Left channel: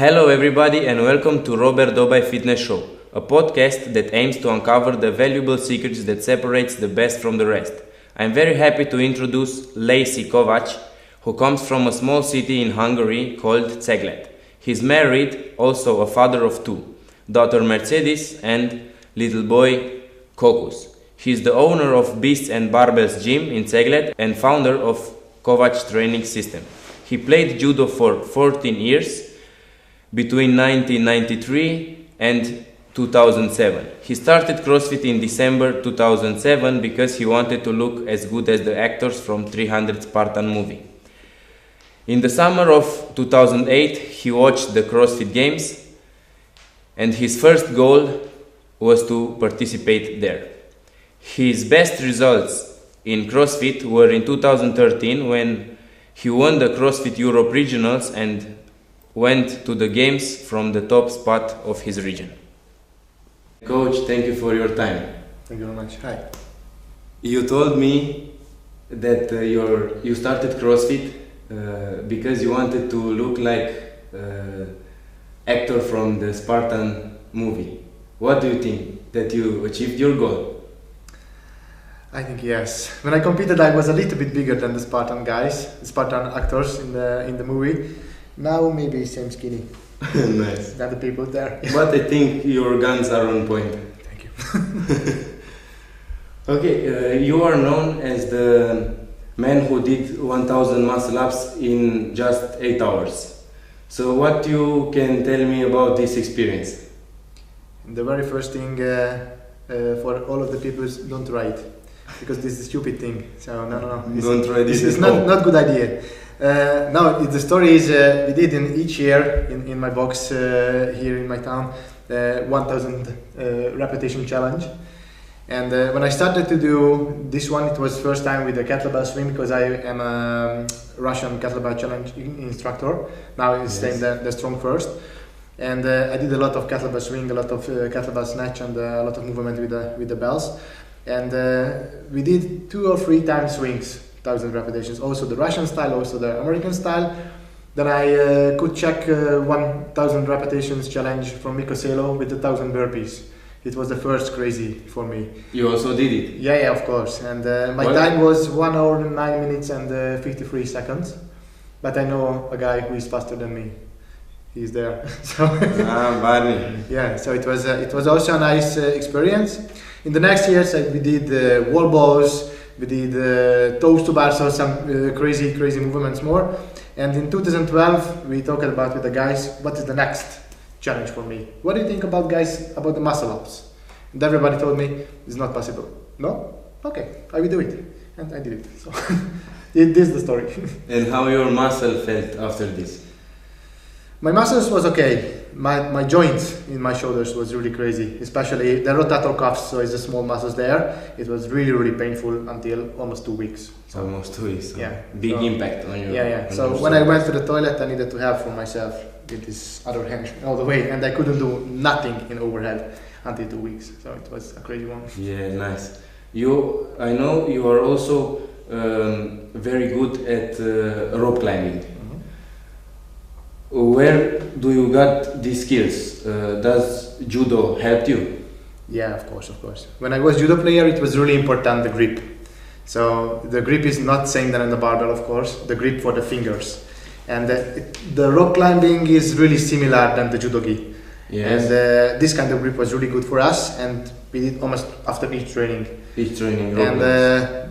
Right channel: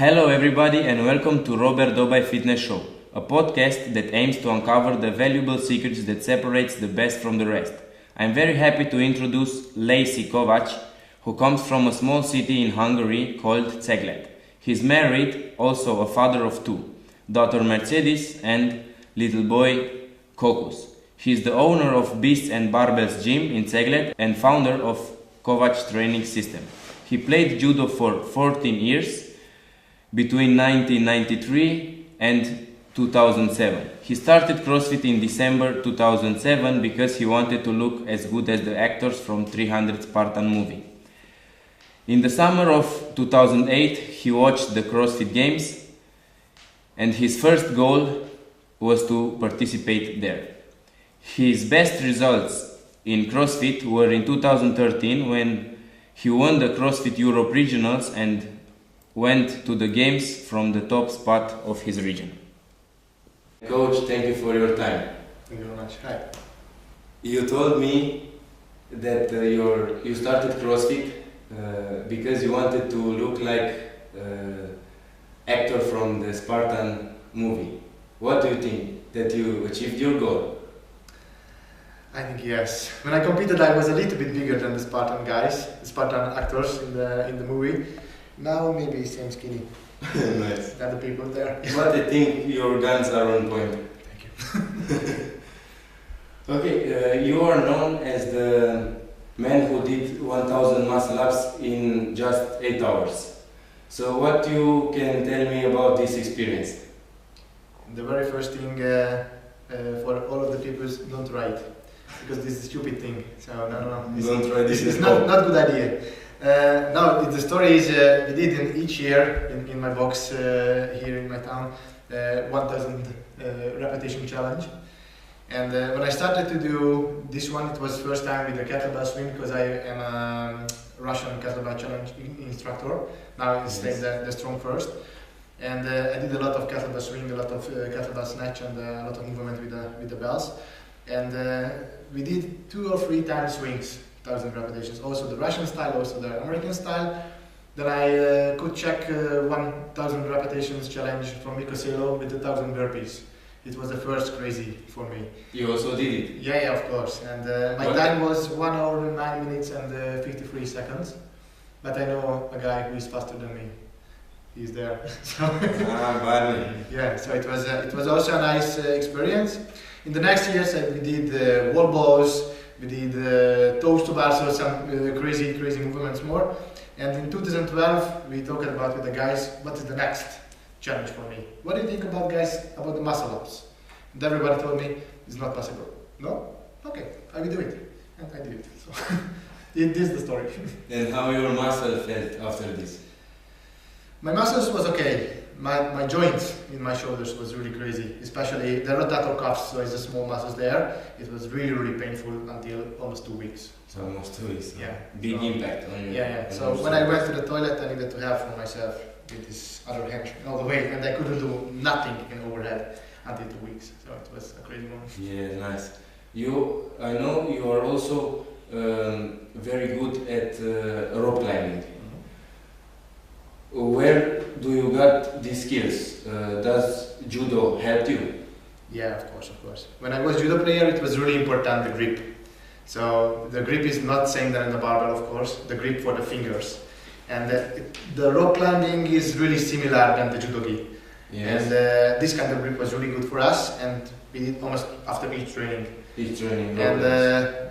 Hello everybody and welcome to Dobai Fitness Show, a podcast that aims to uncover the valuable secrets that separates the best from the rest. I'm very happy to introduce Lacee Kovacs, who comes from a small city in Hungary called Cegled. He's married, also a father of two, daughter Mercedesz and little boy Kokusz. He's the owner of Beast Barbells Gym in Cegled and founder of Kovacs Training System. He played Judo for 14 years between 1993 and 2007. He started CrossFit in December 2007 because he wanted to look as good as the actors from 300 Spartan Movie. In the summer of 2008, he watched the CrossFit Games and his first goal was to participate there. His best results in CrossFit were in 2013 when he won the CrossFit Europe Regionals and went to the games from the top spot of his region. Coach, thank you for your time. Thank you very much. Hi. You told me that you started CrossFit because you wanted to look like actor from the Spartan movie. What do you think? That you achieved your goal? I think yes. When I competed, I was a little bit bigger than the Spartan guys, the Spartan actors in the movie. Now maybe same skinny. Nice. Than the people there. But I think your guns are on point. Thank you. Okay, you are known as the man who did 1000 muscle ups in just 8 hours. So what you can tell me about this experience? The very first thing for all of the people is don't try it, because this is a stupid thing. So no. Don't try this. This is not good idea. No, the story is we did in each year in my box here in my town 1000 repetition challenge, and when I started to do this one, it was first time with the kettlebell swing because I am a Russian kettlebell challenge instructor. Now it's staying the strong first, and I did a lot of kettlebell swing, a lot of kettlebell snatch, and a lot of movement with the bells, and we did 2 or 3 times swings. 1000 repetitions, also the Russian style, also the American style. Then I could check 1000 repetitions challenge from Mikoselo with the 1000 burpees. It was the first crazy for me. You also did it? Yeah, of course. And my time was 1 hour, 9 minutes and 53 seconds. But I know a guy who is faster than me. He's there. So buddy. Yeah, so it was also a nice experience. In the next years, we did wall balls. We did toes to bar, so some crazy movements more. And in 2012, we talked about with the guys, what is the next challenge for me? What do you think about guys, about the muscle ups? And everybody told me, it's not possible. No? Okay, I will do it. And I did it. So this is the story. And how your muscle felt after this? My muscles was okay. My joints in my shoulders was really crazy, especially the rotator cuffs, so it's the small muscles there. It was really painful until almost 2 weeks. So almost 2 weeks. Yeah. Big impact on you. Yeah. So when I went to the toilet, I needed to help for myself with this other hand all the way, and I couldn't do nothing in overhead until 2 weeks. So it was a crazy one. Yeah, nice. I know you are also very good at rope climbing. Where do you got these skills? Does Judo help you? Yeah, of course. When I was Judo player, it was really important, the grip. So the grip is not same than in the barbell, of course, the grip for the fingers. And the rope climbing is really similar than the Judo-gi. Yes. And this kind of grip was really good for us, and we did almost after each training. And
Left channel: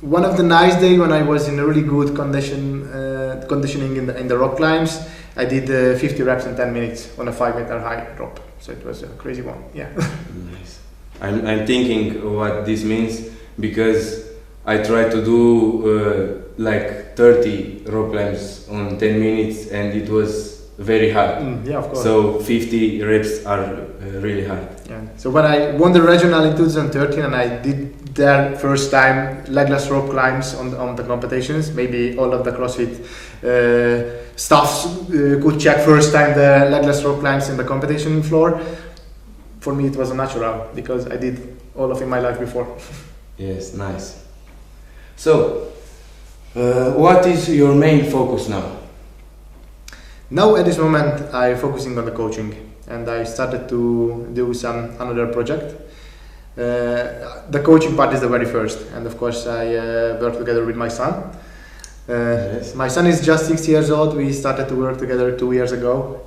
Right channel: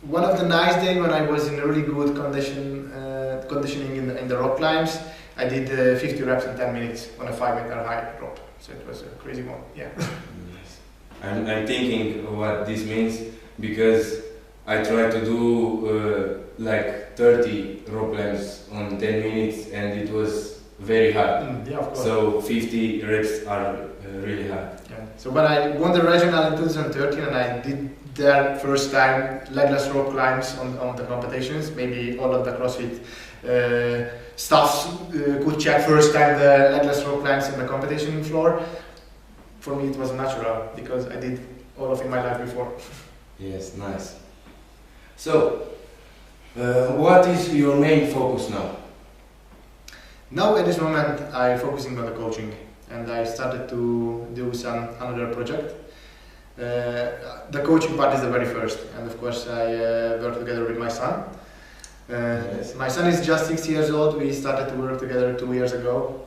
one of the nice days when I was in a really good conditioning in the rock climbs, I did 50 reps in 10 minutes on a 5 meter high rope. So it was a crazy one. Yeah. Nice. I'm thinking what this means because I tried to do like 30 rope climbs on 10 minutes and it was very hard. Yeah, of course. So 50 reps are really hard. Yeah. So when I won the regional in 2013 and I did their first time legless rope climbs on the competitions, maybe all of the CrossFit staffs could check first time the legless rope climbs in the competition floor. For me it was a natural because I did all of it in my life before. Yes, nice. So what is your main focus now? Now at this moment I'm focusing on the coaching, and I started to do another project. The coaching part is the very first, and of course I work together with my son. Yes. My son is just 6 years old. We started to work together 2 years ago.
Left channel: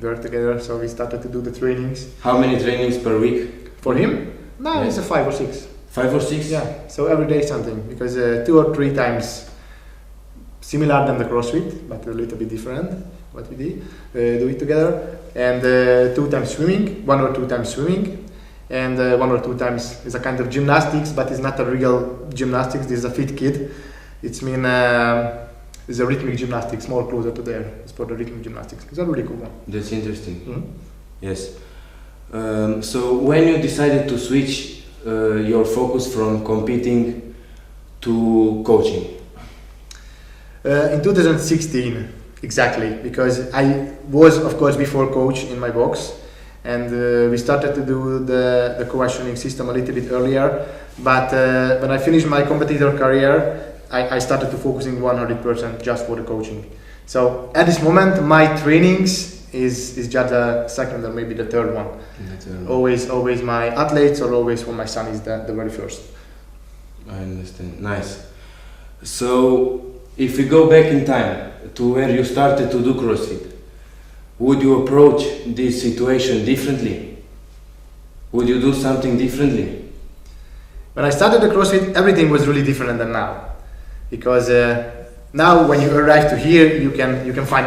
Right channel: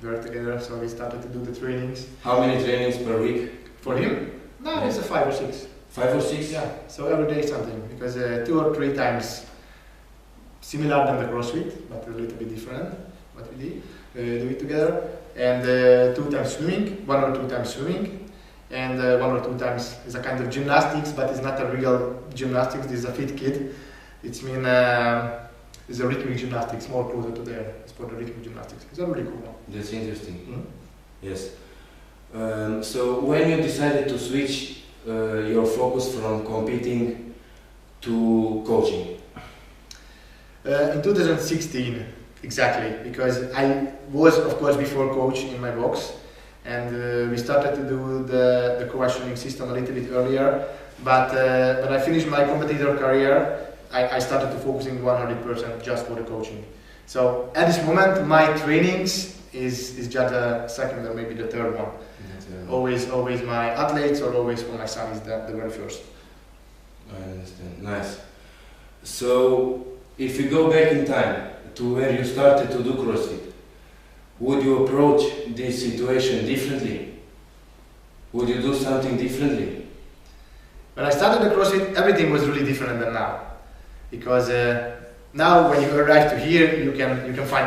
So we started to do the trainings. How many trainings per week? For him? No, it's a 5 or 6. 5 or 6? Yeah, so every day something, because 2 or 3 times similar than the CrossFit, but a little bit different what we do it together, and 2 times swimming, 1 or 2 times swimming, and 1 or 2 times is a kind of gymnastics, but it's not a real gymnastics. This is a fit kid. It's a rhythmic gymnastics, more closer to there. It's for the rhythmic gymnastics. It's a really cool one. That's interesting. Mm-hmm. Yes. So when you decided to switch your focus from competing to coaching? In 2016, exactly, because I was, of course, before coach in my box, and we started to do the Kovacs Training System a little bit earlier. But when I finished my competitor career, I started to focusing 100% just for the coaching. So at this moment, my trainings is just a second or maybe the third one. Always my athletes, or always for my son is the very first. I understand. Nice. So if we go back in time to where you started to do CrossFit, would you approach this situation differently? Would you do something differently? When I started the CrossFit, everything was really different than now, because now when you arrive to here, you can find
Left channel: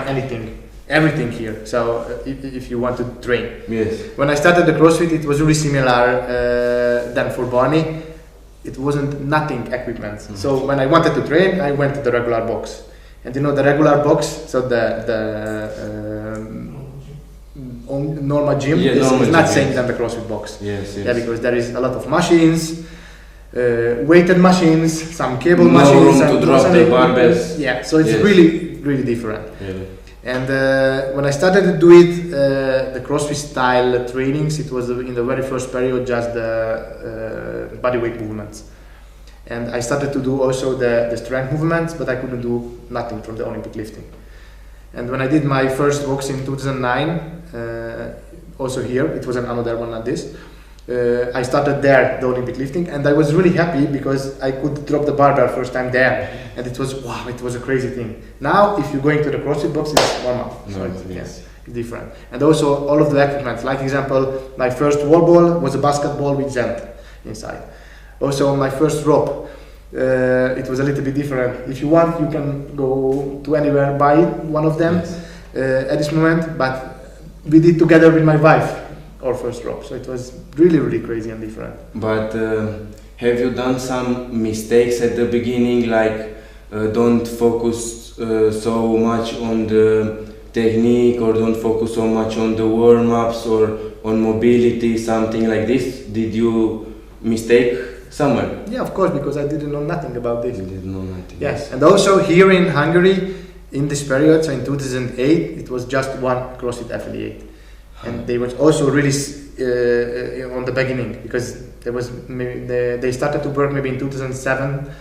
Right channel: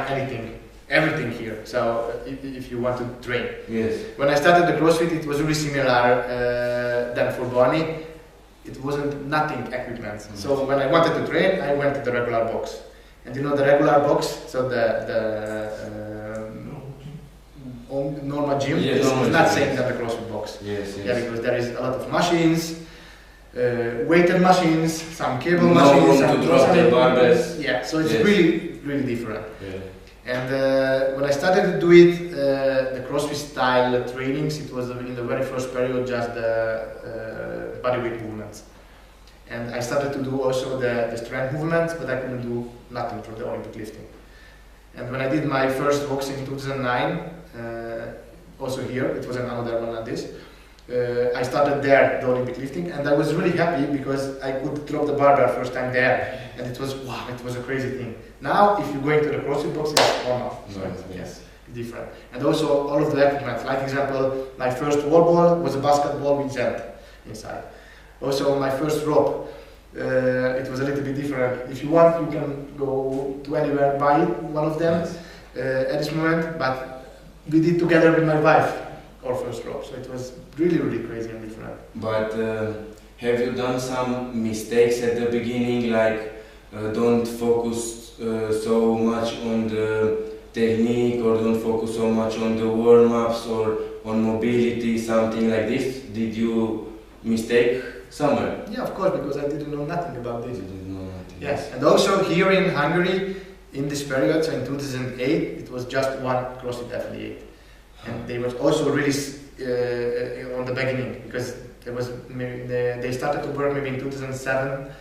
everything here. So if you want to train. Yes. When I started the CrossFit, it was really similar than for Barney. It wasn't nothing equipment. Mm-hmm. So when I wanted to train, I went to the regular box. And you know the regular box, so the normal gym is not same than the CrossFit box. Yes. Yeah, because there is a lot of machines, weighted machines, some cable machines, room to drop the barbells. Yeah, so it's really different. Really. And when I started to do it, the CrossFit style trainings, it was in the very first period just the bodyweight movements. And I started to do also the strength movements, but I couldn't do nothing from the Olympic lifting. And when I did my first box in 2009, also here, it was another one like this, I started there, the Olympic lifting, and I was really happy because I could drop the barbell first time there, and it was a crazy thing. Now, if you're going to the CrossFit box, it's normal, so it's different. And also all of the equipment, like example, my first wall ball was a basketball with Zent inside. Also my first rope, it was a little bit different. If you want, you can go to anywhere, buy one of them at this moment, but we did together with my wife our first rope, so it was really crazy and different. But have you done some mistakes at the beginning, like don't focus so much on the technique, or don't focus so much on the warm-ups or on mobility, something like this? Did you mistake somewhere? Yeah, of course, because I didn't know nothing about this. You didn't know nothing. Yes, and also here in Hungary, in this period, so in 2008, it was just one CrossFit affiliate. And they were also really on the beginning, because there was they started to work maybe in 2007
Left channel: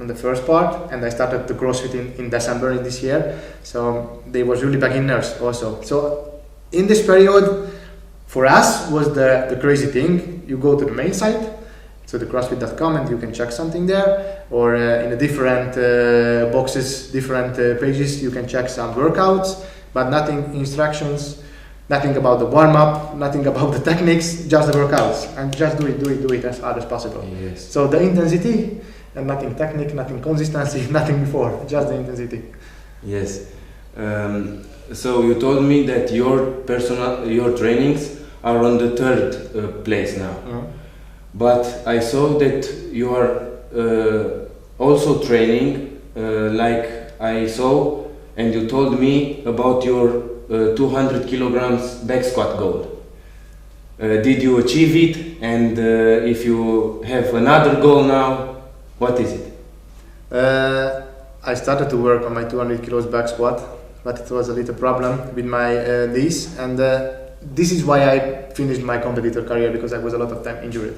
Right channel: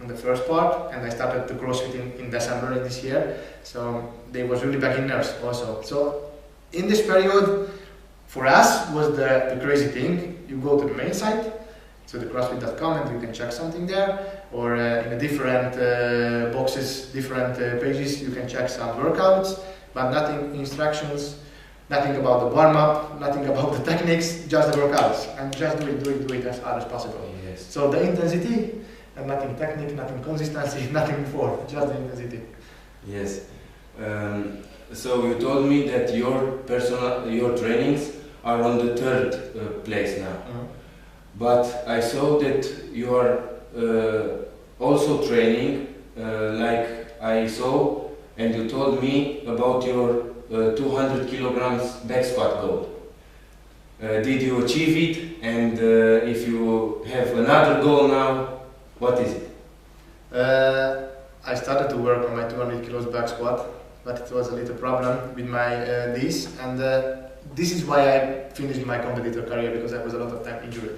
on the first part, and I started the CrossFit in December in this year. So they was really beginners also. So in this period, for us was the crazy thing. You go to the main site, so the CrossFit.com, and you can check something there, or in the different boxes, different pages, you can check some workouts, but nothing instructions. Nothing about the warm-up, nothing about the techniques, just the workouts, and just do it as hard as possible. Yes. So the intensity, and nothing technique, nothing consistency, nothing before, just the intensity. Yes. So you told me that your trainings are on the third place now. Mm-hmm. But I saw that you are also training, like I saw, and you told me about your 200 kilograms back squat goal. Did you achieve it? And if you have another goal now, what is it? I started to work on my 200 kilos back squat, but it was a little problem with my knees, and this is why I finished my competitor career, because I was a lot of time injured.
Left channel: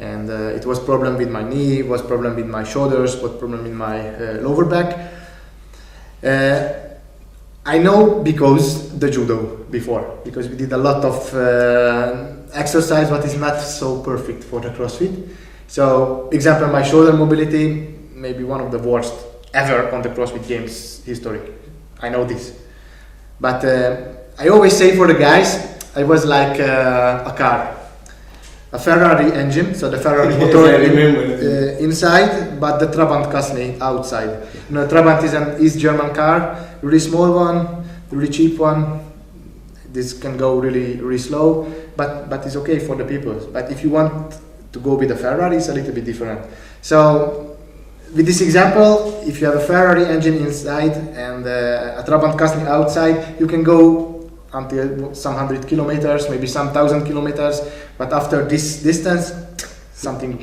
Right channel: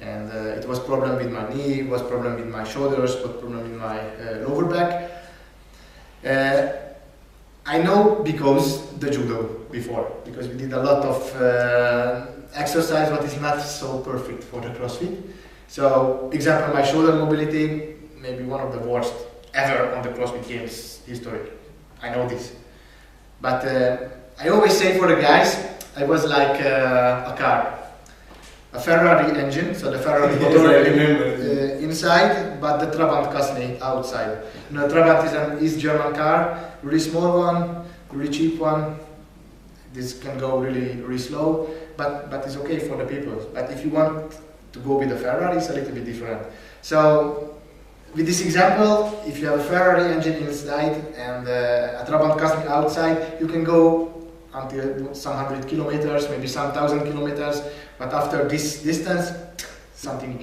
And it was problem with my knee, was problem with my shoulders, was problem with my lower back. I know because the judo because we did a lot of exercise what is not so perfect for the CrossFit. So example, my shoulder mobility maybe one of the worst ever on the CrossFit Games history. I know this, but I always say for the guys, I was like a car, a Ferrari engine, so the Ferrari motor inside, but the Trabant Kasny outside. You know, Trabant is an East German car, really small one, really cheap one. This can go really slow, but it's okay for the people. But if you want to go with a Ferrari, it's a little bit different. So with this example, if you have a Ferrari engine inside and a Trabant Kasny outside, you can go until some 100 kilometers, maybe some 1,000 kilometers, but after this distance, something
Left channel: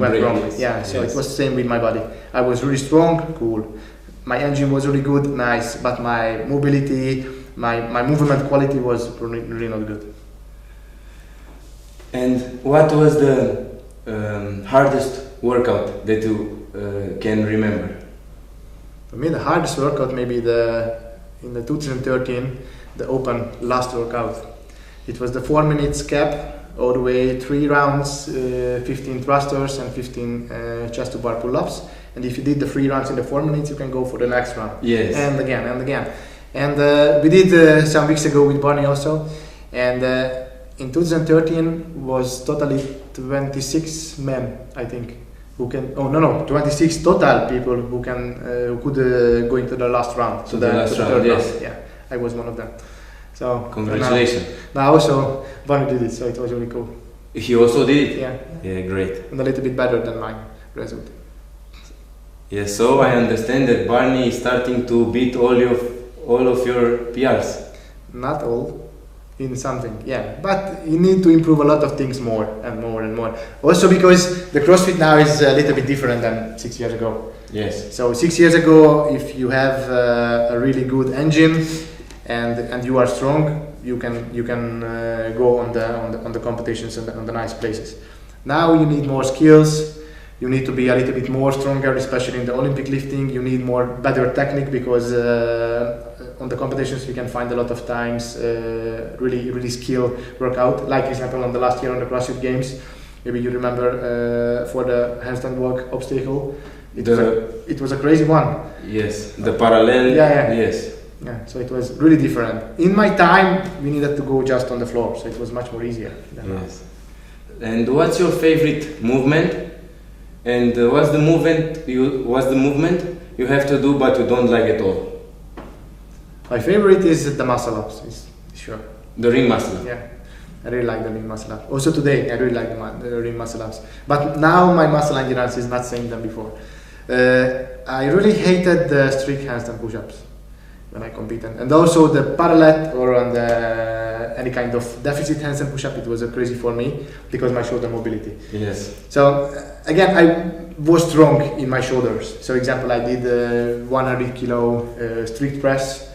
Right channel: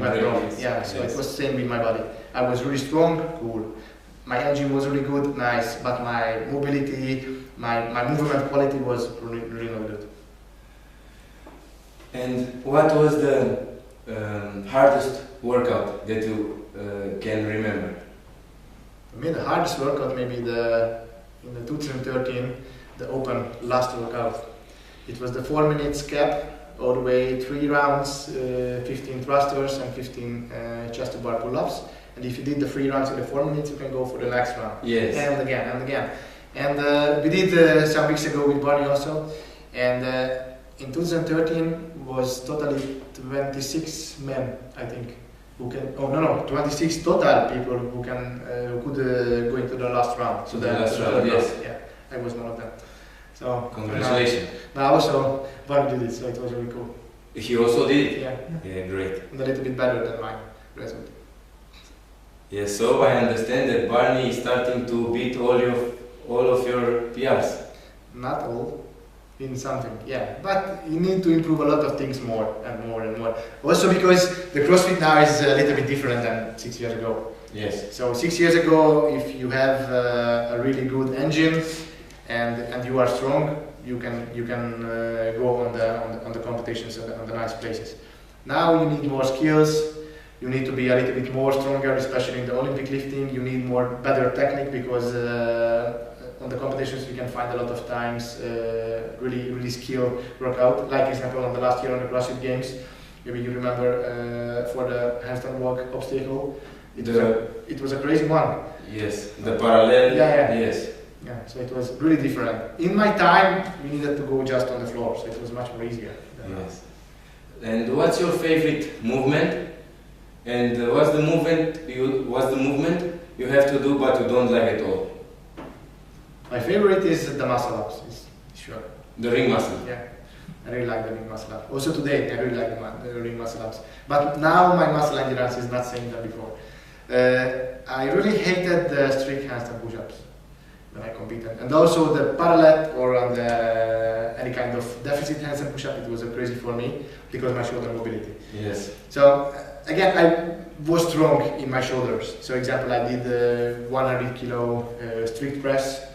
went wrong. Yeah, so it was the same with my body. I was really strong, cool. My engine was really good, nice, but my mobility, my movement quality was really not good. And what was the hardest workout that you can remember? For me, the hardest workout maybe in the 2013, the open last workout. It was the 4 minutes cap, all the way 3 rounds, 15 thrusters and 15 chest to bar pull-ups. And if you did the 3 rounds in the 4 minutes, you can go for the next round. Yes. And again and again. And we did some weeks ago with Barney also. And in 2013 was totally 26 men, I think, who can. 26 total people who could go into the last round. So the last round, yes. Round. Yeah, I was one of them. So congratulations. Now also Barney did it, so it was really cool. He also did it? Yeah. Yeah, great. And a little bit better than my result. Yeah, so I understand that Barney is starting to beat all of your PRs. Not all, in something, yeah. But you need to improve a lot of things more and more and more. Also because the CrossFit now is a little bit different than 6 years ago. Yes. So 6 years ago, if you have a really good engine and you are strong, you can go on the competitions and on the nice places. Now you need more skills. You need to be a little bit more stronger, especially in the Olympic lifting. You need better technique because on the competitions you can find a lot of times really skill workout. Like example on the last year on the CrossFit Games, maybe you remember for the handstand walk obstacle. It was a crazy one. Yes, the parallel. Yeah. Yes. Yeah, so it was really different. In my time, we needed to go just on the floor, so it was much more easier. Yes. And what's your favorite movement? And what's the movement you have to do but you don't like at all? My favorite is the muscle ups, sure. The ring muscle up? Yeah, I really like the ring muscle up. Also today, I really like the ring muscle ups. But now my muscle endurance is not same than before. I really hated the strict handstand push-ups when I competed. And also the parallel or on any kind of deficit handstand push-up, it was crazy for me because my shoulder mobility. Yes. So again, I was strong in my shoulders. So example, I did 100 kilo strict press,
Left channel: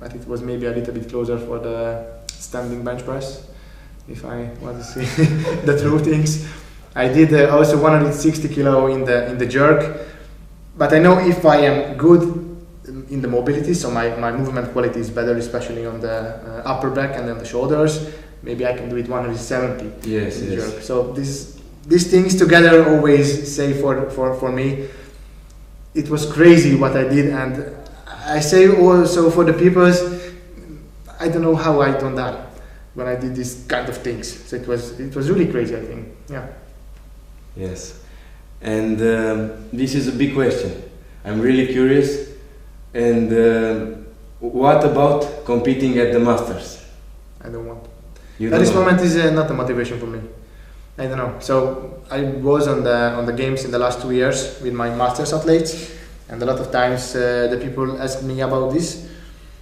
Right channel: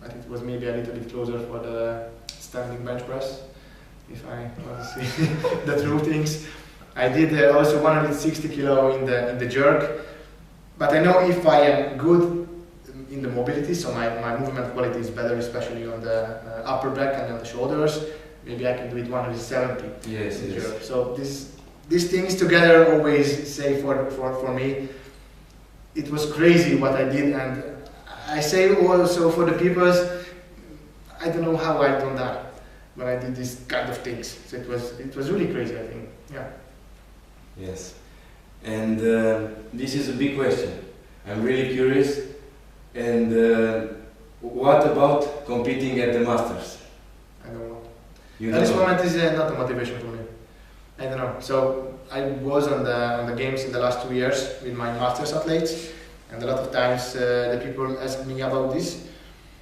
but it was maybe a little bit closer for the standing bench press, if I want to see the true things. I did also 160 kilo in the jerk, but I know if I am good in the mobility, so my movement quality is better, especially on the upper back and then the shoulders, maybe I can do it 170. Yes, yes. Jerk. So these things together always say for me, it was crazy what I did, and I say also for the people, I don't know how I don't die when I did these kind of things. So it was really crazy, I think. Yeah. Yes. And this is a big question. I'm really curious. And what about competing at the Masters? I don't want. At this moment is not a motivation for me. I don't know. So I was on the games in the last 2 years with my Masters athletes, and a lot of times the people ask me about this.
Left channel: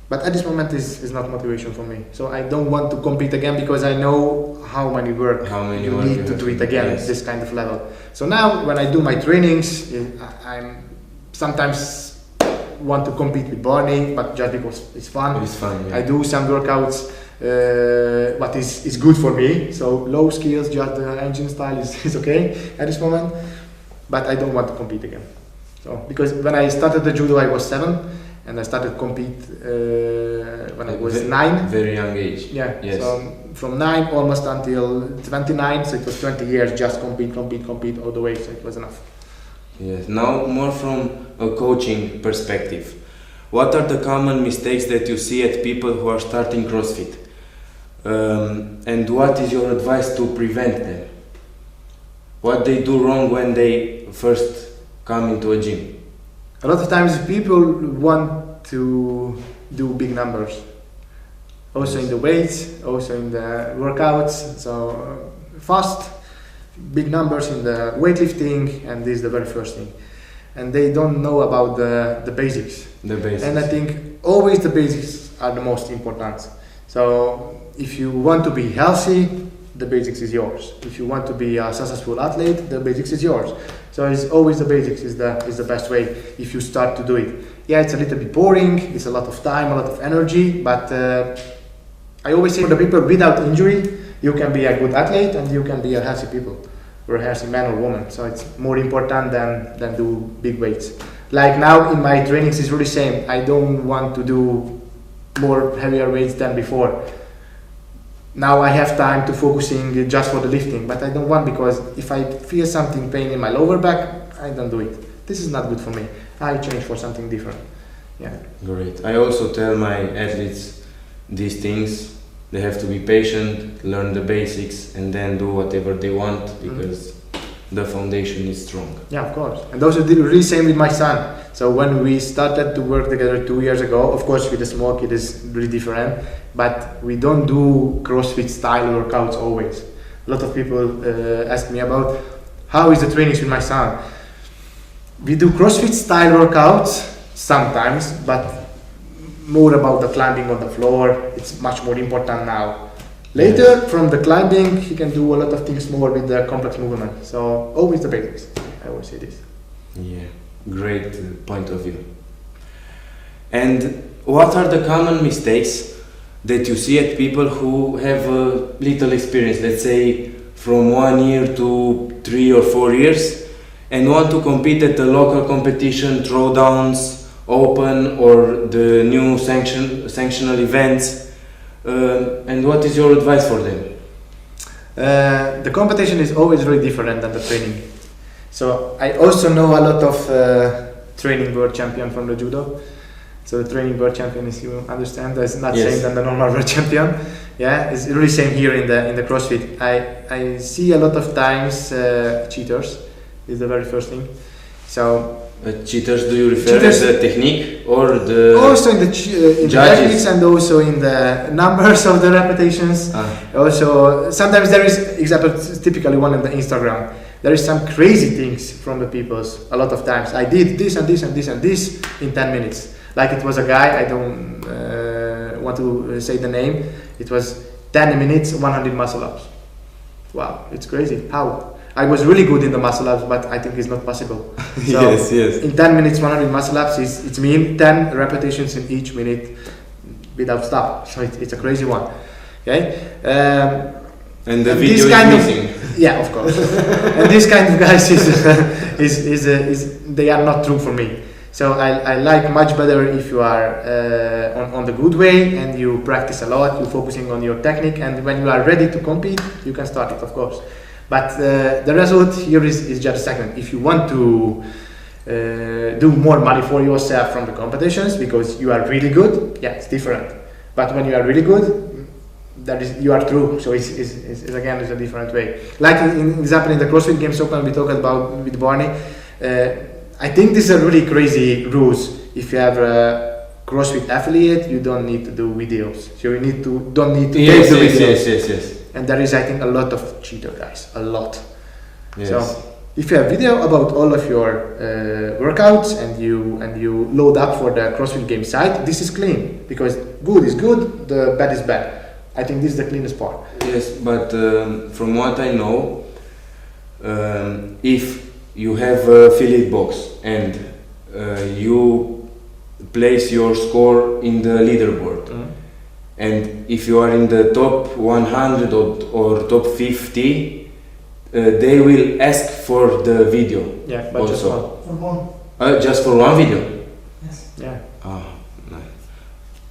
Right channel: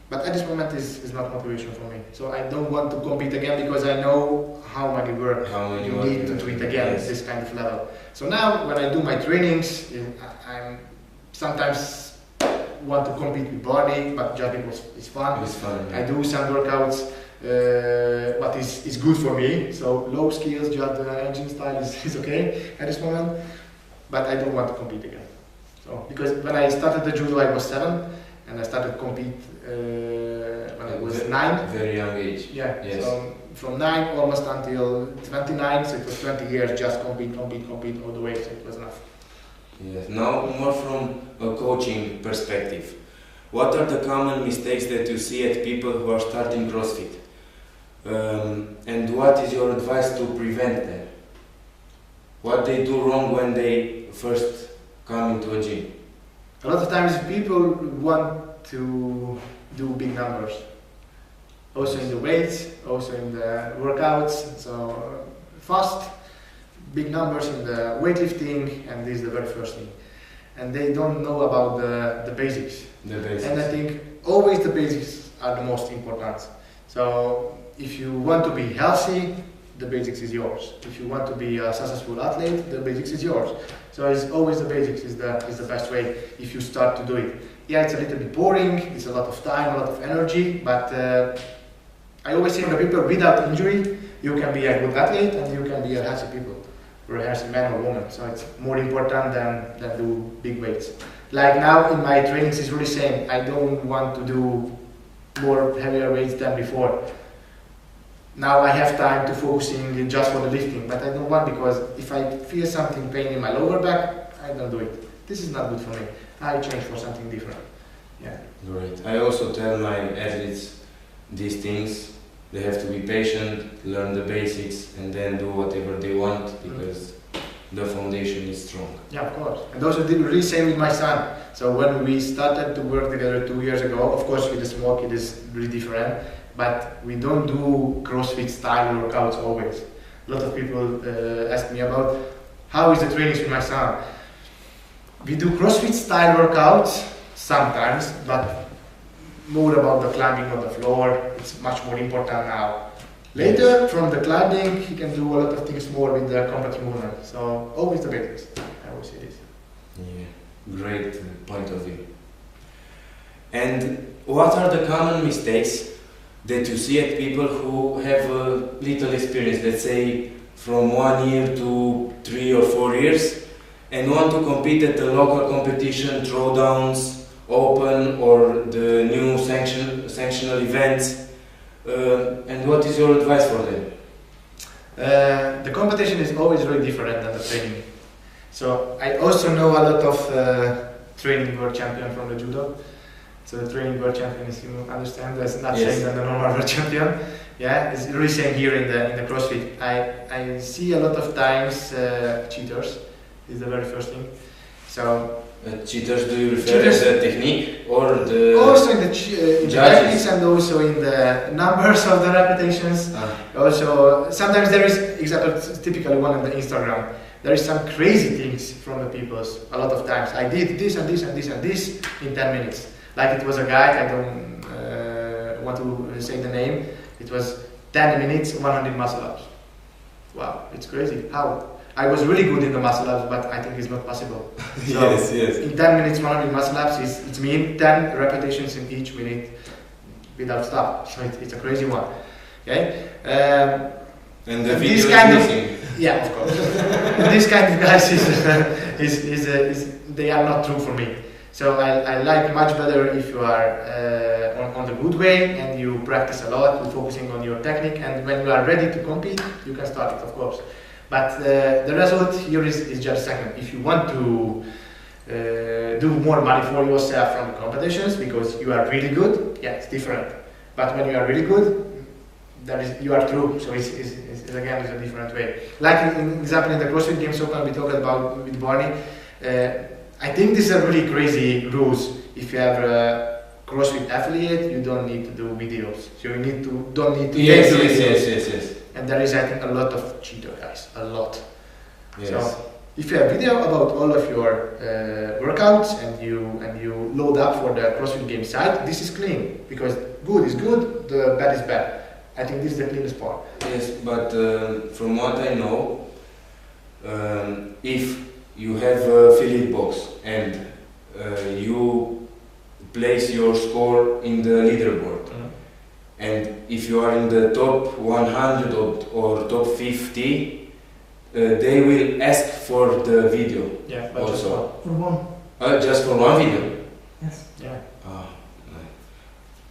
But at this moment is not motivation for me. So I don't want to compete again because I know how many work you need to do it again at this kind of level. So now when I do my trainings, I'm sometimes want to compete with Barney, but just because it's fun. It's fun, yeah. I do some workouts what is good for me. So low skills, just the engine style is okay at this moment. But I don't want to compete again. So because when I started the judo I was 7, and I started compete when I was 9. Very young age. Yeah. Yes. So from 9 almost until 29, so it was 20 years just compete all the way. So it was enough. Yes. Now more from a coaching perspective. What are the common mistakes that you see at people who are starting CrossFit? And what is your advice to prevent them? What they do wrong when they first come into a gym? A lot of times people want to do big numbers. Also in the weights, also in the workouts. So fast, big numbers in the weightlifting, and this is the very first thing. And they don't know about the basics. The basics. And I think always the basics are the most important. So if you want to be healthy, the basics is yours. If you want to be a successful athlete, the basics is yours. So it's always the basics is the best way if you start to do it. Yeah, it's a little bit boring, it's a lot of time, a lot of energy, but I always say for the people without injury, you can be a good athlete and you can be a healthy people, or a healthy man or woman. So it's more important than do big weights. Like now in my trainings is really same. I don't want to do more heavier weights than before. Now I have time to focusing just for the lifting, but I don't want, because if I feel something pain in my lower back, I don't do it. This is not good for me. I change for something different. Yeah. Great. I also tell my athletes these things. They have to be patient, learn the basics, and then do whatever they want, because the foundation is strong. Yeah, of course. And also did really same with my son. So when we started to work together 2 years ago, of course with the small kid is really different, but we don't do CrossFit style workouts always. A lot of people ask me about how is the trainings with my son. We do CrossFit style workouts sometimes, but more about the climbing on the floor. It's much more important now. Later, from the climbing, he can do a lot of things more with the complex movement. So always the basics. I always say this. Yeah, great point of view. And what are the common mistakes that you see at people who have a little experience, let's say from 1 year to 3 or 4 years, and want to compete at the local competition, throwdowns, open, or the new sanctional events? And what is your advice for them? The competition is always very different than the training. So I also know a lot of training world champion from the judo. So the training world champion is, you understand, that's not same than the normal world champion. Yeah, it's really same here in the CrossFit. I see a lot of times cheaters is the very first thing. So cheaters, do you refer to the technique or the also in the techniques and also in the numbers of the repetitions. Also sometimes there is, example, typically one in the Instagram, there is some crazy things from the peoples. A lot of times I did this and this and this and this in 10 minutes. Like it was a guy, I don't want to say the name, it was 10 minutes 100 muscle ups. Wow, it's crazy. How? I was really good in the muscle ups, but I think it's not possible. So yes. In 10 minutes 100 muscle ups it means 10 repetitions in each minute without stop. So it's a crazy one. Okay. And the video is missing. Yeah, of course. And this kind of guys is they are not true for me. So I like much better if you are on the good way and you practice a lot, you're focusing on your technique, and when you are ready to compete, you can start it, of course. But the result here is just a second. If you want to do more money for yourself from the competitions because you are really good, yeah, it's different. But when you are really good, you are true. So it's again, it's a different way. Like in example in the CrossFit Games Open we talked about with Barney. I think these are really crazy rules. If you have a CrossFit affiliate, you don't need to do videos. So you don't need to take the videos. Yes. And there is, I think, a lot of cheater guys, a lot. Yes. So if you have video about all of your workouts and you load up for the CrossFit Games site, this is clean, because good is good, the bad is bad. I think this is the cleanest part. Yes, but from what I know, if you have a affiliate box and you place your score in the leaderboard, and if you are in the top 100 or top 50, they will ask for the video. Yeah, but also. just one. For one. Just for one video? Yes. Yeah.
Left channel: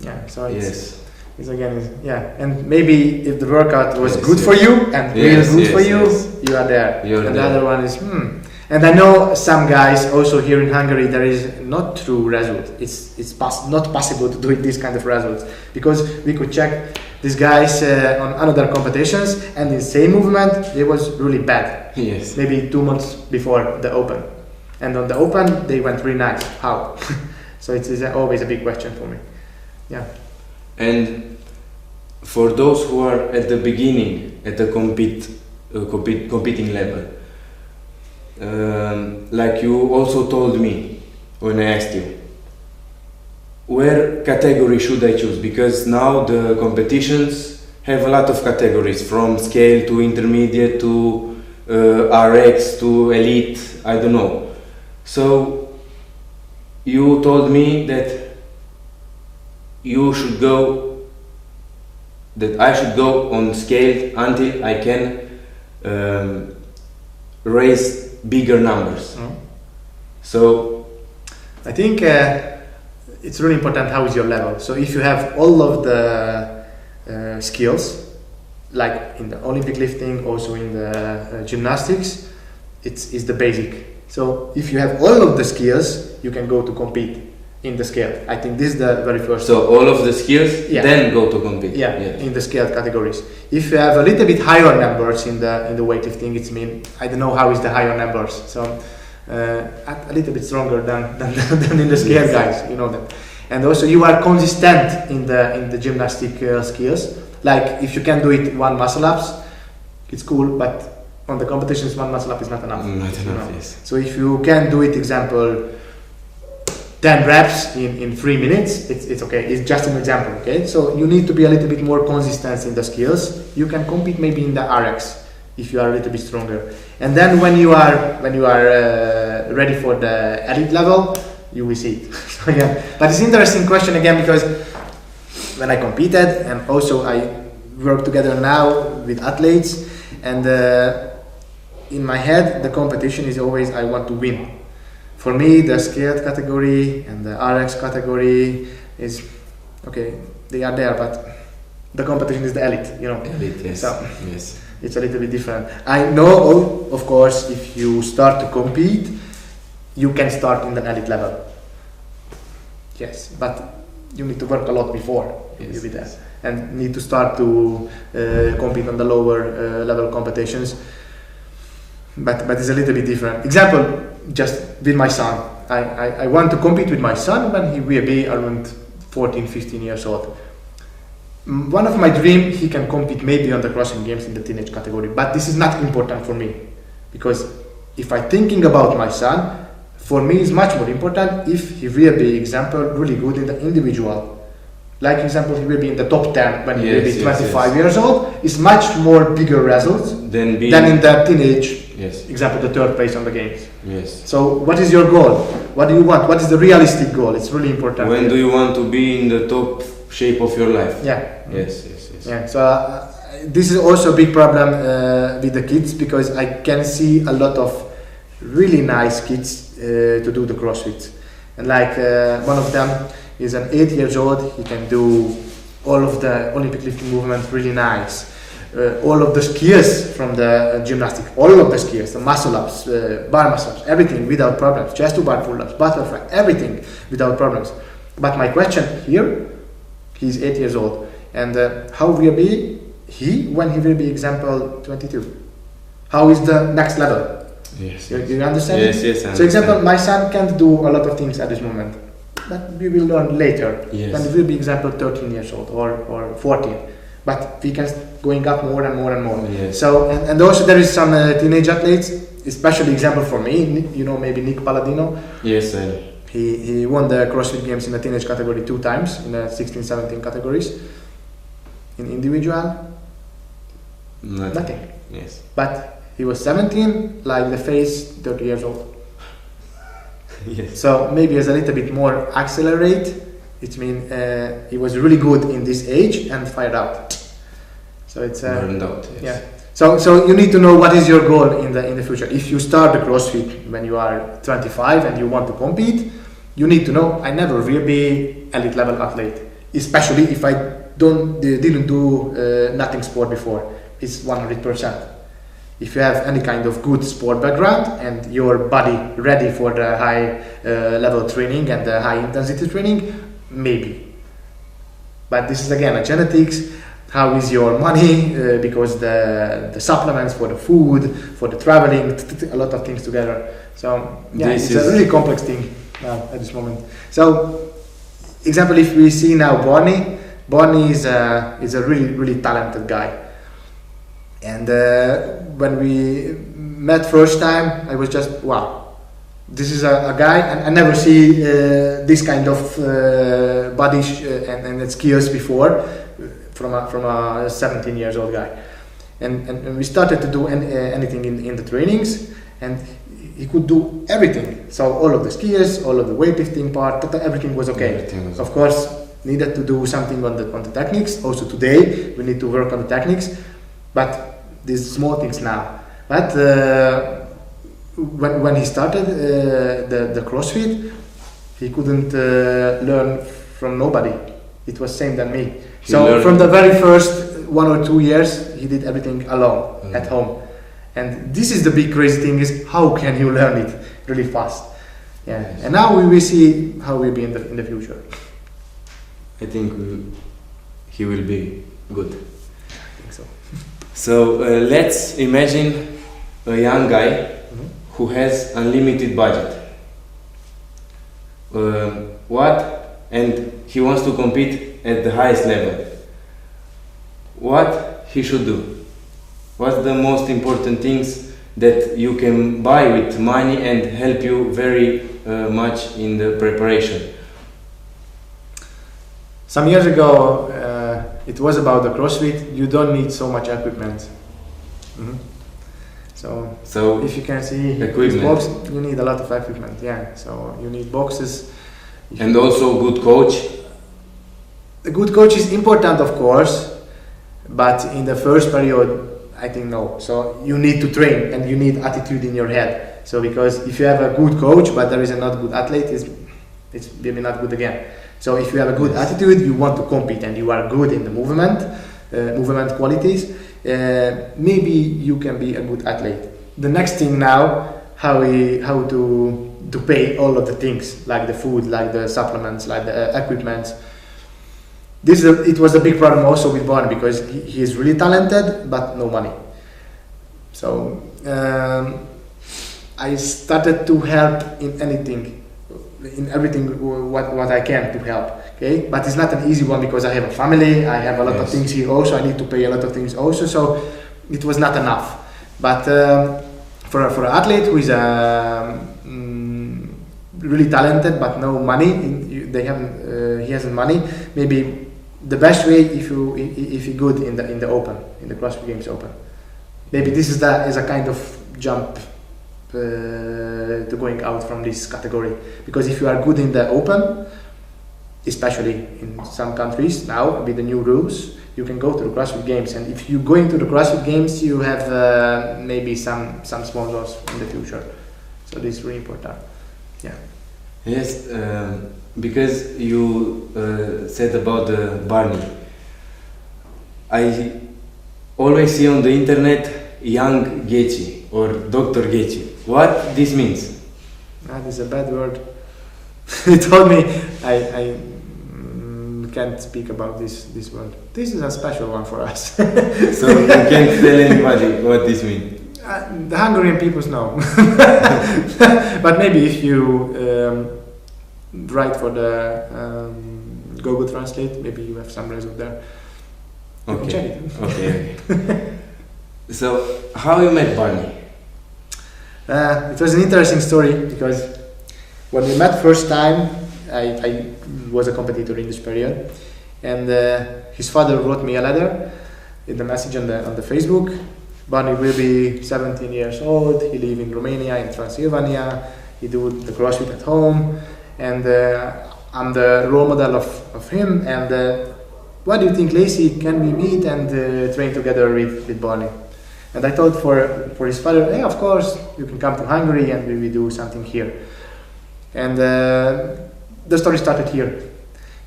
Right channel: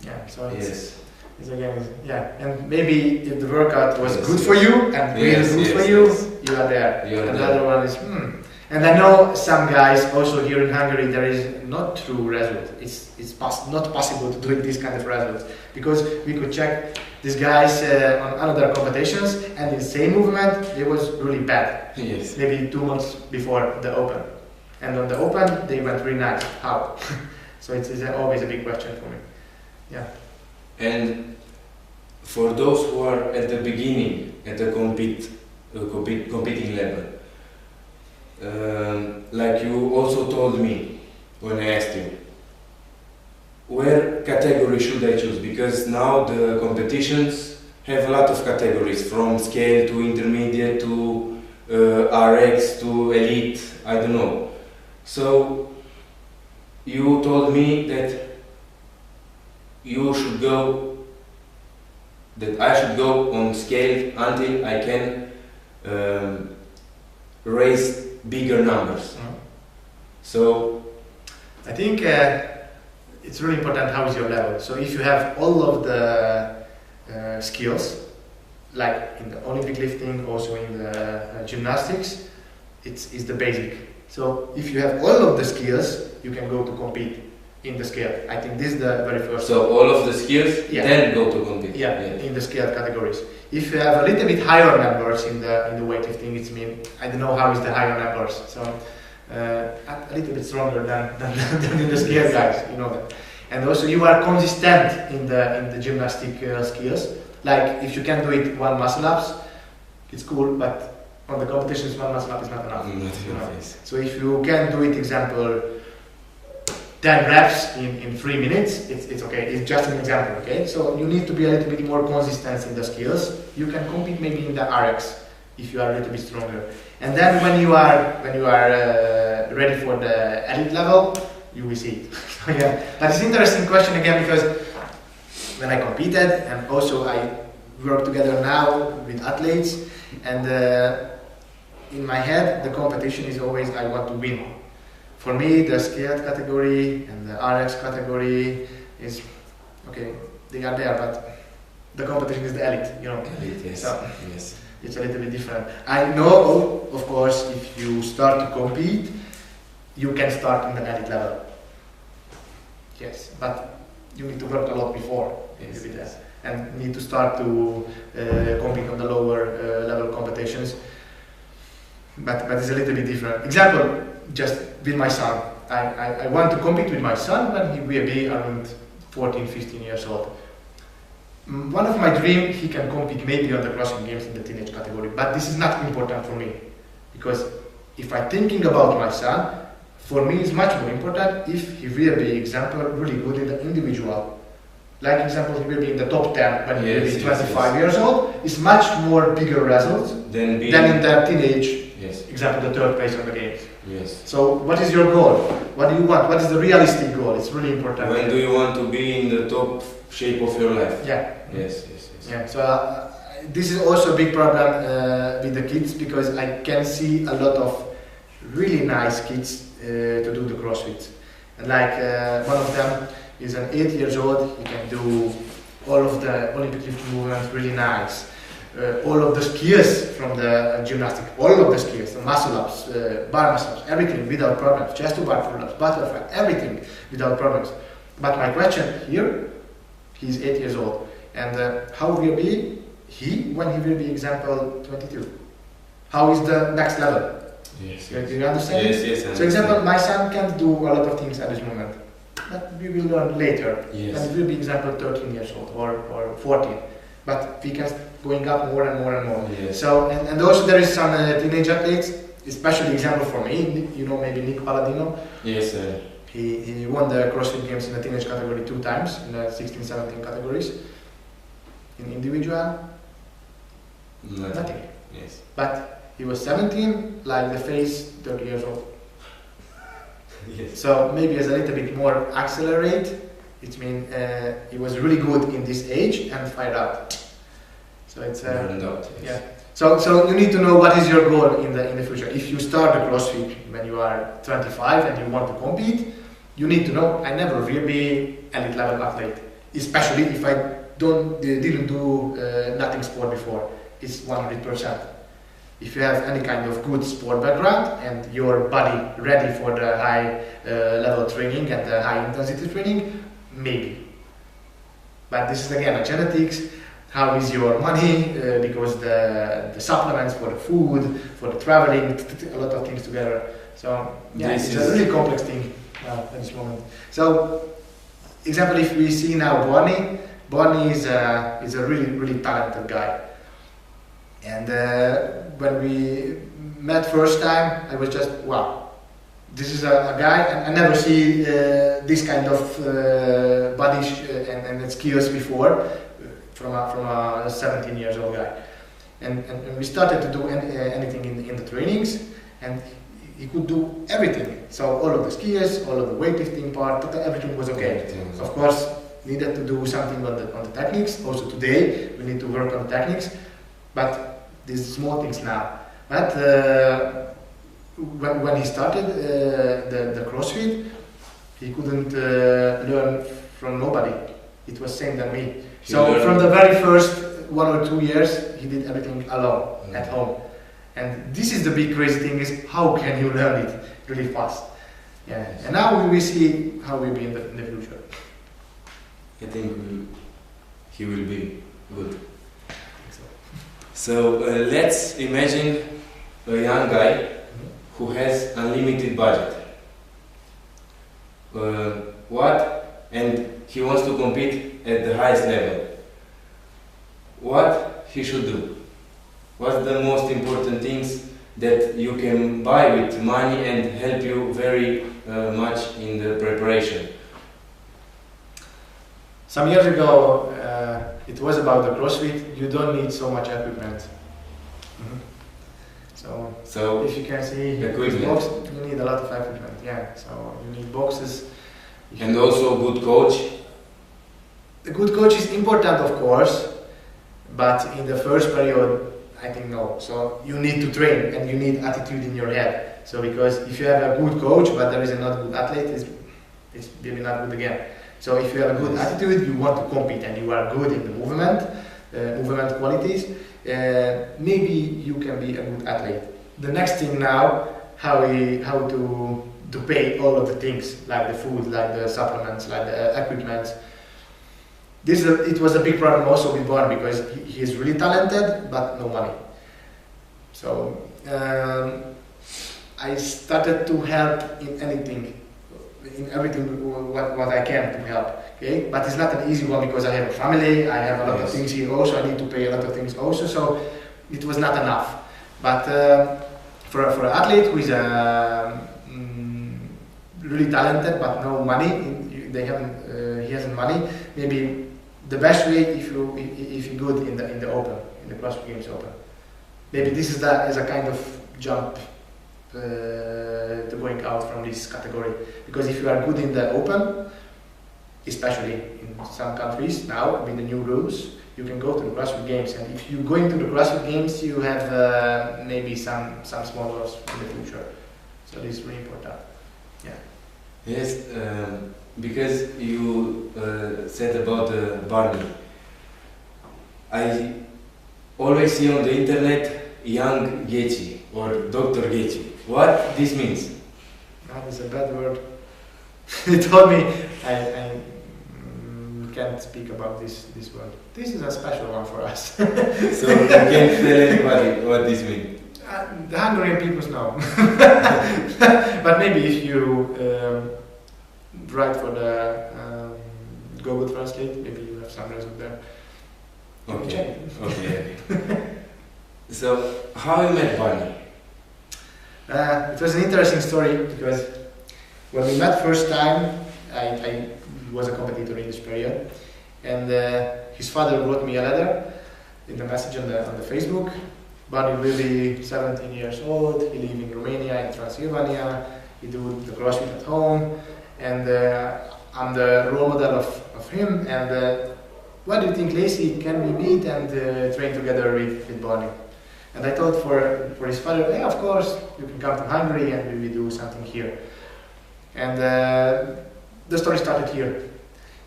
Yeah, so it's again, and maybe if the workout was good for you and real good for you, you are there. And the other one is, And I know some guys also here in Hungary, there is not true result. It's not possible to do this kind of results, because we could check these guys on another competitions, and the same movement, it was really bad. Yes. Maybe 2 months before the Open. And on the Open, they went really nice. How? So it's always a big question for me. Yeah. And for those who are at the beginning, at the competing level, like you also told me when I asked you, where category should I choose? Because now the competitions have a lot of categories, from scale to intermediate to RX to elite, I don't know. So you told me that I should go on scale until I can raise bigger numbers. So I think it's really important how is your level. So if you have all of the skills, like in the Olympic lifting, also in the gymnastics, it's the basic. So if you have all of the skills, you can go to compete in the scale. I think this is the very first. So all of the skills, then go to compete. In the scale categories. If you have a little bit higher numbers in the weightlifting, it's I don't know how is the higher numbers. So a little bit stronger than in the scale guys, you know that. And also you are consistent in the gymnastic skills. Like if you can do it 1 muscle ups, it's cool, but on the competitions 1 muscle up is not enough. Yes. So if you can do it, example, 10 reps in 3 minutes, it's okay. It's just an example, okay? So you need to be a little bit more consistent in the skills. You can compete maybe in the RX if you are a little bit stronger. And then when you are ready for the elite level, you will see it. So yeah, but it's an interesting question again, because when I competed, and also I work together now with athletes, and in my head the competition is always I want to win. For me, the scaled category and the RX category is okay. They are there, but the competition is the elite, you know. Elite, yes. So yes. It's a little bit different. I know, of course, if you start to compete, you can start in the elite level. Yes, but you need to work a lot before you be there, and need to start to compete on the lower level competitions. But it's a little bit different. Example, just with my son. I want to compete with my son when he will be around 14, 15 years old. One of my dreams, he can compete maybe on the CrossFit Games in the teenage category, but this is not important for me, because if I'm thinking about my son, for me it's much more important if he will be, example, really good in the individual. Like example, he will be in the top 10 when he will be 25 years old. It's much more bigger results than in the teenage. Example, the 3rd place on the games. So what is your goal? What do you want? What is the realistic goal? It's really important. When do you want to be in the top shape of your life? Yes. So this is also a big problem with the kids, because I can see a lot of really nice kids to do the CrossFit. And like one of them is an 8 years old. He can do all of the Olympic lifting movements really nice. All of the skills from the gymnastic, all of the skills, the muscle ups, bar muscle ups, everything without problems, chest to bar pull ups, butterfly, everything without problems. But my question here, he's 8 years old, and how will be he when he will be example 22? How is the next level? You understand? Yes. So example, my son can't do a lot of things at this moment, but we will learn later. When he will be example 13 years old or 14. But we can going up more and more and more. So and also there is some teenage athletes, especially example for me. You know, maybe Nick Palladino. Yes. He won the CrossFit Games in the teenage category 2 times in the 16-17 categories. In individual, nothing. Yes. But he was 17, like the face 30 years old. So maybe it's a little bit more accelerate. It means he was really good in this age and fired out. So it's burned out. So you need to know what is your goal in the future. If you start the CrossFit when you are 25 and you want to compete, you need to know I never will be elite level athlete. especially if I didn't do nothing sport before. It's 100%. If you have any kind of good sport background and your body ready for the high level training and the high intensity training, maybe. But this is again a genetics. How is your money? Because the supplements for the food, for the traveling, a lot of things together. So yeah, it's a really complex thing now at this moment. So, example, if we see now Barney is a really talented guy. And when we met first time, I was just, wow, this is a guy, and I never see this kind of body and skills before from a 17 years old guy. And we started to do anything in the trainings, and he could do everything. So all of the skills, all of the weightlifting part, everything was okay. Of course, needed to do something on the techniques. Also today, we need to work on the techniques. But these small things now. But when he started the CrossFit, he couldn't learn from nobody. It was same than me. So from the very first 1 or 2 years, he did everything alone at home. And this is the big crazy thing: is how can you learn it really fast? Yeah. And now we will see how we'll be in the future. I think he will be good. I think so. So let's imagine a young guy who has unlimited budget. And he wants to compete at the highest level. What he should do? What's the most important things that you can buy with money and help you very much in the preparation? Some years ago, it was about the CrossFit. You don't need so much equipment. So if you can see this box, you need a lot of equipment. Yeah. So you need boxes. And also good coach. A good coach is important, of course, but in the first period, I think no. So you need to train and you need attitude in your head. So because if you have a good coach but there is a not good athlete, it's maybe not good again. So if you have a good attitude, you want to compete and you are good in the movement qualities, maybe you can be a good athlete. The next thing now, how to pay all of the things, like the food, like the supplements, like the equipment. It was a big problem also with Barney because he is really talented but no money. So I started to help in everything what I can to help. Okay, but it's not an easy one because I have a family, I have a lot of things here also, I need to pay a lot of things also, so it was not enough. But for an athlete who is really talented but no money, he hasn't money, maybe the best way if you good in the open, in the CrossFit Games Open. Maybe this is a kind of jump to going out from this category, because if you are good in the open, especially in some countries now with the new rules, you can go to the CrossFit Games, and if you go into the CrossFit Games, you have maybe some sponsors in the future. So this is really important. Yeah. Yes, because you said about Barney. I always see on the internet young Geci or Dr. Geci. What this means? That is a bad word. He told me I can't speak about this word. This is a special one for us. So you can't tell anybody what this means? The Hungarian people know. But maybe if you write for the Google Translate, maybe you have some result there. Okay. Check it. Okay. So how you met Barney? It was an interesting story because when we met first time, I was a competitor in this period, and his father wrote me a letter in the message on the Facebook. Barney will be 17 years old, he lives in Romania, in Transylvania, he do the CrossFit at home, and I'm the role model of him, and what do you think, Lacee, can we meet and train together with Barney? And I thought for his father, hey, of course, you can come to Hungary and we will do something here. And the story started here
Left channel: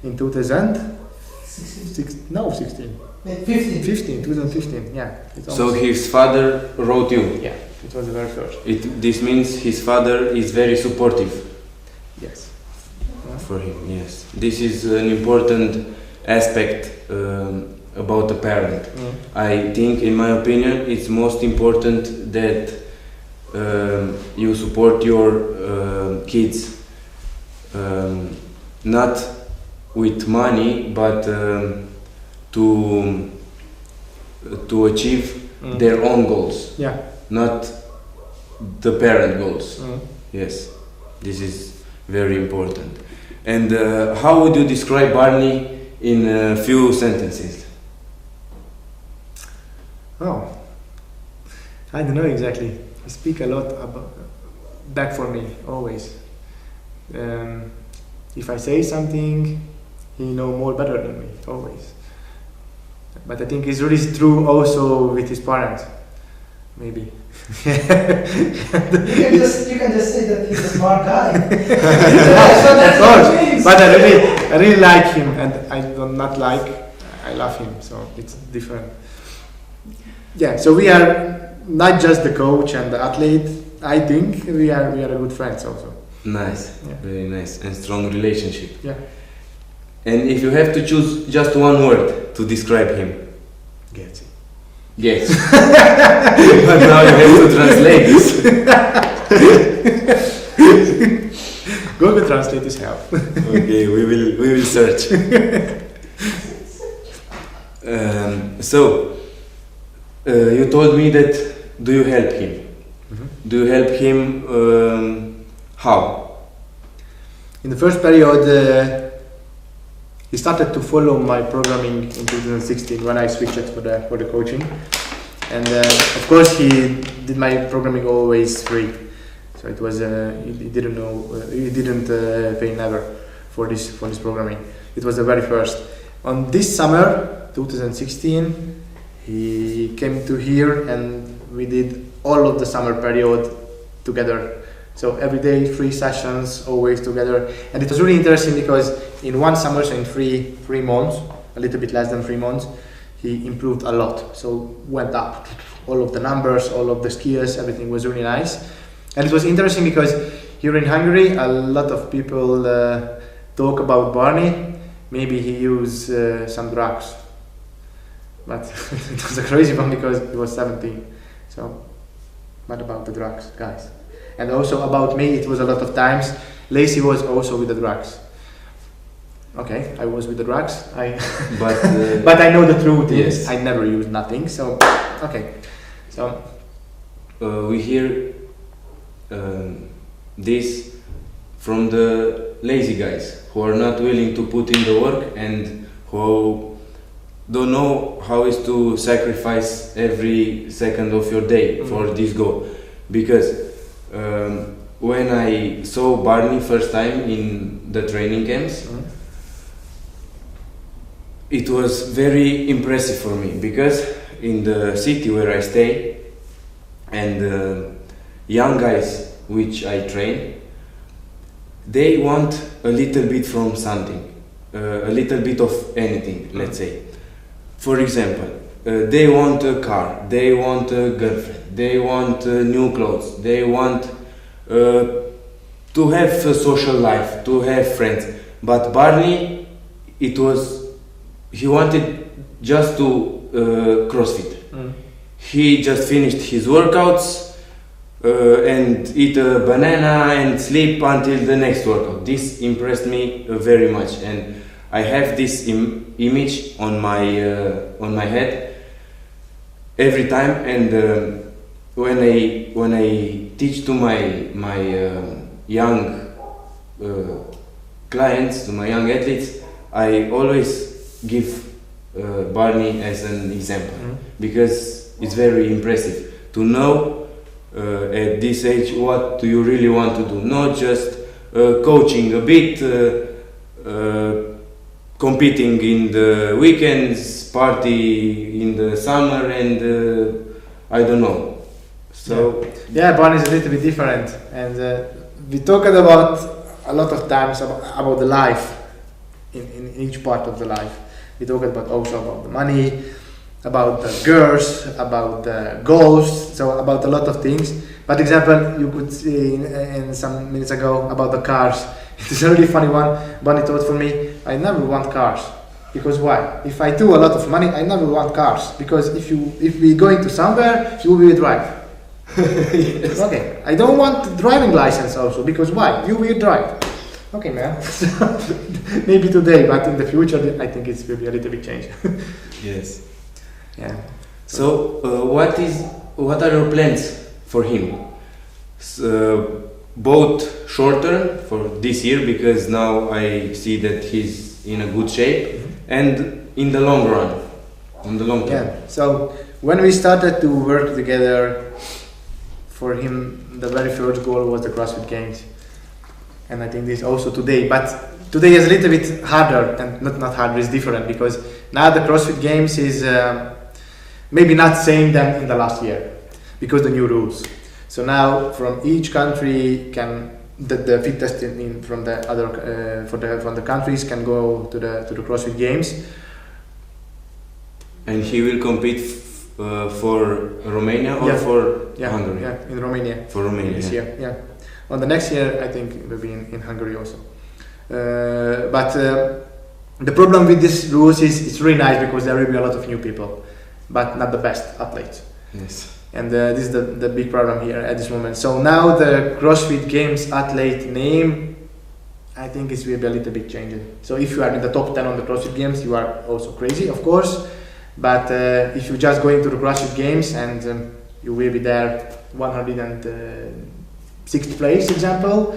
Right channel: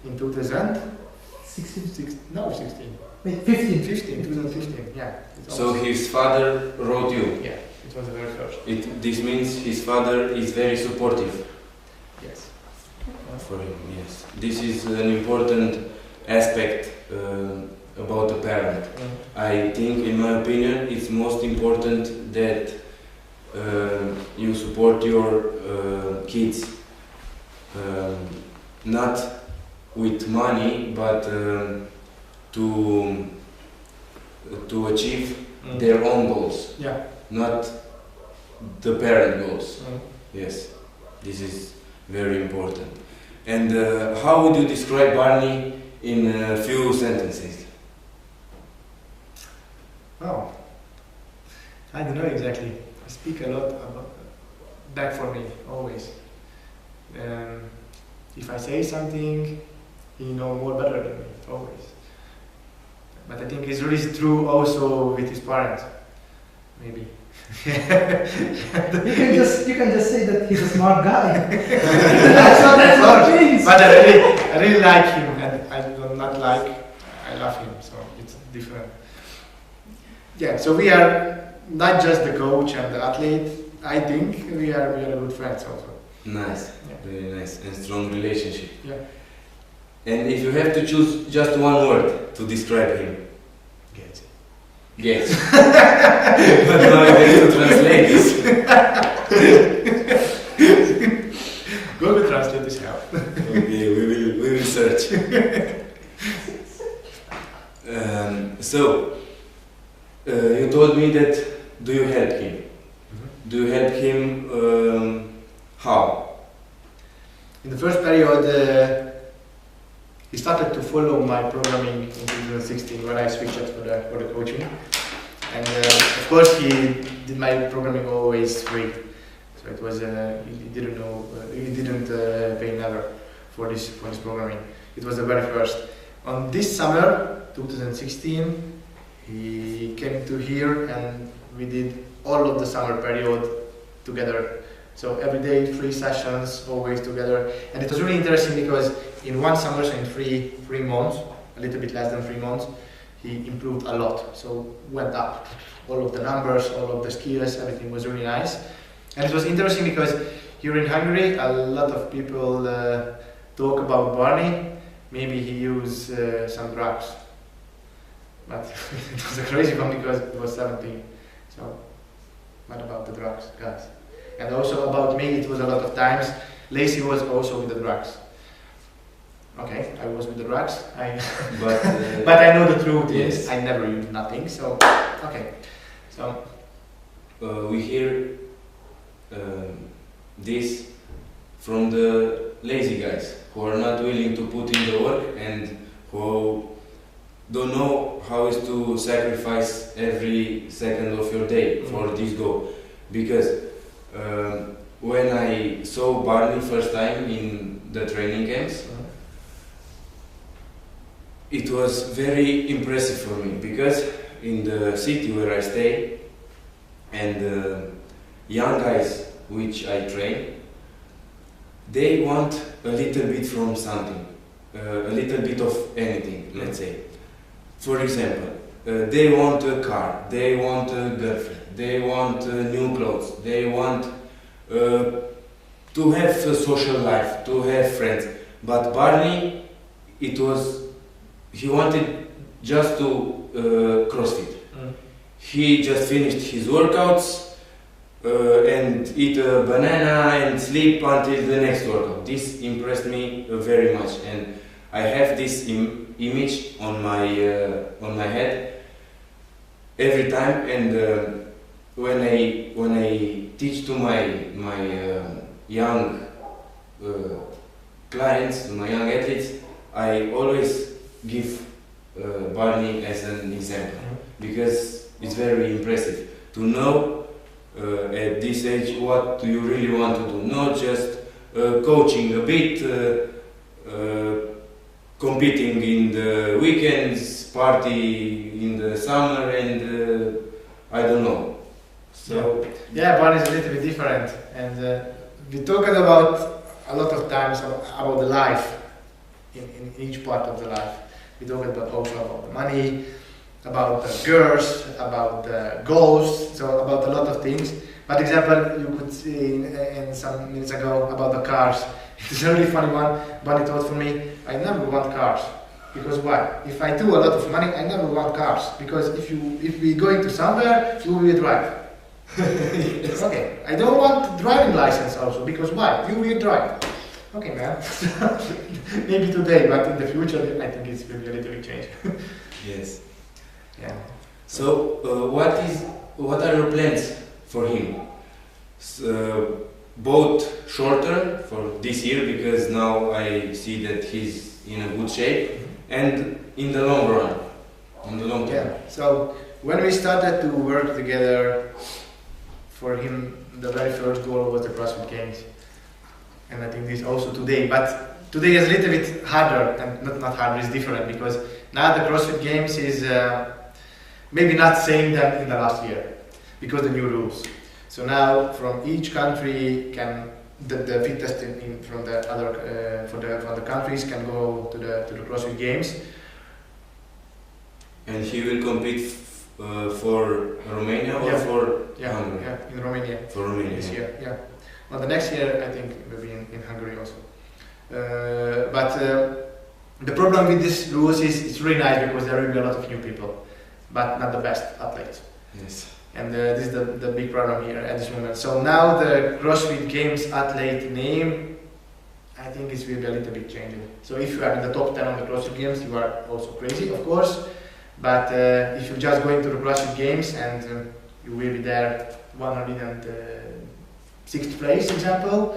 in 2015. 16. Wait, 15. 2015, yeah. So his father wrote you? Yeah, it was the very first. This means his father is very supportive. Yes. For him, yes. This is an important aspect about a parent. I think, in my opinion, it's most important that you support your kids, not with money, but to achieve their own goals, not the parent goals. Yes, this is very important. And how would you describe Barney in a few sentences? Oh, I don't know exactly. He speak a lot back for me always. If I say something, he know more better than me always. But I think it's really true also with his parents, maybe. You can just say that he's a smart guy. But I really like him, and I love him. So it's different. Yeah. So we are not just the coach and the athlete. I think we are a good friends also. Nice, very nice and strong relationship. Yeah. And if you have to choose just one word to describe him, Gets it. yes. But now you have to translate this. Google Translate is help. Okay, we will search. So you told me that do you help him? Do you help him? How? In the first period, he started to follow my programming in 2016 when I switched it for the coaching, and of course he did my programming always free. So it was he didn't pay never for this programming. It was the very first. On this summer 2016, he came to here and we did all of the summer period together. So every day 3 sessions, always together, and it was really interesting because in one summer, so in three months, a little bit less than 3 months, he improved a lot. So went up all of the numbers, all of the skills, everything was really nice. And it was interesting because here in Hungary, a lot of people talk about Barney. Maybe he used some drugs, but it was a crazy one because he was 17. So not about the drugs, guys. And also about me, it was a lot of times. Lacee was also with the drugs. Okay, I was with the drugs. But I know the truth. Yes. I never used nothing. So okay. So we hear this from the lazy guys who are not willing to put in the work and who don't know how is to sacrifice every second of your day for this goal. Because when I saw Barney first time in the training camps, it was very impressive for me because in the city where I stay and young guys which I train, they want a little bit from something, a little bit of anything, let's say. For example, they want a car, they want a girlfriend, they want new clothes, they want to have a social life, to have friends. But Barney, he wanted just to CrossFit. He just finished his workouts and eat a banana and sleep until the next workout. This impressed me very much, and I have this image on my head every time. And when I teach to my young clients, to my young athletes, I always give Barney as an example because it's very impressive to know at this age what do you really want to do, not just coaching a bit, competing in the weekends, party in the summer, and I don't know. So yeah, Barney is a little bit different, and we talked about a lot of times about the life in each part of the life. We talked about also about the money, about the girls, about the goals, so about a lot of things. But example, you could see in some minutes ago about the cars. It's a really funny one. Bunny thought for me, I never want cars. Because why? If I do a lot of money, I never want cars. Because if we going to somewhere, you will drive. Yes. Okay. I don't want driving license also. Because why? You will drive. Okay, man. Maybe today, but in the future, I think it will be a little bit changed. Yes. Yeah. So, what are your plans for him? Both short term for this year, because now I see that he's in a good shape, and in the long run, in the long term. Yeah. So when we started to work together, for him the very first goal was the CrossFit Games, and I think this also today. But today is a little bit harder, and not harder, it's different, because now the CrossFit Games is maybe not same than in the last year, because the new rules. So now from each country can the fit testing from the other from the countries can go to the CrossFit Games. And he will compete for Romania or for Hungary? Yeah, in Romania. For Romania this year. Yeah. On the next year, I think it will be in Hungary also. But the problem with these rules is it's really nice because there will be a lot of new people, but not the best athletes. Yes. And this is the big problem here at this moment. So now the CrossFit Games athlete name, I think it will be a little bit changing. So if you are in the top 10 on the CrossFit Games, you are also crazy, of course. But if you just go into the CrossFit Games and you will be there 106th place, example,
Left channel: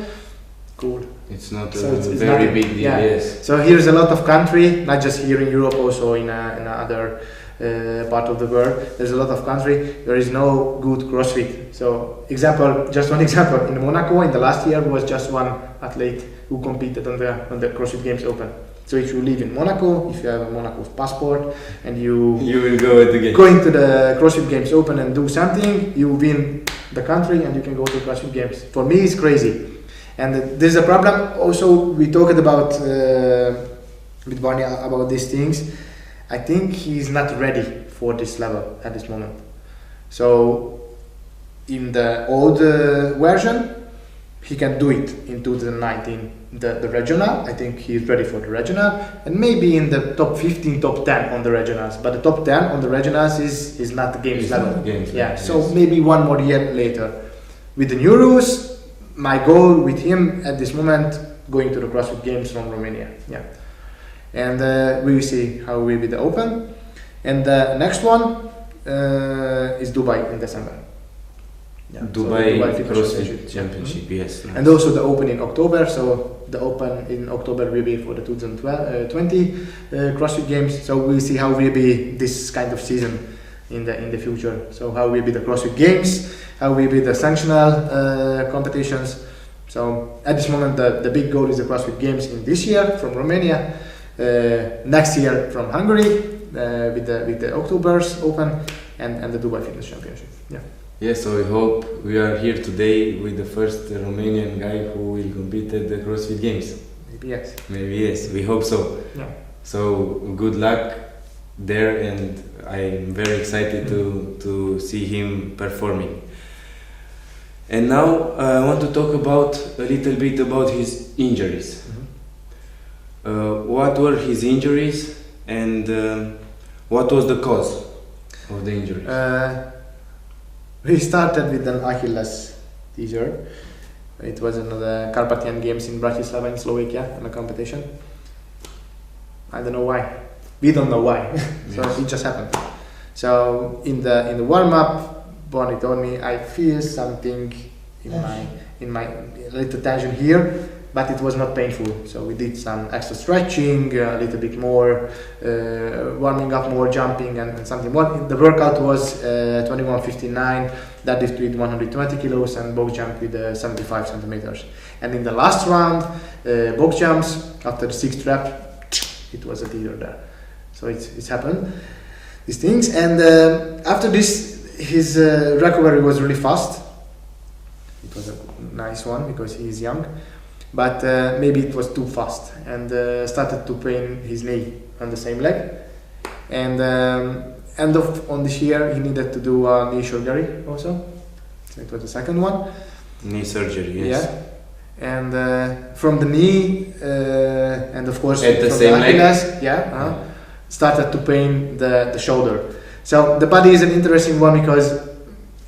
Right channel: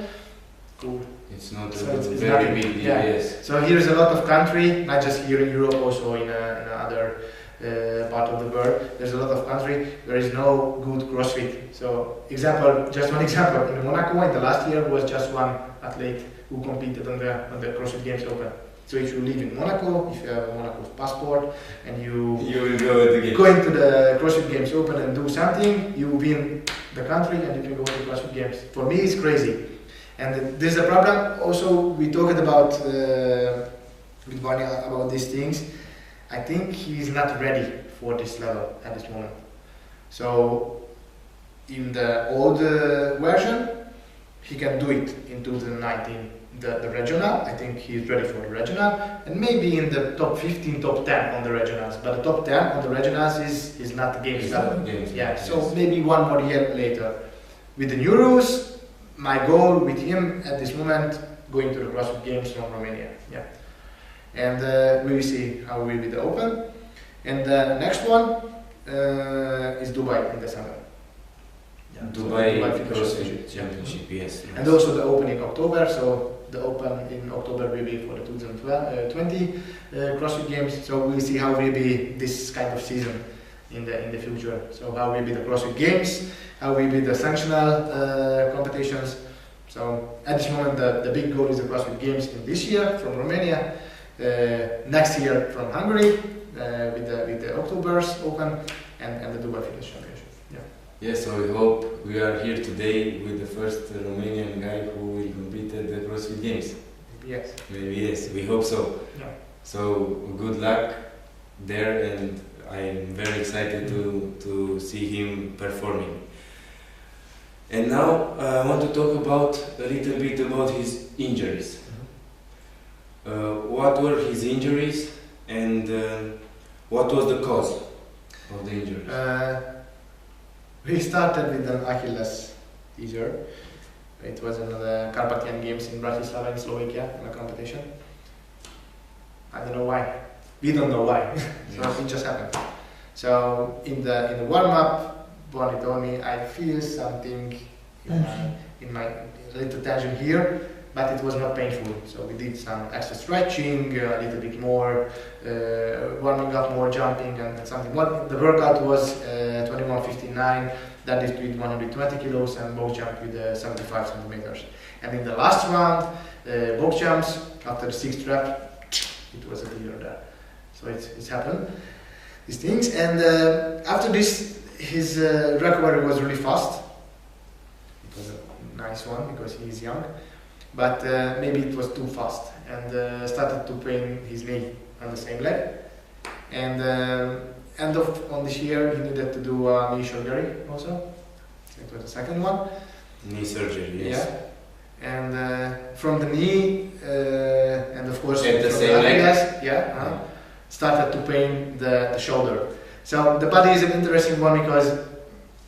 cool. It's not so it's very big deal, yeah. Yes. So here's a lot of country, not just here in Europe, also in other part of the world. There's a lot of country. There is no good CrossFit. So just one example. In Monaco, in the last year, was just one athlete who competed on the CrossFit Games Open. So if you live in Monaco, if you have a Monaco passport, and you will go at the games. Go into the CrossFit Games Open and do something, you win the country and you can go to CrossFit Games. For me, it's crazy. And there's a problem. Also, we talked about with Barney about these things. I think he's not ready for this level at this moment. So in the old version, he can do it in 2019, the regional. I think he's ready for the regional, and maybe in the top 15, top 10 on the regionals. But the top 10 on the regionals is not the games level. So maybe one more year later. With the new rules, my goal with him at this moment, going to the CrossFit Games from Romania. Yeah. And we will see how will be the Open. And the next one is Dubai in December. Yeah. Dubai CrossFit Championship, yes. And also the Open in October. So the Open in October will be for the 2020 CrossFit Games. So we'll see how will be this kind of season in the future. So how will be the CrossFit Games, how will be the sanctional competitions. So at this moment the big goal is the CrossFit Games in this year from Romania. Next year from Hungary with the October's Open and the Dubai Fitness Championship. Yeah. Yes, so I hope we are here today with the first Romanian guy who will compete at the CrossFit Games. Maybe yes. Maybe yes, we hope so. Yeah. So good luck there, and I'm very excited to see him performing. And now I want to talk a little bit about his injuries. What were his injuries, and what was the cause of the injuries? We started with an Achilles teaser. It was in the Carpathian Games in Bratislava in Slovakia in a competition. I don't know why. We don't know why. So it just happened. So in the warm up, Bonnie told me I feel something in my little tension here, but it was not painful. So we did some extra stretching, a little bit more warming up, more jumping and something more. The workout was 21:59, that is with 120 kilos, and box jump with 75 centimeters. And in the last round, box jumps, after the 6th rep, it was a teeter there. So it's happened, these things. And after this, his recovery was really fast. It was a nice one because he is young. But maybe it was too fast and started to pain his knee on the same leg. And end of on this year, he needed to do a knee surgery also. It was the second one. Knee surgery, yes. Yeah. And from the knee, and of course at the from same the leg, Achilles, started to pain the shoulder. So the body is an interesting one because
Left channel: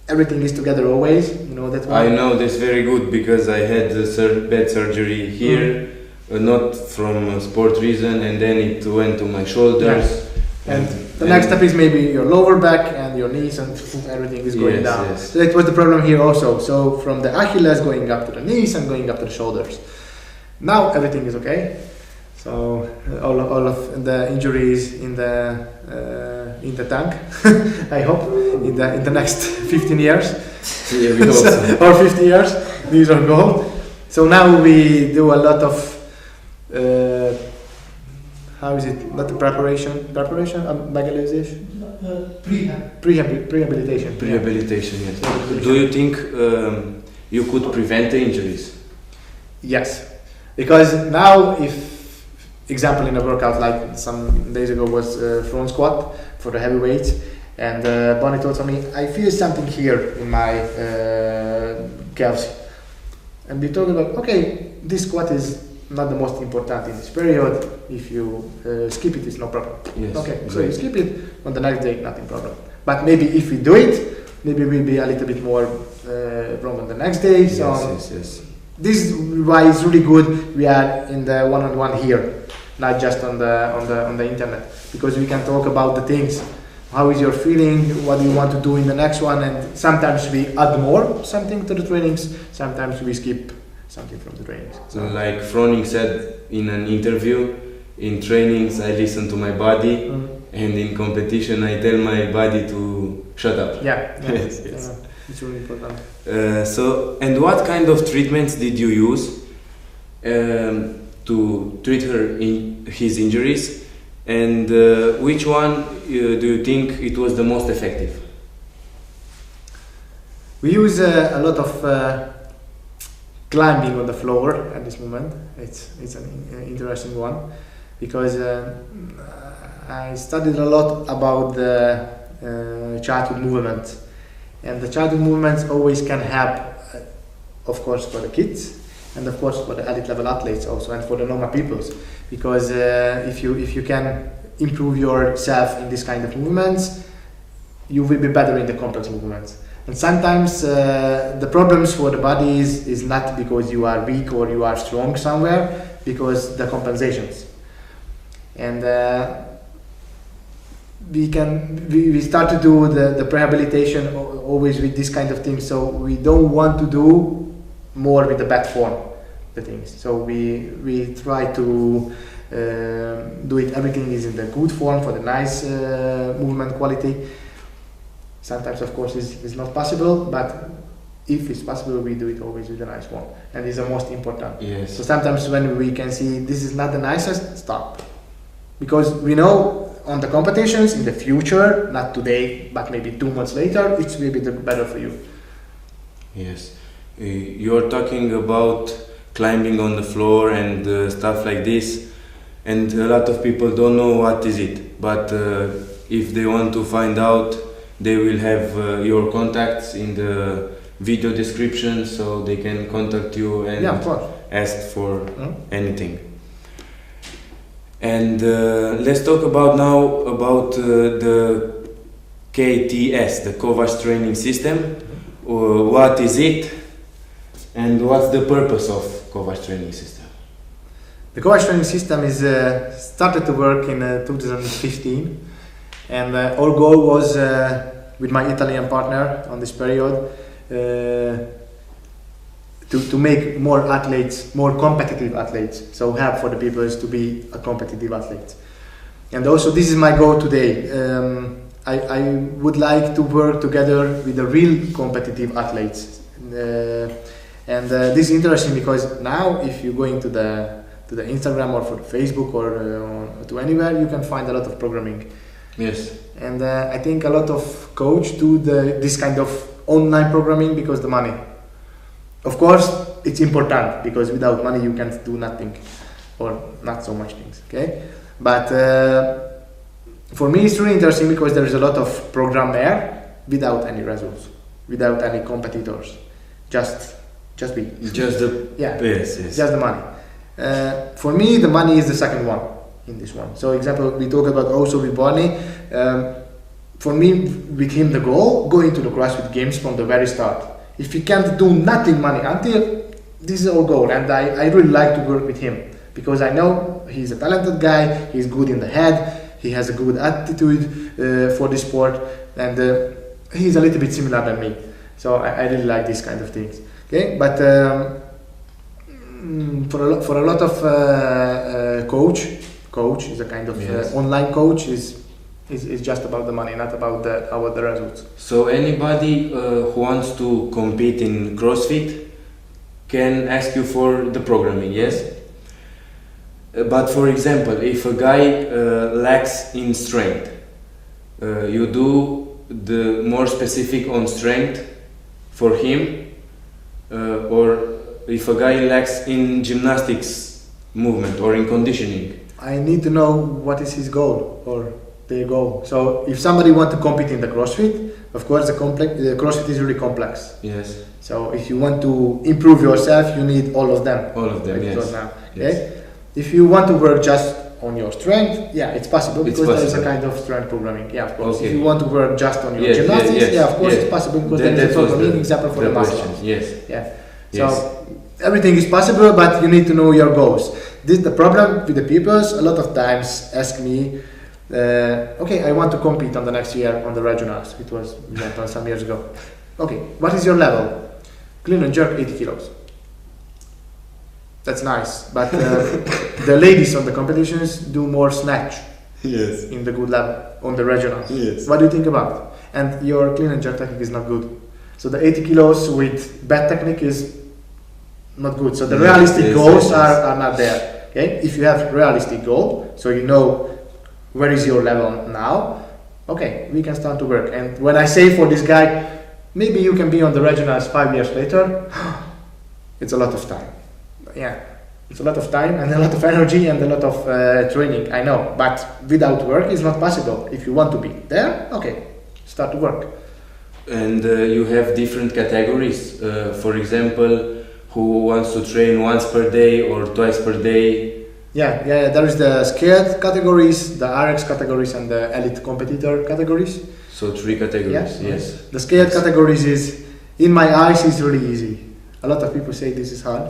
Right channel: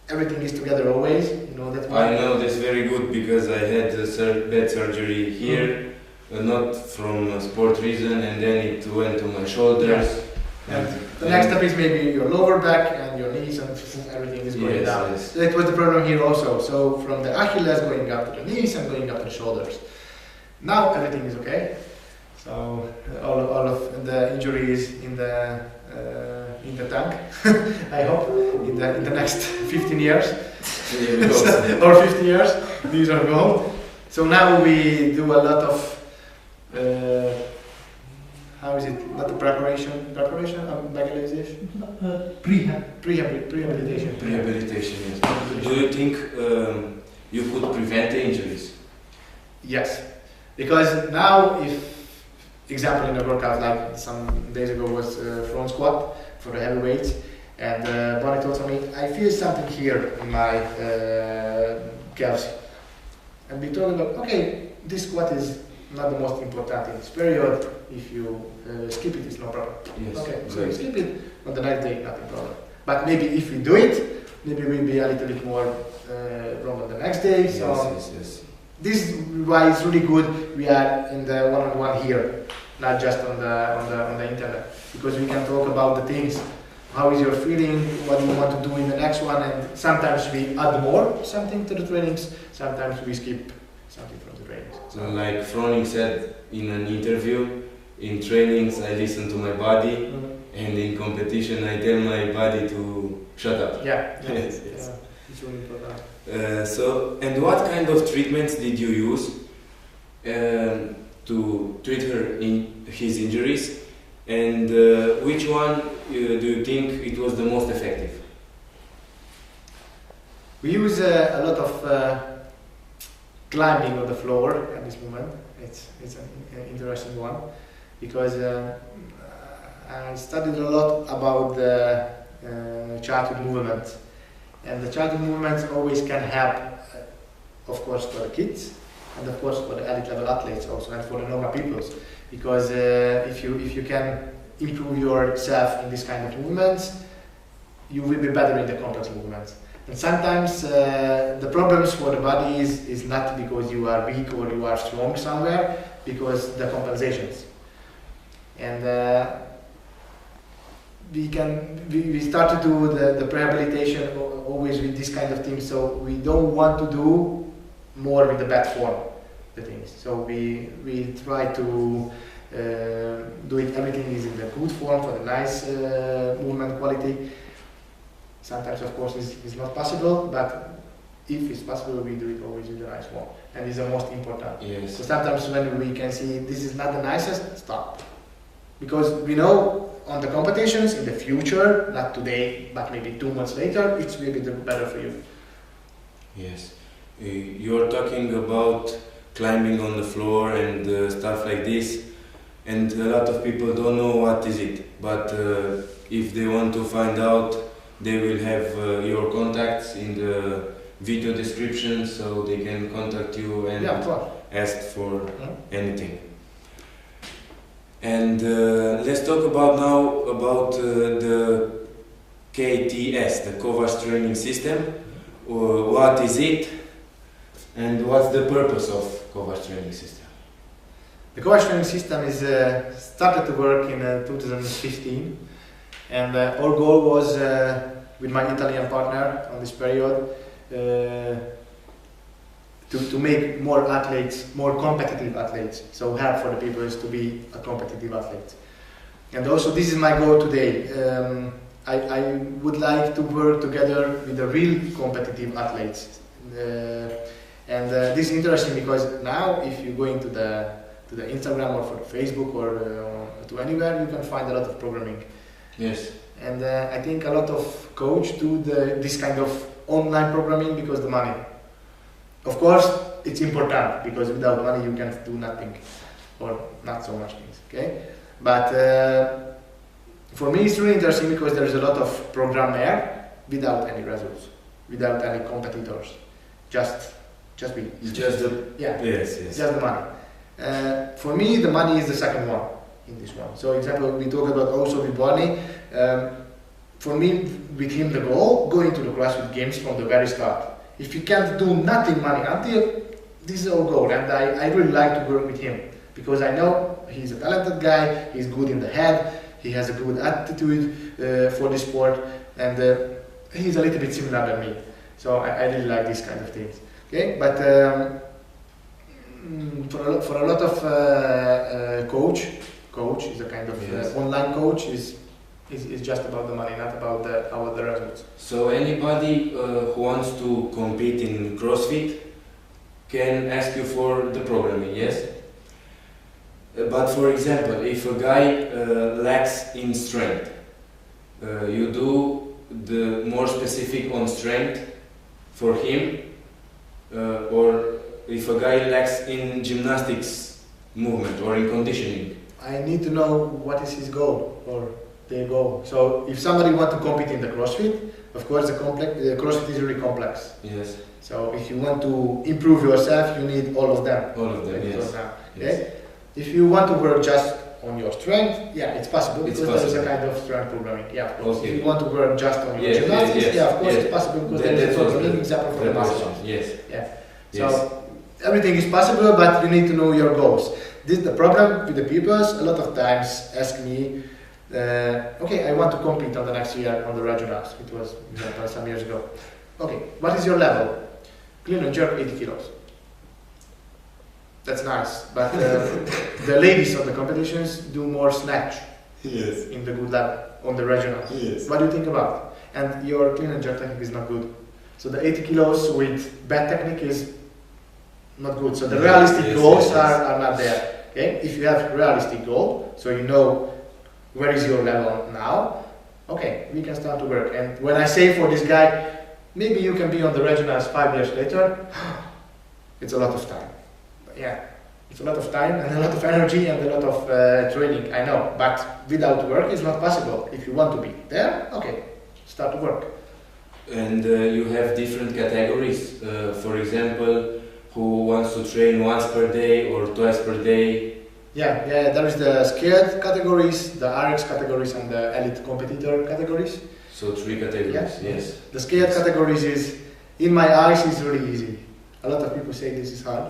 everything is together always. You know that one. I know this very good because I had bad surgery here, not from a sport reason, and then it went to my shoulders. Yeah. And the next step is maybe your lower back and your knees, and everything is going down. Yes. So that was the problem here also. So from the Achilles going up to the knees and going up to the shoulders. Now everything is okay. So all of the injuries in the tank. I hope in the next 15 years. Yeah, we hope so. Or 50 years, these are gone. So now we do a lot of how is it? Not the preparation, mobilization? Rehabilitation. Rehabilitation, yes. Do you think you could prevent the injuries? Yes, because now example in a workout like some days ago was front squat for the heavy weights, and Bonnie told me, I feel something here in my calves. And we told him, okay, this squat is not the most important in this period. If you skip it, it's no problem. Yes, okay, great. so you skip it, on the next day, nothing problem. But maybe if we do it, maybe we'll be a little bit more wrong on the next day. Yes, So yes. this is why it's really good we are in the one-on-one here, not just on the internet, because we can talk about the things. How is your feeling? What do you want to do in the next one? And sometimes we add more something to the trainings. Sometimes we skip something from the trainings. So like Froning said in an interview, in trainings I listen to my body, and in competition I tell my body to shut up. Yeah. Yes. It's really important. So, and what kind of treatments did you use to treat his injuries, and which one do you think it was the most effective? We use a lot of climbing on the floor at this moment. It's an interesting one because I studied a lot about the childhood movement, and the childhood movements always can help, of course, for the kids, and of course for the elite level athletes also, and for the normal peoples, because if you can improve yourself in this kind of movements, you will be better in the complex movements. And sometimes the problems for the body is not because you are weak or you are strong somewhere, because the compensations. And we start to do the rehabilitation always with this kind of things. So we don't want to do more with the bad form, the things. So we try to do it. Everything is in the good form for the nice movement quality. Sometimes, of course, it's not possible, but if it's possible, we do it always with a nice form, and it's the most important. Yes. So sometimes when we can see this is not the nicest, stop, because we know on the competitions in the future, not today, but maybe 2 months later, it will be better for you. Yes. You are talking about climbing on the floor and stuff like this, and a lot of people don't know what is it, but if they want to find out, they will have your contacts in the video description, so they can contact you and ask for anything. And let's talk about the KTS, the Kovacs Training System. What is it, and what's the purpose of Kovacs Training System? The Kovacs Training System is started to work in 2015, and our goal was with my Italian partner on this period to make more athletes, more competitive athletes. So help for the people is to be a competitive athlete. And also this is my goal today. I would like to work together with the real competitive athletes. And this is interesting because now if you go into the Instagram or for Facebook or to anywhere, you can find a lot of programming. Yes. And I think a lot of coach do this kind of online programming because the money. Of course, it's important because without money you can't do nothing or not so much things. Okay, But for me, it's really interesting because there is a lot of program there without any results, without any competitors. Just we. Just the yes. Just the money. For me, the money is the second one in this one. So, example, we talk about also with Barney. For me, with him, the goal going to the CrossFit Games from the very start. If he can't do nothing money until this is our goal, and I really like to work with him because I know he's a talented guy. He's good in the head. He has a good attitude for the sport, and he's a little bit similar than me. So I really like these kind of things. Okay, but for a lot of coach is a kind of online coach is just about the money, not about the results. So anybody who wants to compete in CrossFit can ask you for the programming, yes? But for example, if a guy lacks in strength, you do the more specific on strength for him, or if a guy lacks in gymnastics movement or in conditioning. I need to know what is his goal or their goal. So if somebody wants to compete in the CrossFit, of course the CrossFit is really complex. Yes. So if you want to improve yourself, you need all of them. All of them, yes. Okay? Yes. If you want to work just on your strength, yeah, it's possible because there is a possible. kind of strength programming. Yeah, of course. Okay. If you want to work just on your gymnastics, of course it's possible because there is a programming example for the muscles. Yes. Yeah. Yes. So everything is possible, but you need to know your goals. This the problem with the people. A lot of times ask me, okay, I want to compete on the next year on the regionals. It was done some years ago. Okay, what is your level? Clean and jerk 80 kilos. That's nice, but the ladies on the competitions do more snatch. Yes. In the good level on the regionals. Yes. What do you think about? And your clean and jerk technique is not good. So the 80 kilos with bad technique is not good. So the realistic goals are not there. Okay? If you have realistic goal, so you know where is your level now, okay, we can start to work. And when I say for this guy, maybe you can be on the regionals 5 years later, it's a lot of time. Yeah, it's a lot of time and a lot of energy and a lot of training, I know. But without work, it's not possible. If you want to be there, okay, start to work. And you have different categories. For example, who wants to train once per day or twice per day? Yeah, there is the scaled categories, the RX categories, and the elite competitor categories. So 3 categories, yes. The scaled categories is, in my eyes, is really easy. A lot of people say this is hard,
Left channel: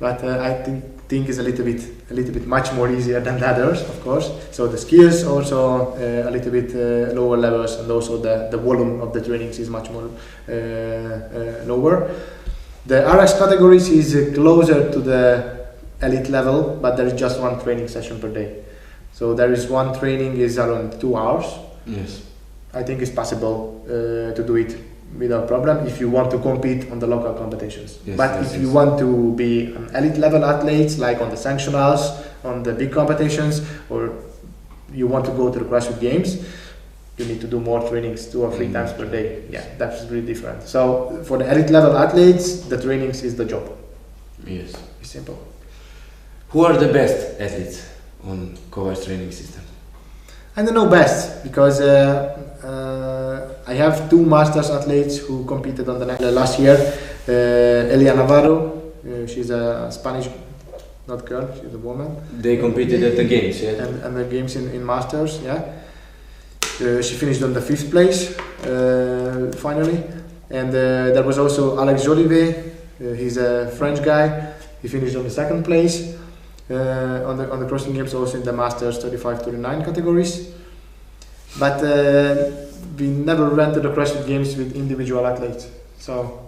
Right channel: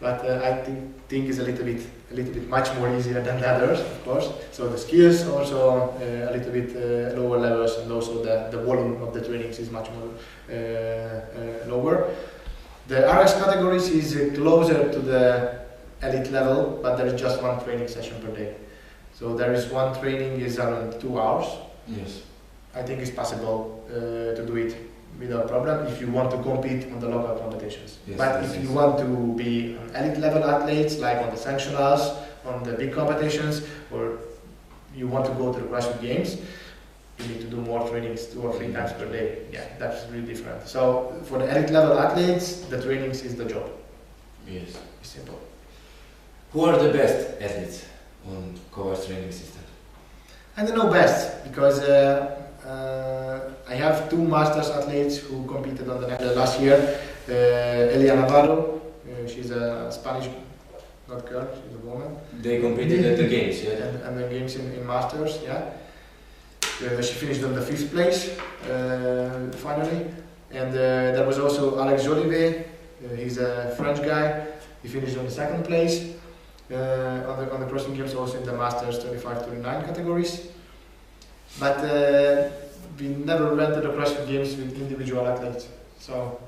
but I think is a little bit much more easier than the others, of course. So the skills also a little bit lower levels, and also the volume of the trainings is much more lower. The RX categories is closer to the elite level, but there is just one training session per day. So there is one training is around 2 hours. Yes. I think it's possible to do it without problem if you want to compete on the local competitions. Yes, but if you want to be an elite level athlete, like on the sanctionals, on the big competitions, or you want to go to the CrossFit Games, you need to do more trainings 2 or 3 times per day. Yeah, that's really different. So for the elite level athletes, the trainings is the job. Yes. It's simple. Who are the best athletes on Kovacs Training System? I don't know best because I have 2 masters athletes who competed on the last year. Elia Navarro, she's a Spanish, not girl, she's a woman. They competed at the games, yeah? And the games in masters, yeah. She finished on the 5th place, finally. And there was also Alex Jolivet, he's a French guy. He finished on the 2nd place. On the CrossFit Games, also in the Masters 35-39 categories, but we never went to the CrossFit Games with individual athletes. So,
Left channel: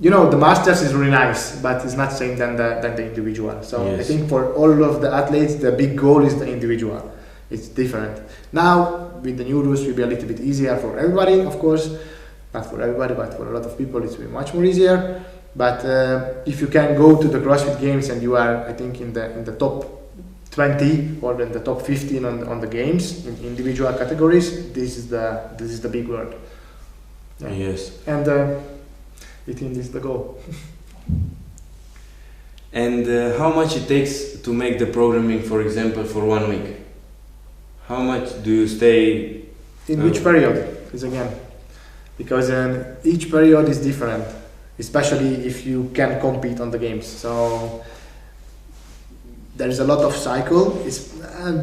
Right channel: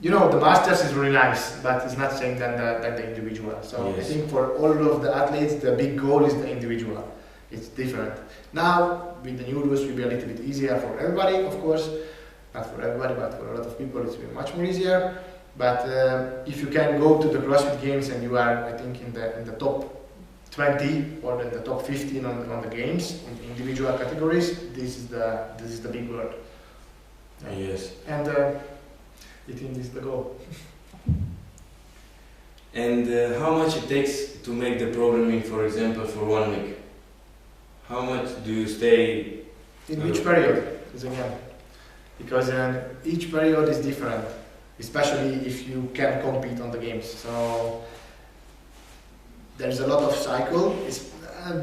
you know, the Masters is really nice, but it's not same than the individual. So yes. I think for all of the athletes, the big goal is the individual. It's different. Now with the new rules, it will be a little bit easier for everybody, of course, not for everybody, but for a lot of people, it's will be much more easier. But if you can go to the CrossFit Games and you are, I think, in the top 20 or in the top 15 on the games in individual categories, this is the big word. Yeah. Yes. And I think this is the goal. And how much it takes to make the programming, for example, for 1 week? How much do you stay? In which period is again, because each period is different, especially if you can compete on the games. So there's a lot of cycle.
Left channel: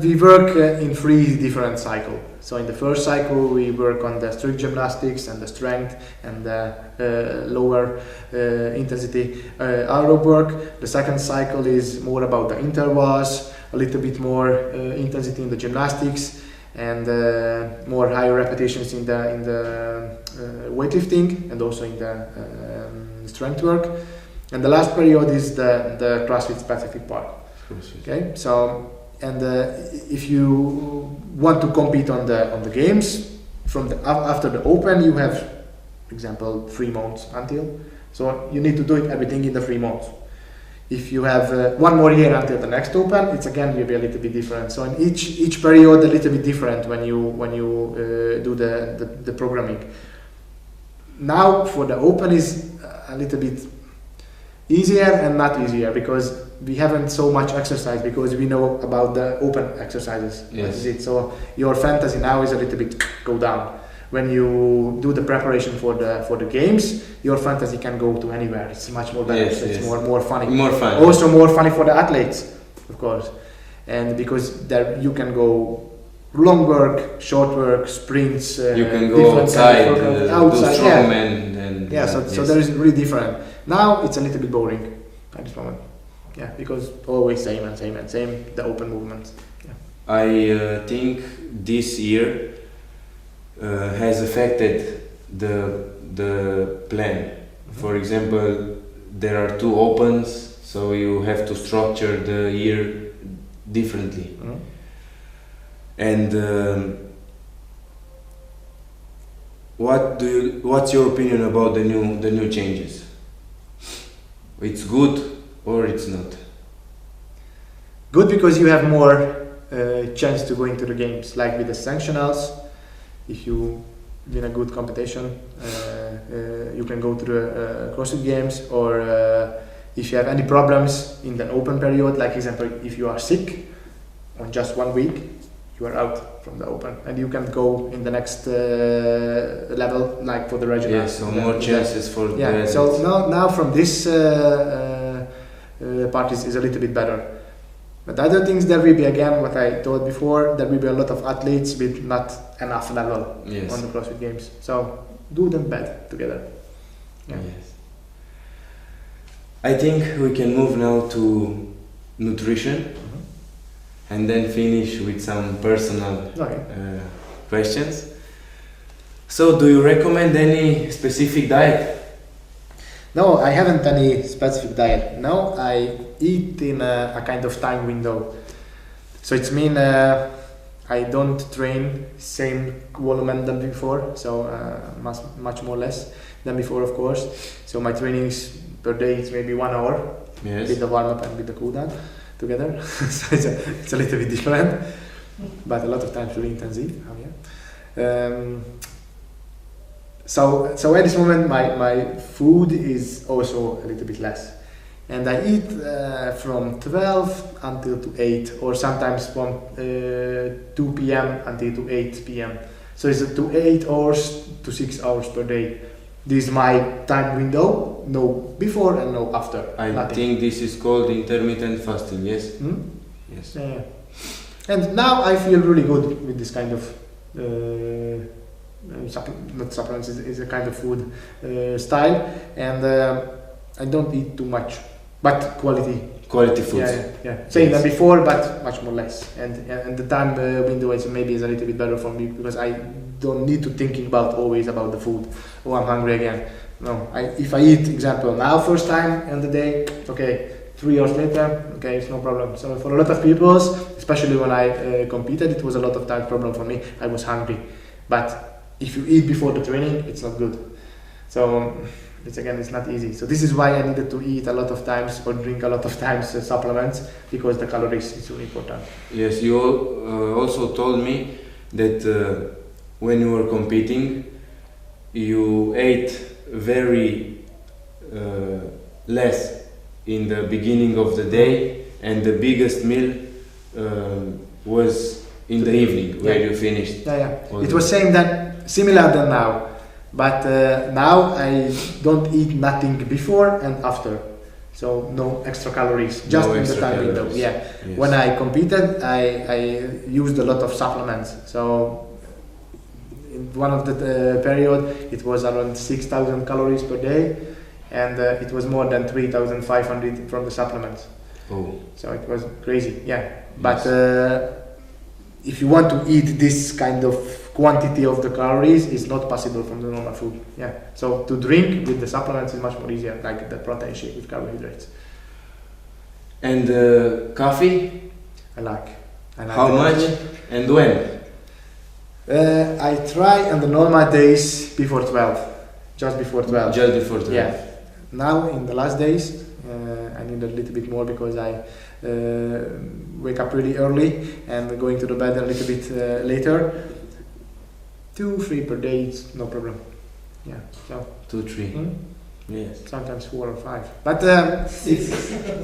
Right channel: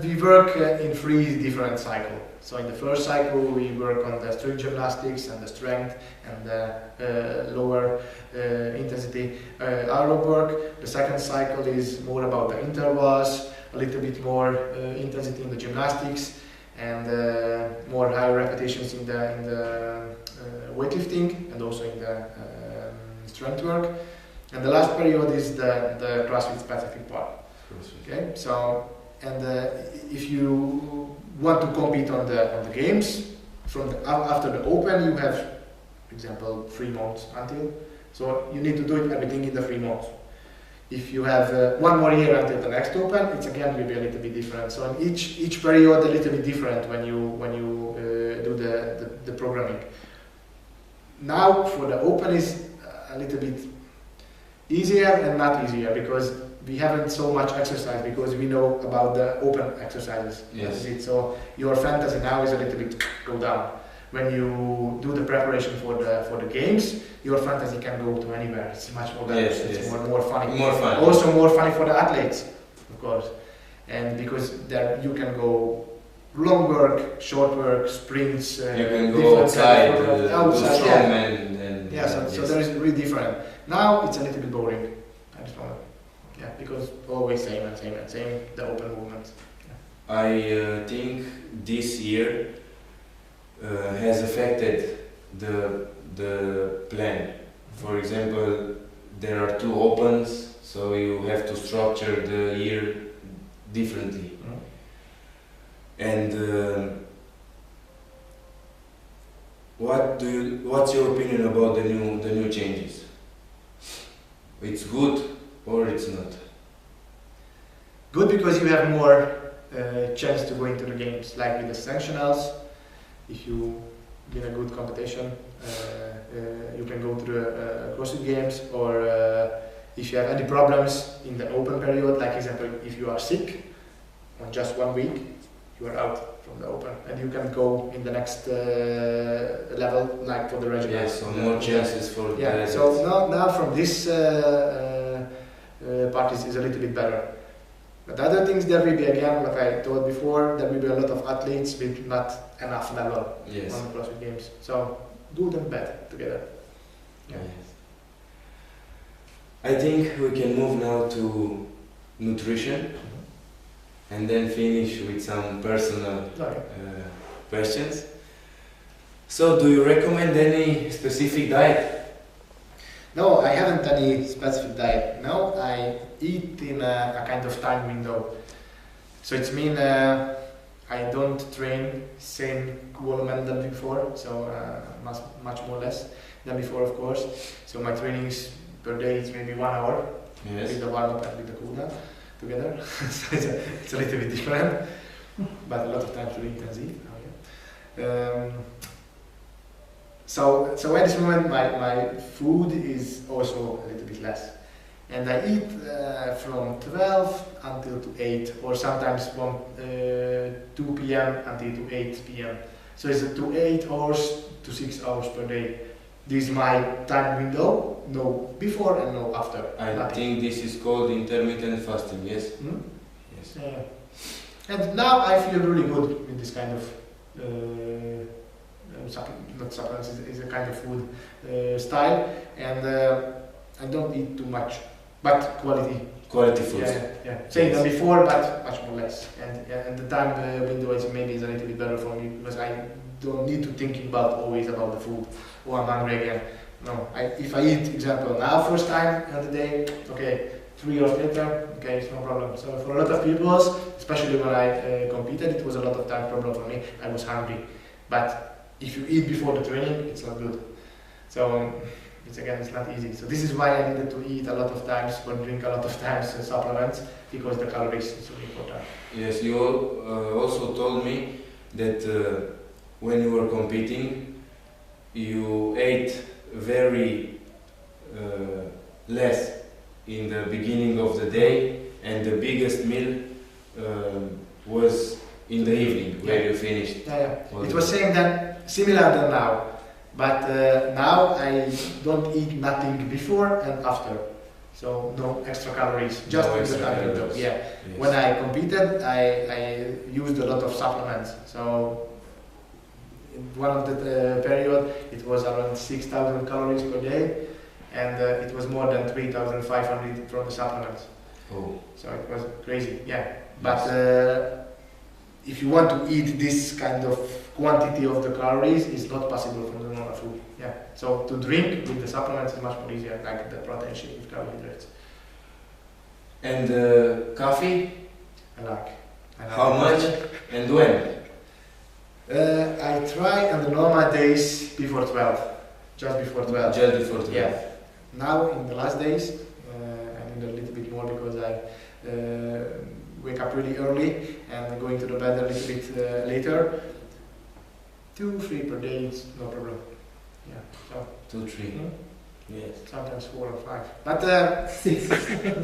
We work in 3 different cycles. So in the first cycle we work on the strict gymnastics and the strength and the lower intensity aerobic work. The second cycle is more about the intervals, a little bit more intensity in the gymnastics, and more higher repetitions in the weightlifting and also in the strength work. And the last period is the CrossFit specific part. Okay, so if you want to compete on the games after the Open, you have, example, 3 months until. So you need to do everything in the 3 months. If you have 1 more year until the next Open, it's again will be a little bit different. So in each period a little bit different when you do the programming. Now for the Open is a little bit easier and not easier, because we haven't so much exercise, because we know about the Open exercises. Yes. So your fantasy now is a little bit go down. When you do the preparation for the games, your fantasy can go to anywhere. It's much more better. Yes, it's yes. more funny. More fun. Also more funny for the athletes, of course. And because there you can go long work, short work, sprints. You can go outside, do strongman. So there is really different. Now it's a little bit boring at this moment. Yeah, because always same, the Open movements. Yeah. I think this year has affected the plan. For example, there are 2 Opens, so you have to structure the year differently. And what's your opinion about the new changes? It's good or it's not? Good, because you have more chance to go into the games, like with the sanctionals. If you win a good competition, you can go to the CrossFit Games, or if you have any problems in the Open period, like example, if you are sick on just 1 week, you are out from the Open, and you can go in the next level, like for the regionals. Yes, so more chances for the athletes. So now from this part is a little bit better. But other things, there will be, again, what I told before, there will be a lot of athletes with not enough level on the CrossFit Games. So do them better together. Yeah. Yes. I think we can move now to nutrition and then finish with some personal questions. So do you recommend any specific diet? No, I haven't any specific diet. No, I eat in a kind of time window. So it's mean I don't train same volume than before, so much more less than before, of course. So my trainings per day is maybe 1 hour with the warm up and with the cool down together. So it's a little bit different, but a lot of times really intensive. So at this moment my food is also a little bit less, and I eat from 12 until to 8, or sometimes from 2 p.m. until to 8 p.m. So it's to 8 hours to 6 hours per day. This is my time window, no before and no after. I think this is called intermittent fasting, yes? Yes. And now I feel really good with this kind of not supplements, is a kind of food style, and I don't eat too much, but quality food. Same than before, but much more less, and the time window is maybe is a little bit better for me, because I don't need to thinking about always about the food. Oh, I'm hungry again. No, if I eat, example, now first time in the day, okay, 3 hours later, okay, it's no problem. So for a lot of people, especially when I competed, it was a lot of time problem for me. I was hungry, but if you eat before the training, it's not good. So it's not easy. So this is why I needed to eat a lot of times or drink a lot of times supplements, because the calories is really important. Yes, you also told me that when you were competing, you ate very less in the beginning of the day, and the biggest meal was in the evening when you finished. It was similar than now, but now I don't eat nothing before and after, so no extra calories, just in the time window. Yes. When I competed, I used a lot of supplements. So in one of the period, it was around 6,000 calories per day, and it was more than 3,500 from the supplements. Oh. So it was crazy, But if you want to eat this kind of quantity of the calories, it's not possible from the normal food. So to drink with the supplements is much more easier, like the protein shake with carbohydrates. And coffee? I like How much and when? I try on the normal days before 12, just before 12. Just before 12. Yeah. Now in the last days, I need a little bit more because I wake up really early and going to the bed a little bit later. 2-3 per day, it's no problem. So 2-3. Yes. Sometimes 4 or 5, but 6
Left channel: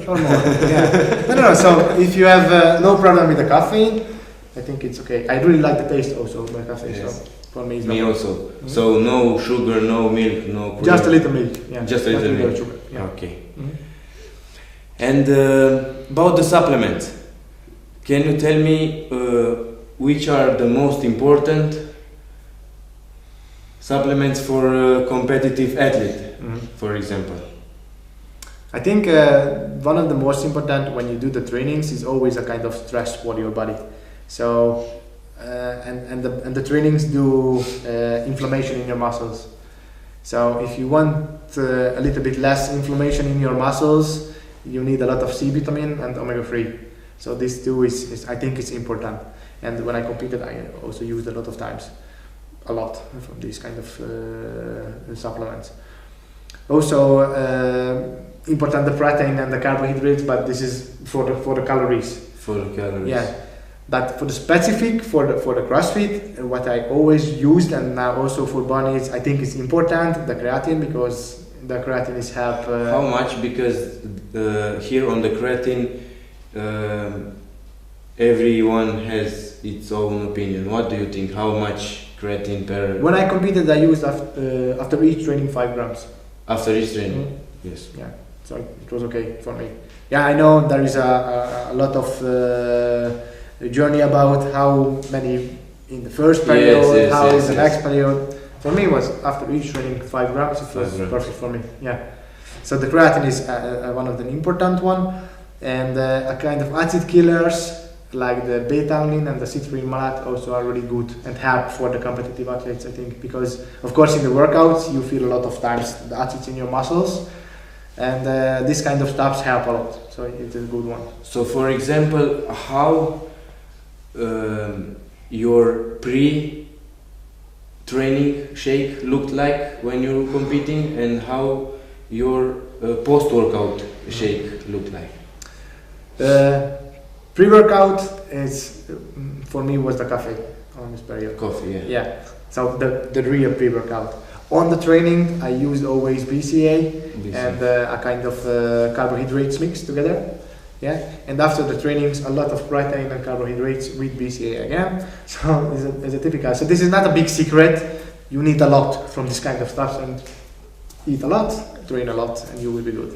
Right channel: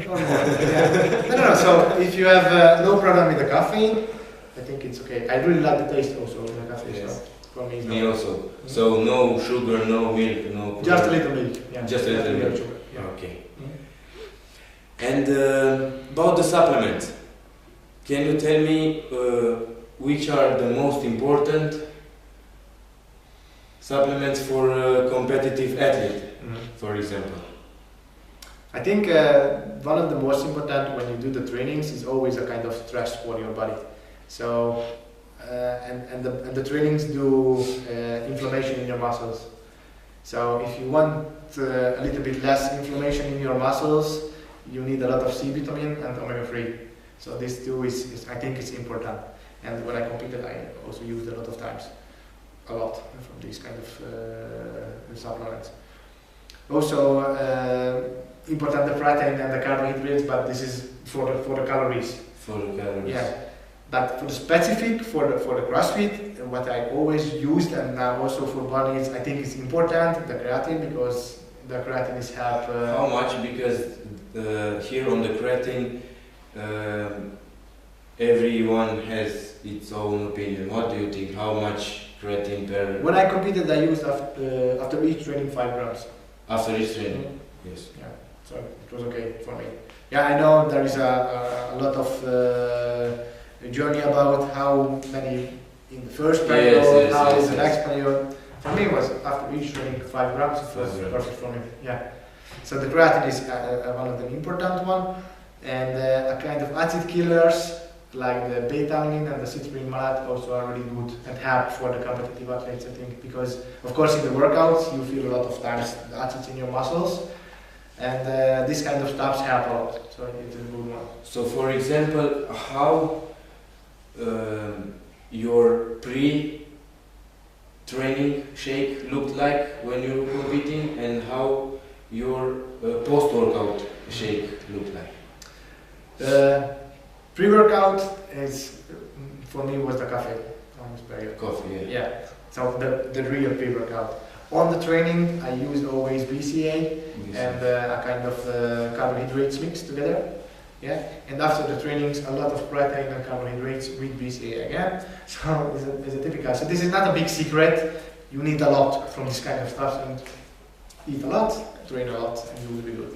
or more. No. So if you have no problem with the caffeine, I think it's okay. I really like the taste also of the caffeine. Yes. So for me, it's me also. So no sugar, no milk, no. Just a little milk. Just a little milk. Sugar. Okay. And about the supplements, can you tell me which are the most important supplements for a competitive athlete, for example? I think one of the most important when you do the trainings is always a kind of stress for your body. So and the trainings do inflammation in your muscles. So if you want a little bit less inflammation in your muscles, you need a lot of C vitamin and omega-3. So these two is I think it's important. And when I competed, I also used a lot from these kind of supplements. Also important the protein and the carbohydrates, but this is for the calories. For the calories. Yeah. But for the specific for the CrossFit, what I always used and now also for bodies, I think it's important the creatine, because the creatine is help. How much? Because here on the creatine, everyone has its own opinion. What do you think? How much creatine per? When I competed, I used after each training 5 grams. After each training, yes. Yeah, so it was okay for me. Yeah, I know there is a lot of journey about how many in the first period, how the next period. For me, it was after each training 5 grams. It was perfect for me. Yeah. So the creatine is one of the important one, and a kind of acid killers like the beta-alanine and the citrulline malate also are really good and help for the competitive athletes, I think, because of course in the workouts you feel a lot of times the acids in your muscles, and this kind of stuff help a lot. So it's a good one. So for example, how your pre-training shake looked like when you were competing, and how your post-workout shake looked like? Pre-workout is for me was the coffee on this period. Coffee, yeah. So the real pre-workout. On the training, I use always BCA and a kind of carbohydrates mix together. Yeah, and after the trainings, a lot of protein and carbohydrates with BCA again. So it's a typical. So this is not a big secret. You need a lot from this kind of stuff, and eat a lot, train a lot, and you will be good.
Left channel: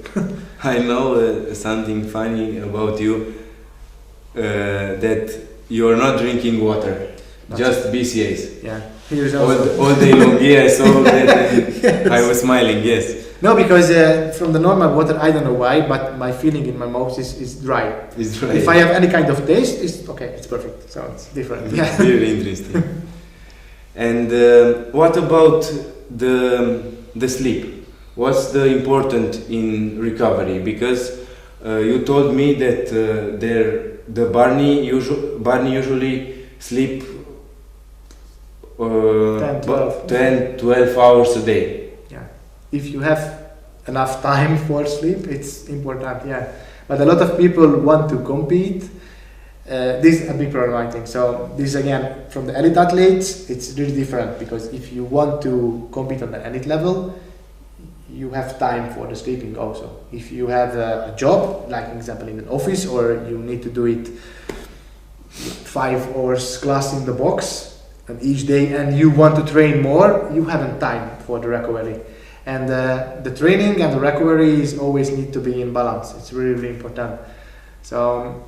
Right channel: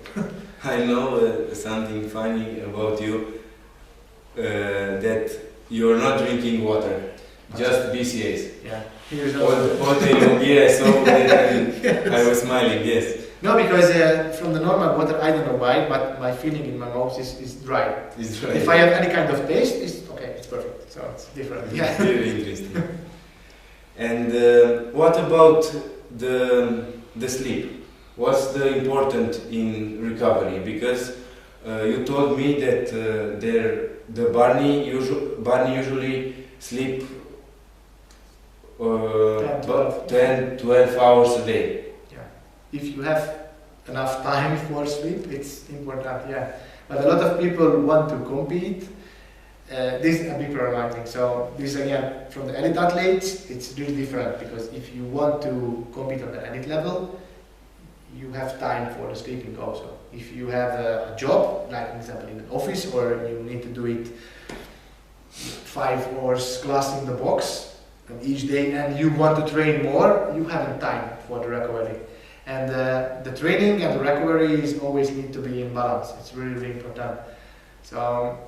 I know something funny about you, that you are not drinking water, just BCAs. Yeah, all day long. Yes, all day. Yes. I was smiling. Yes. No, because from the normal water, I don't know why, but my feeling in my mouth is dry. It's dry. If I have any kind of taste, it's okay, it's perfect. So it's different. Yeah. Very interesting. And what about the sleep? What's the important in recovery? Because you told me that Barney usually sleep 10-12 hours a day. If you have enough time for sleep, it's important, yeah. But a lot of people want to compete. This is a big problem, I think. So this again, from the elite athletes, it's really different, because if you want to compete on the elite level, you have time for the sleeping also. If you have a job, like example in an office, or you need to do it 5 hours class in the box and each day, and you want to train more, you haven't time for the recovery. And the training and the recovery is always need to be in balance. It's really, really important. So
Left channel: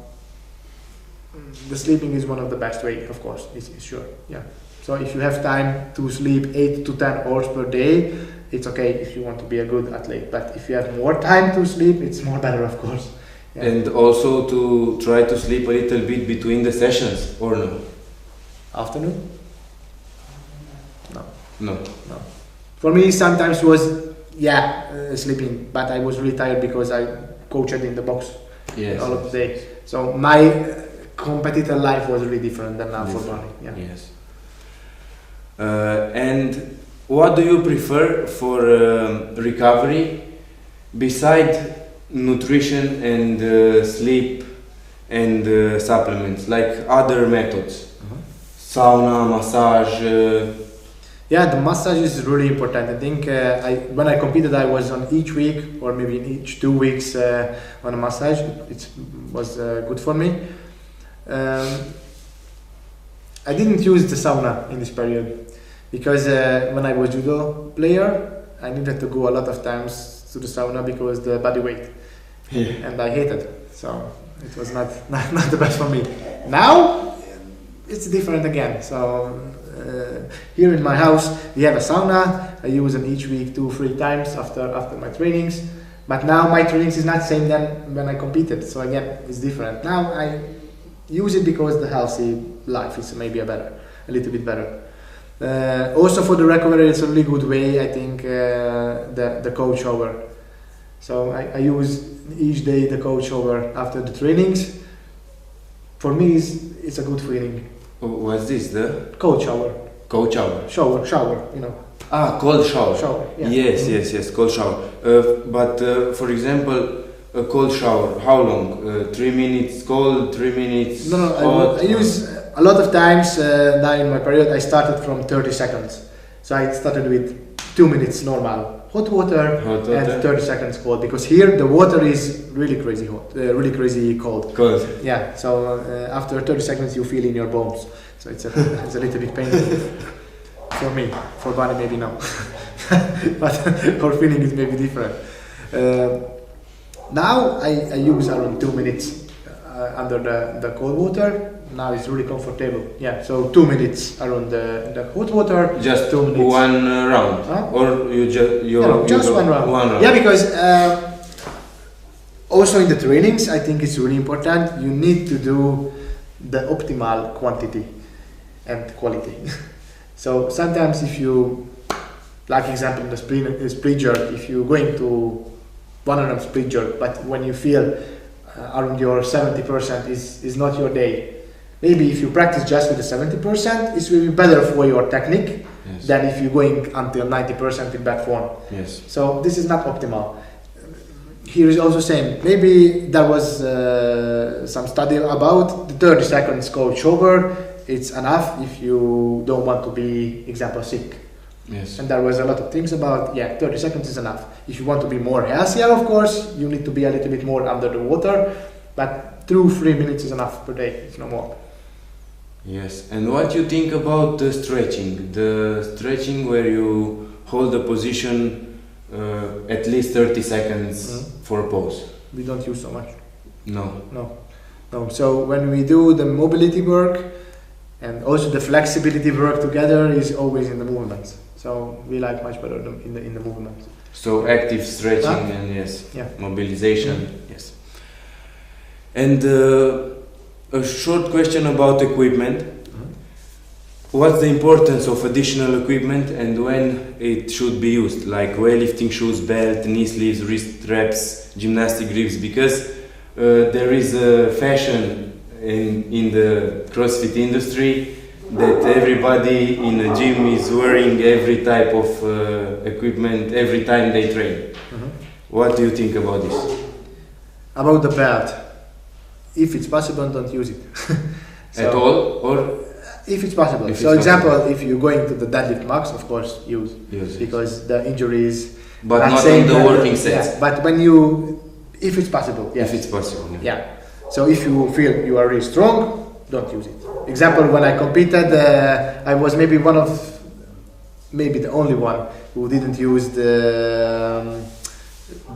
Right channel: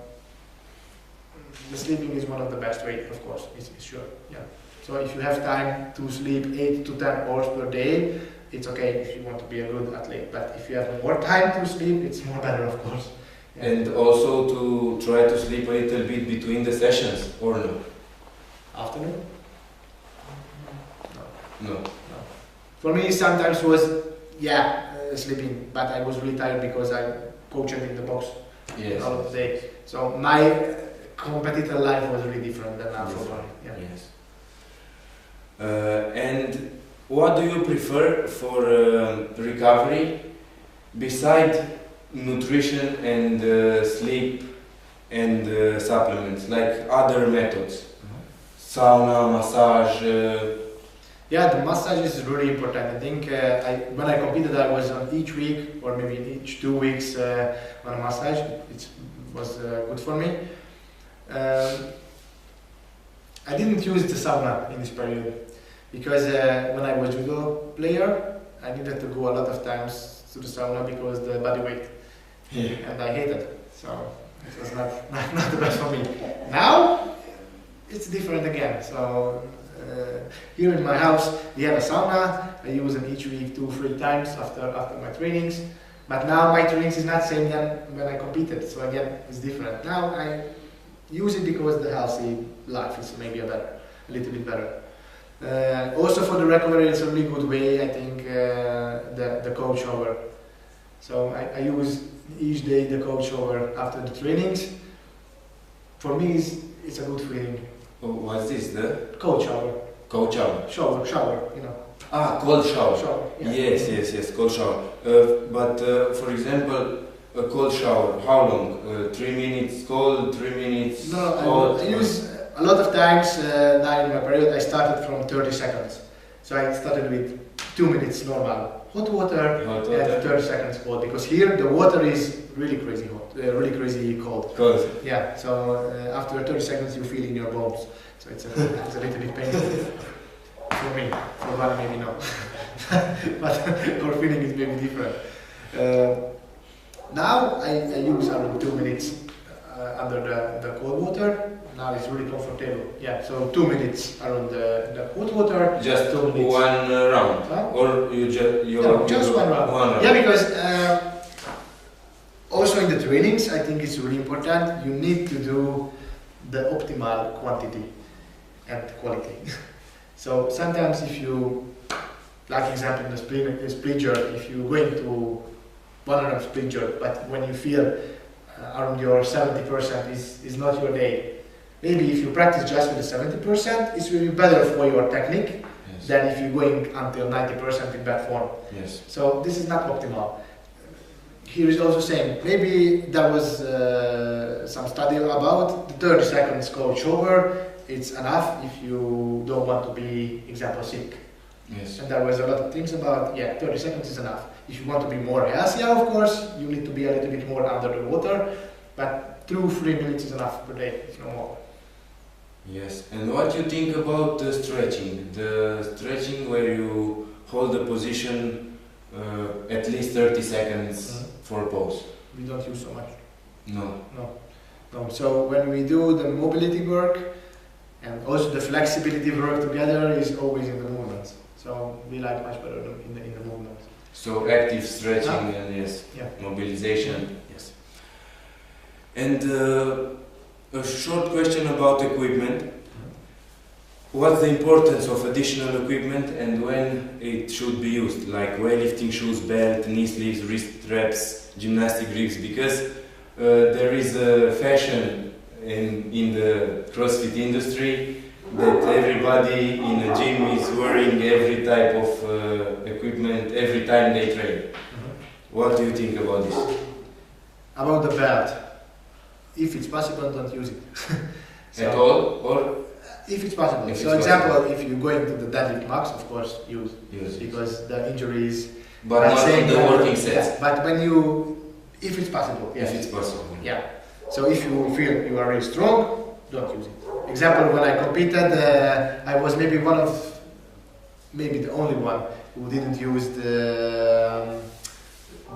the sleeping is one of the best way, of course, it's sure. Yeah. So if you have time to sleep 8 to 10 hours per day, it's okay if you want to be a good athlete. But if you have more time to sleep, it's more better, of course. Yeah. And also to try to sleep a little bit between the sessions, or no? Afternoon? No. For me, sometimes was sleeping, but I was really tired because I coached in the box all of the day. So my competitor life was really different than now for running. Yeah. Yes. And what do you prefer for recovery beside nutrition and sleep and supplements, like other methods? Sauna, massage. Yeah, the massage is really important. I think when I competed, I was on each week or maybe each 2 weeks on a massage. It was good for me. I didn't use the sauna in this period because when I was judo player, I needed to go a lot of times to the sauna because the body weight, and I hated it. So it was not the best for me. Now it's different again. So here in my house we have a sauna. I use it each week 2-3 times after my trainings. But now my trainings is not same than when I competed. So again, it's different. Now I use it because the healthy life is maybe a little bit better. Also for the recovery, it's a really good way. I think the cold shower. So I use each day the cold shower after the trainings. For me, it's a good feeling. What's this? The cold shower. Cold shower. Shower. You know. Cold shower. Shower. Yeah. Yes. Cold shower. But for example, a cold shower. How long? 3 minutes cold, 3 minutes hot. I use a lot of times now in my period. I started from 30 seconds. So I started with 2 minutes normal hot water and 30 seconds cold, because here the water is really crazy hot, really crazy cold. Cold. Yeah. So after 30 seconds you feel in your bones. So it's a little bit painful for me. For body maybe no, but for feeling it may be different. Now I use around 2 minutes under the cold water. Now it's really comfortable. Yeah, so 2 minutes around the hot water. Just 2 minutes. One round, or you just one round. Yeah, because also in the trainings, I think it's really important. You need to do the optimal quantity and quality. So sometimes if you, like example in the split jerk, if you're going to 100 split jerk, but when you feel around your 70% is not your day. Maybe if you practice just with the 70%, it's really better for your technique than if you're going until 90% in bad form. Yes. So this is not optimal. Here is also same. Maybe there was some study about the 30 seconds cold shower. It's enough if you don't want to be, example, sick. Yes. And there was a lot of things about 30 seconds is enough. If you want to be more healthier, of course, you need to be a little bit more under the water, but 2-3 minutes is enough per day, if no more. Yes. And what you think about the stretching? The stretching where you hold the position at least 30 seconds for a pose. We don't use so much. No. So when we do the mobility work and also the flexibility work together is always in the movements. So we like much better in the movement. So active stretching and mobilization. Yes. And a short question about equipment. What's the importance of additional equipment and when it should be used, like weightlifting shoes, belt, knee sleeves, wrist straps, gymnastic grips? Because there is a fashion in the CrossFit industry that everybody in a gym is wearing every type of equipment every time they train. What do you think about this? About the belt, if it's possible, don't use it. At all, or? If it's possible. So example, if you're going to the deadlift max, of course, use because the injuries. But not in the working sets. Yeah, but when if it's possible. Yes. If it's possible. Yeah. So if you feel you are really strong, don't use it. Example, when I competed, I was maybe the only one who didn't use the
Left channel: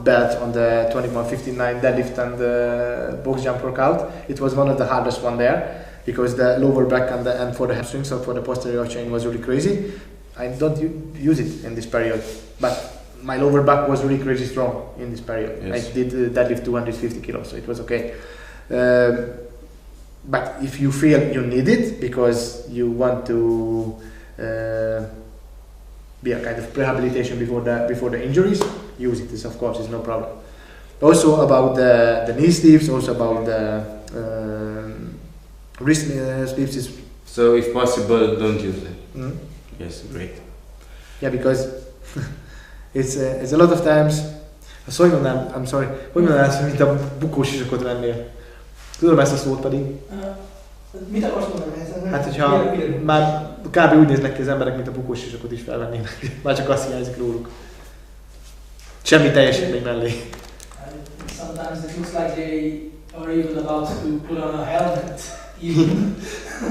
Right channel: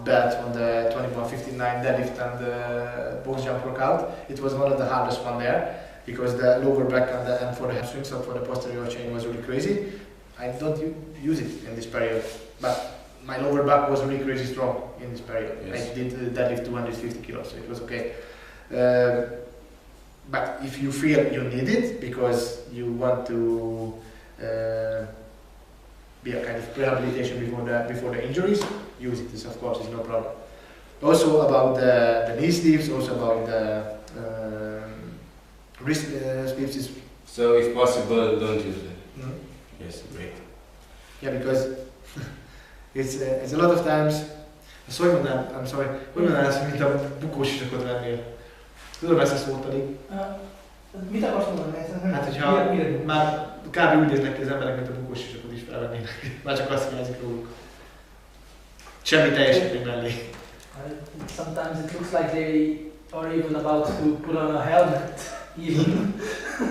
belt on the 2159 deadlift and the box jump workout. It was one of the hardest one there because the lower back and for the hamstring, so for the posterior chain was really crazy. I don't use it in this period, but my lower back was really crazy strong in this period. Yes. I did deadlift 250 kilos, so it was okay. But if you feel you need it because you want to be a kind of rehabilitation before the injuries, use it. This of course is no problem. Also about the knee sleeves, also about the wrist sleeves. So if possible, don't use them. Mm-hmm. Yes, great. Yeah, because it's a lot of times. Hogy mondanám, mint a bukós isakot vennél. Tudom ezt a szót pedig. Mit akarsz mondani ezen? Hát, hogyha már kb. Úgy néznek ki az emberek, mint a bukós isakot is felvennének. Már csak azt hiányzik róluk. Semmi teljesítmény mellé. Sometimes it looks like they are even about to put on a helmet. Even.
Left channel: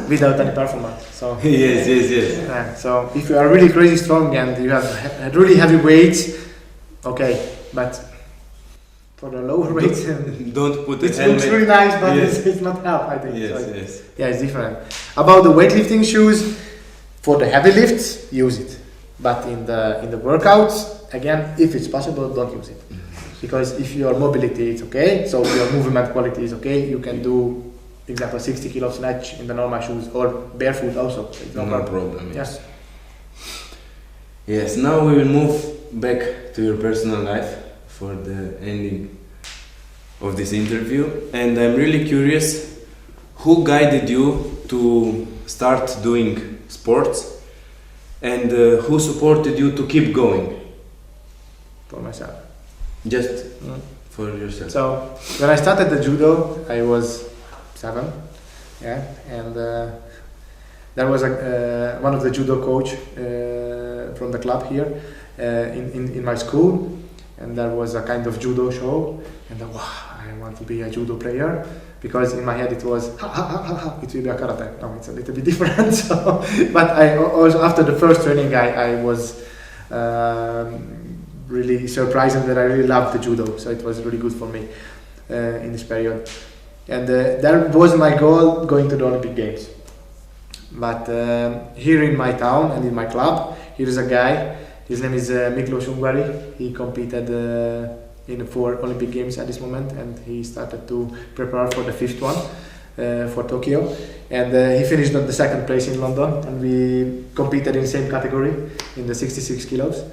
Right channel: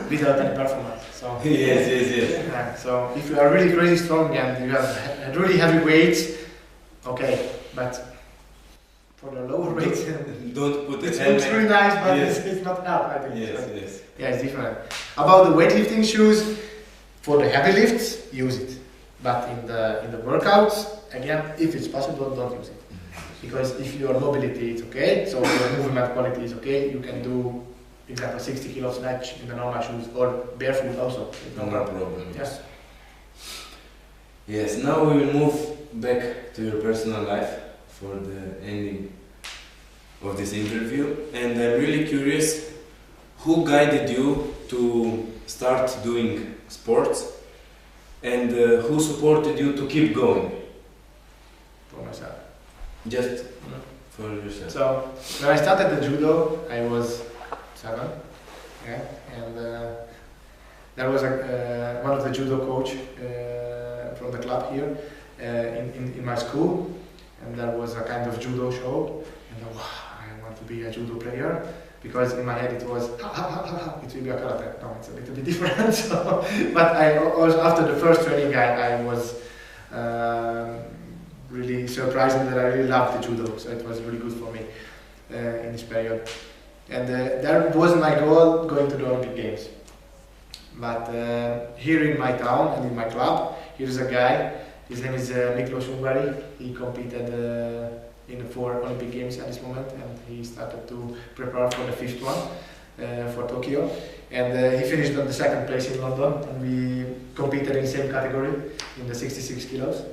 Without any performance. So yes. Yeah, so if you are really crazy strong and you have really heavy weights, okay, but for the lower weights, don't put it looks really nice, but yes. it's not help. I think. Yes, so yes. Yeah, it's different. About the weightlifting shoes, for the heavy lifts, use it. But in the workouts, again, if it's possible, don't use it. Because if your mobility is okay, so your movement quality is okay, you can do, example, 60 kilo snatch in the normal shoes or barefoot also. It's no problem. Yes. Yes. Now we will move back to your personal life for the ending of this interview, and I'm really curious, who guided you to start doing sports, and who supported you to keep going? For myself. Just for yourself. So when I started the judo, I was 7, yeah, and there was one of the judo coach from the club here in my school, and there was a kind of judo show, and I want to be a judo player, because in my head it was it will be a karate. No, it's a little bit different. So, but I also after the first training I was really surprising that I really loved the judo, so it was really good for me in this period. And that was my goal, going to the Olympic Games. But here in my town and in my club, here is a guy, his name is Hungary. He competed in the 4 Olympic Games at this moment, and he started to prepare for the 5th one for Tokyo. And he finished on the 2nd place in London, and we competed in the same category, in the 66 kilos.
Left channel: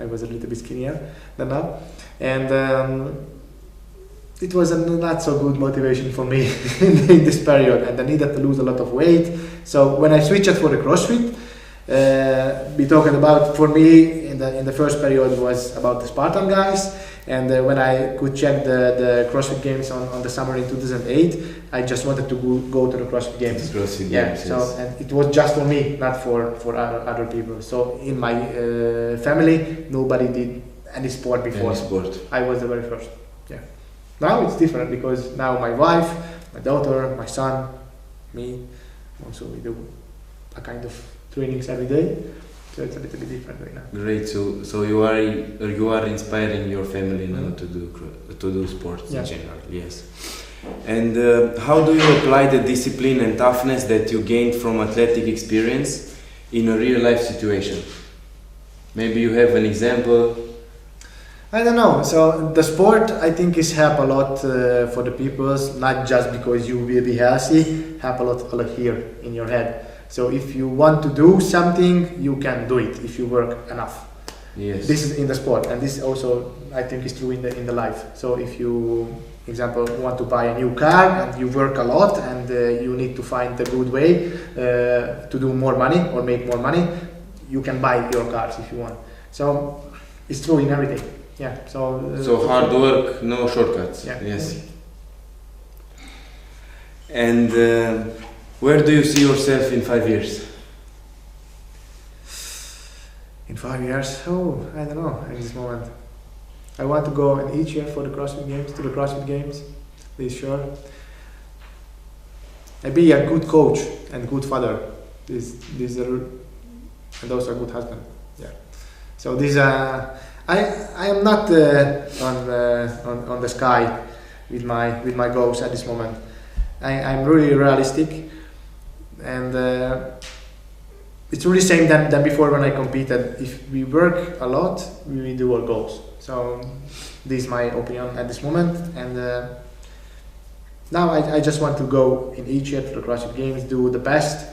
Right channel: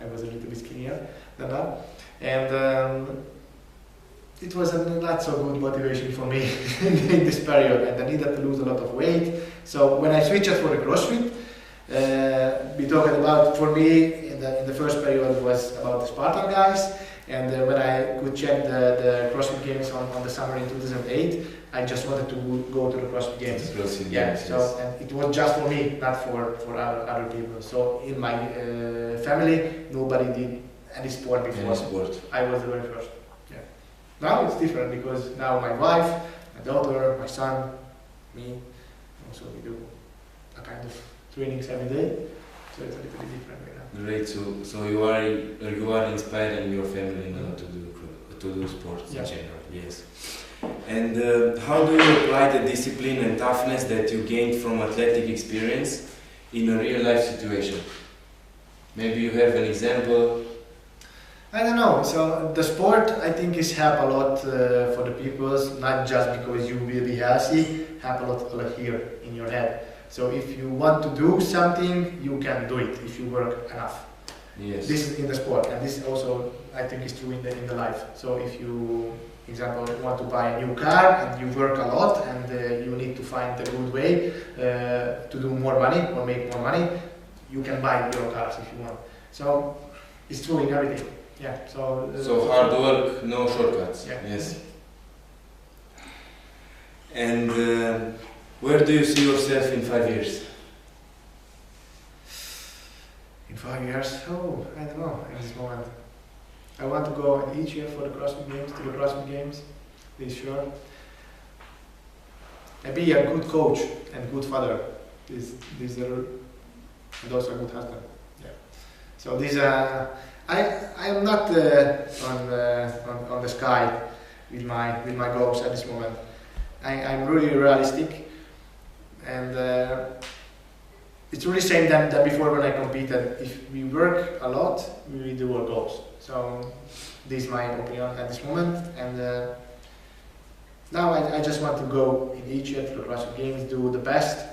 I was a little bit skinnier than now, and it was a not so good motivation for me in this period, and I needed to lose a lot of weight. So when I switched for the CrossFit, we talked about, for me in the first period was about the Spartan guys, and when I could check the CrossFit Games on the summer in 2008, I just wanted to go to the CrossFit Games. CrossFit Yeah, Games, so yes. and it was just for me, not for other people. So in my family, nobody did any sport before. Any sport. I was the very first. Yeah. Now it's different, because now my wife, my daughter, my son, me, also we do a kind of trainings every day. So it's a little bit different right now. Great. So you are inspiring your family now to do sports in general. Yes. And how do you apply the discipline and toughness that you gained from athletic experience in a real life situation? Maybe you have an example. I don't know. So the sport, I think, is help a lot for the people, not just because you will be healthy, help a lot here in your head. So if you want to do something, you can do it if you work enough. Yes. This is in the sport, and this also I think is true in the life. So if you, example, want to buy a new car and you work a lot and you need to find a good way to do more money or make more money, you can buy your cars if you want. So it's true in everything. Yeah. So hard work, no shortcuts. Yeah. Yes. And where do you see yourself in 5 years? In 5 years? Oh, I don't know at this moment. I want to go each year for the CrossFit Games, to the CrossFit Games, this sure. be a good coach and good father. These are, and also a good husband. Yeah. So these are. I am not on the sky with my goals at this moment. I'm really realistic, and it's really same than before when I competed. If we work a lot, we will do our goals. So this is my opinion at this moment, and now I just want to go in each year to the CrossFit Games, do the best,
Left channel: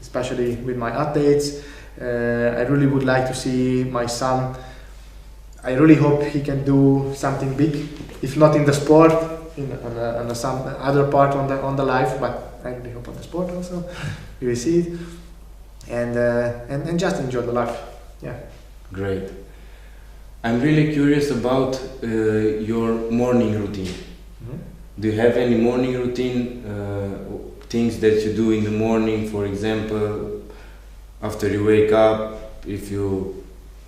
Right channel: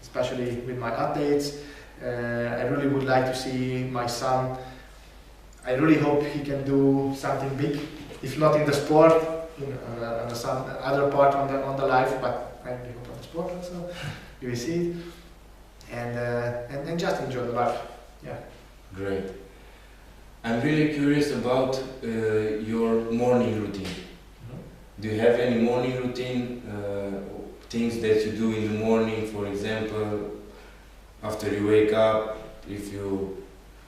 especially with my athletes. I really would like to see my son. I really hope he can do something big, if not in the sport, on some other part on the life, but I really hope on the sport also. We will see it, and just enjoy the life. Yeah. Great. I'm really curious about your morning routine. Mm-hmm. Do you have any morning routine, things that you do in the morning, for example, after you wake up, if you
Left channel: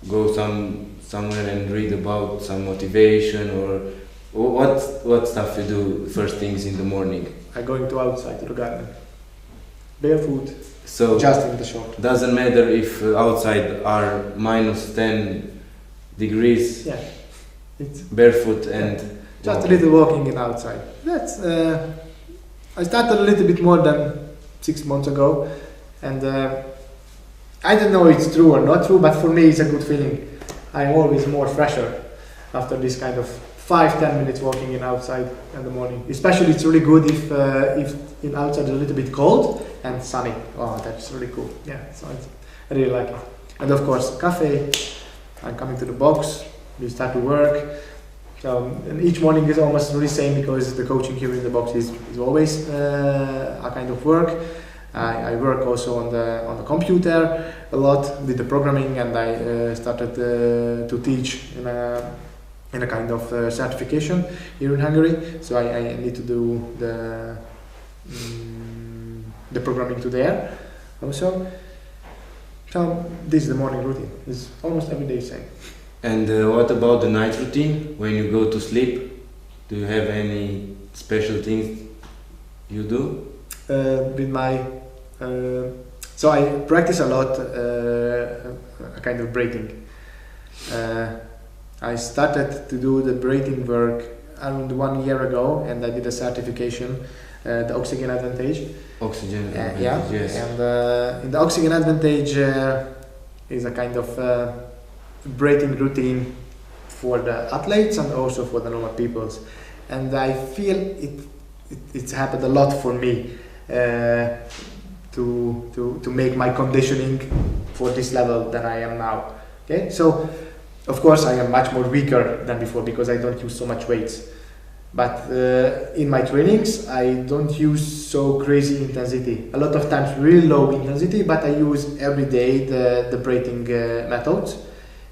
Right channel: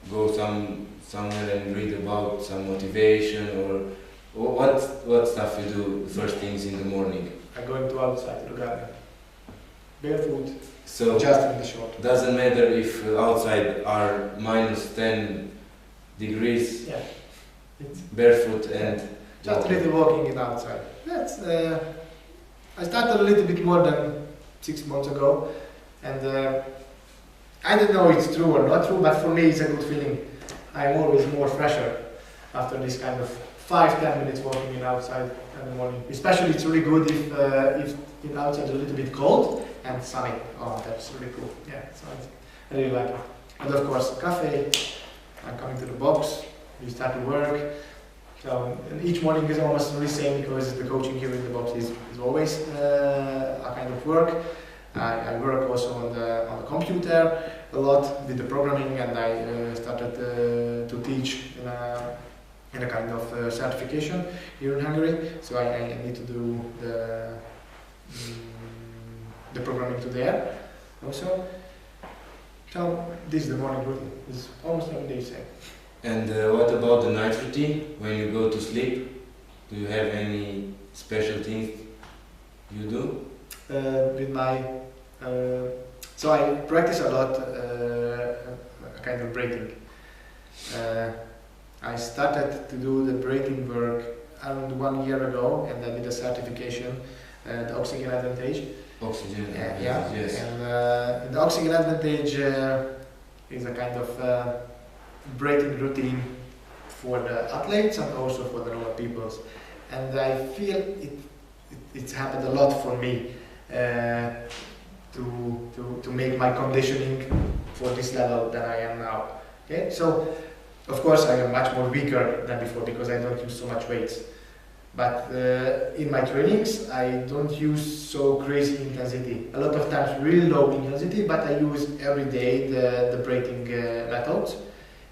go somewhere and read about some motivation, or what stuff you do first things in the morning? I'm going to outside to the garden, barefoot, so just in the short. Doesn't matter if outside are -10 degrees. Yeah, it's barefoot and just a little walking in outside. That's I started a little bit more than 6 months ago, and I don't know if it's true or not true, but for me it's a good feeling. I'm always more fresher after this kind of 5-10 minutes walking in outside in the morning. Especially it's really good if in outside is a little bit cold and sunny. Oh, that's really cool. Yeah, so I really like it. And of course, cafe. I'm coming to the box. We start to work. So and each morning is almost really same because the coaching here in the box is always a kind of work. I work also on the computer a lot with the programming, and I started to teach in a kind of certification here in Hungary. So I need to do the programming to there also. So this is the morning routine. It's almost every day same. And what about the night routine? When you go to sleep, do you have any special things you do? With my so I practice a lot a kind of breathing. I started to do the breathing work around 1 year ago, and I did a certification, the Oxygen Advantage. Oxygen Advantage, yeah. Yes. And in the Oxygen Advantage is a kind of breathing routine for the athletes and also for the normal peoples. And I feel it's happened a lot for me to make my conditioning for this level that I am now. Okay, so of course I am much more weaker than before because I don't use so much weights. But in my trainings I don't use so crazy intensity. A lot of times really low intensity, but I use every day the breathing methods.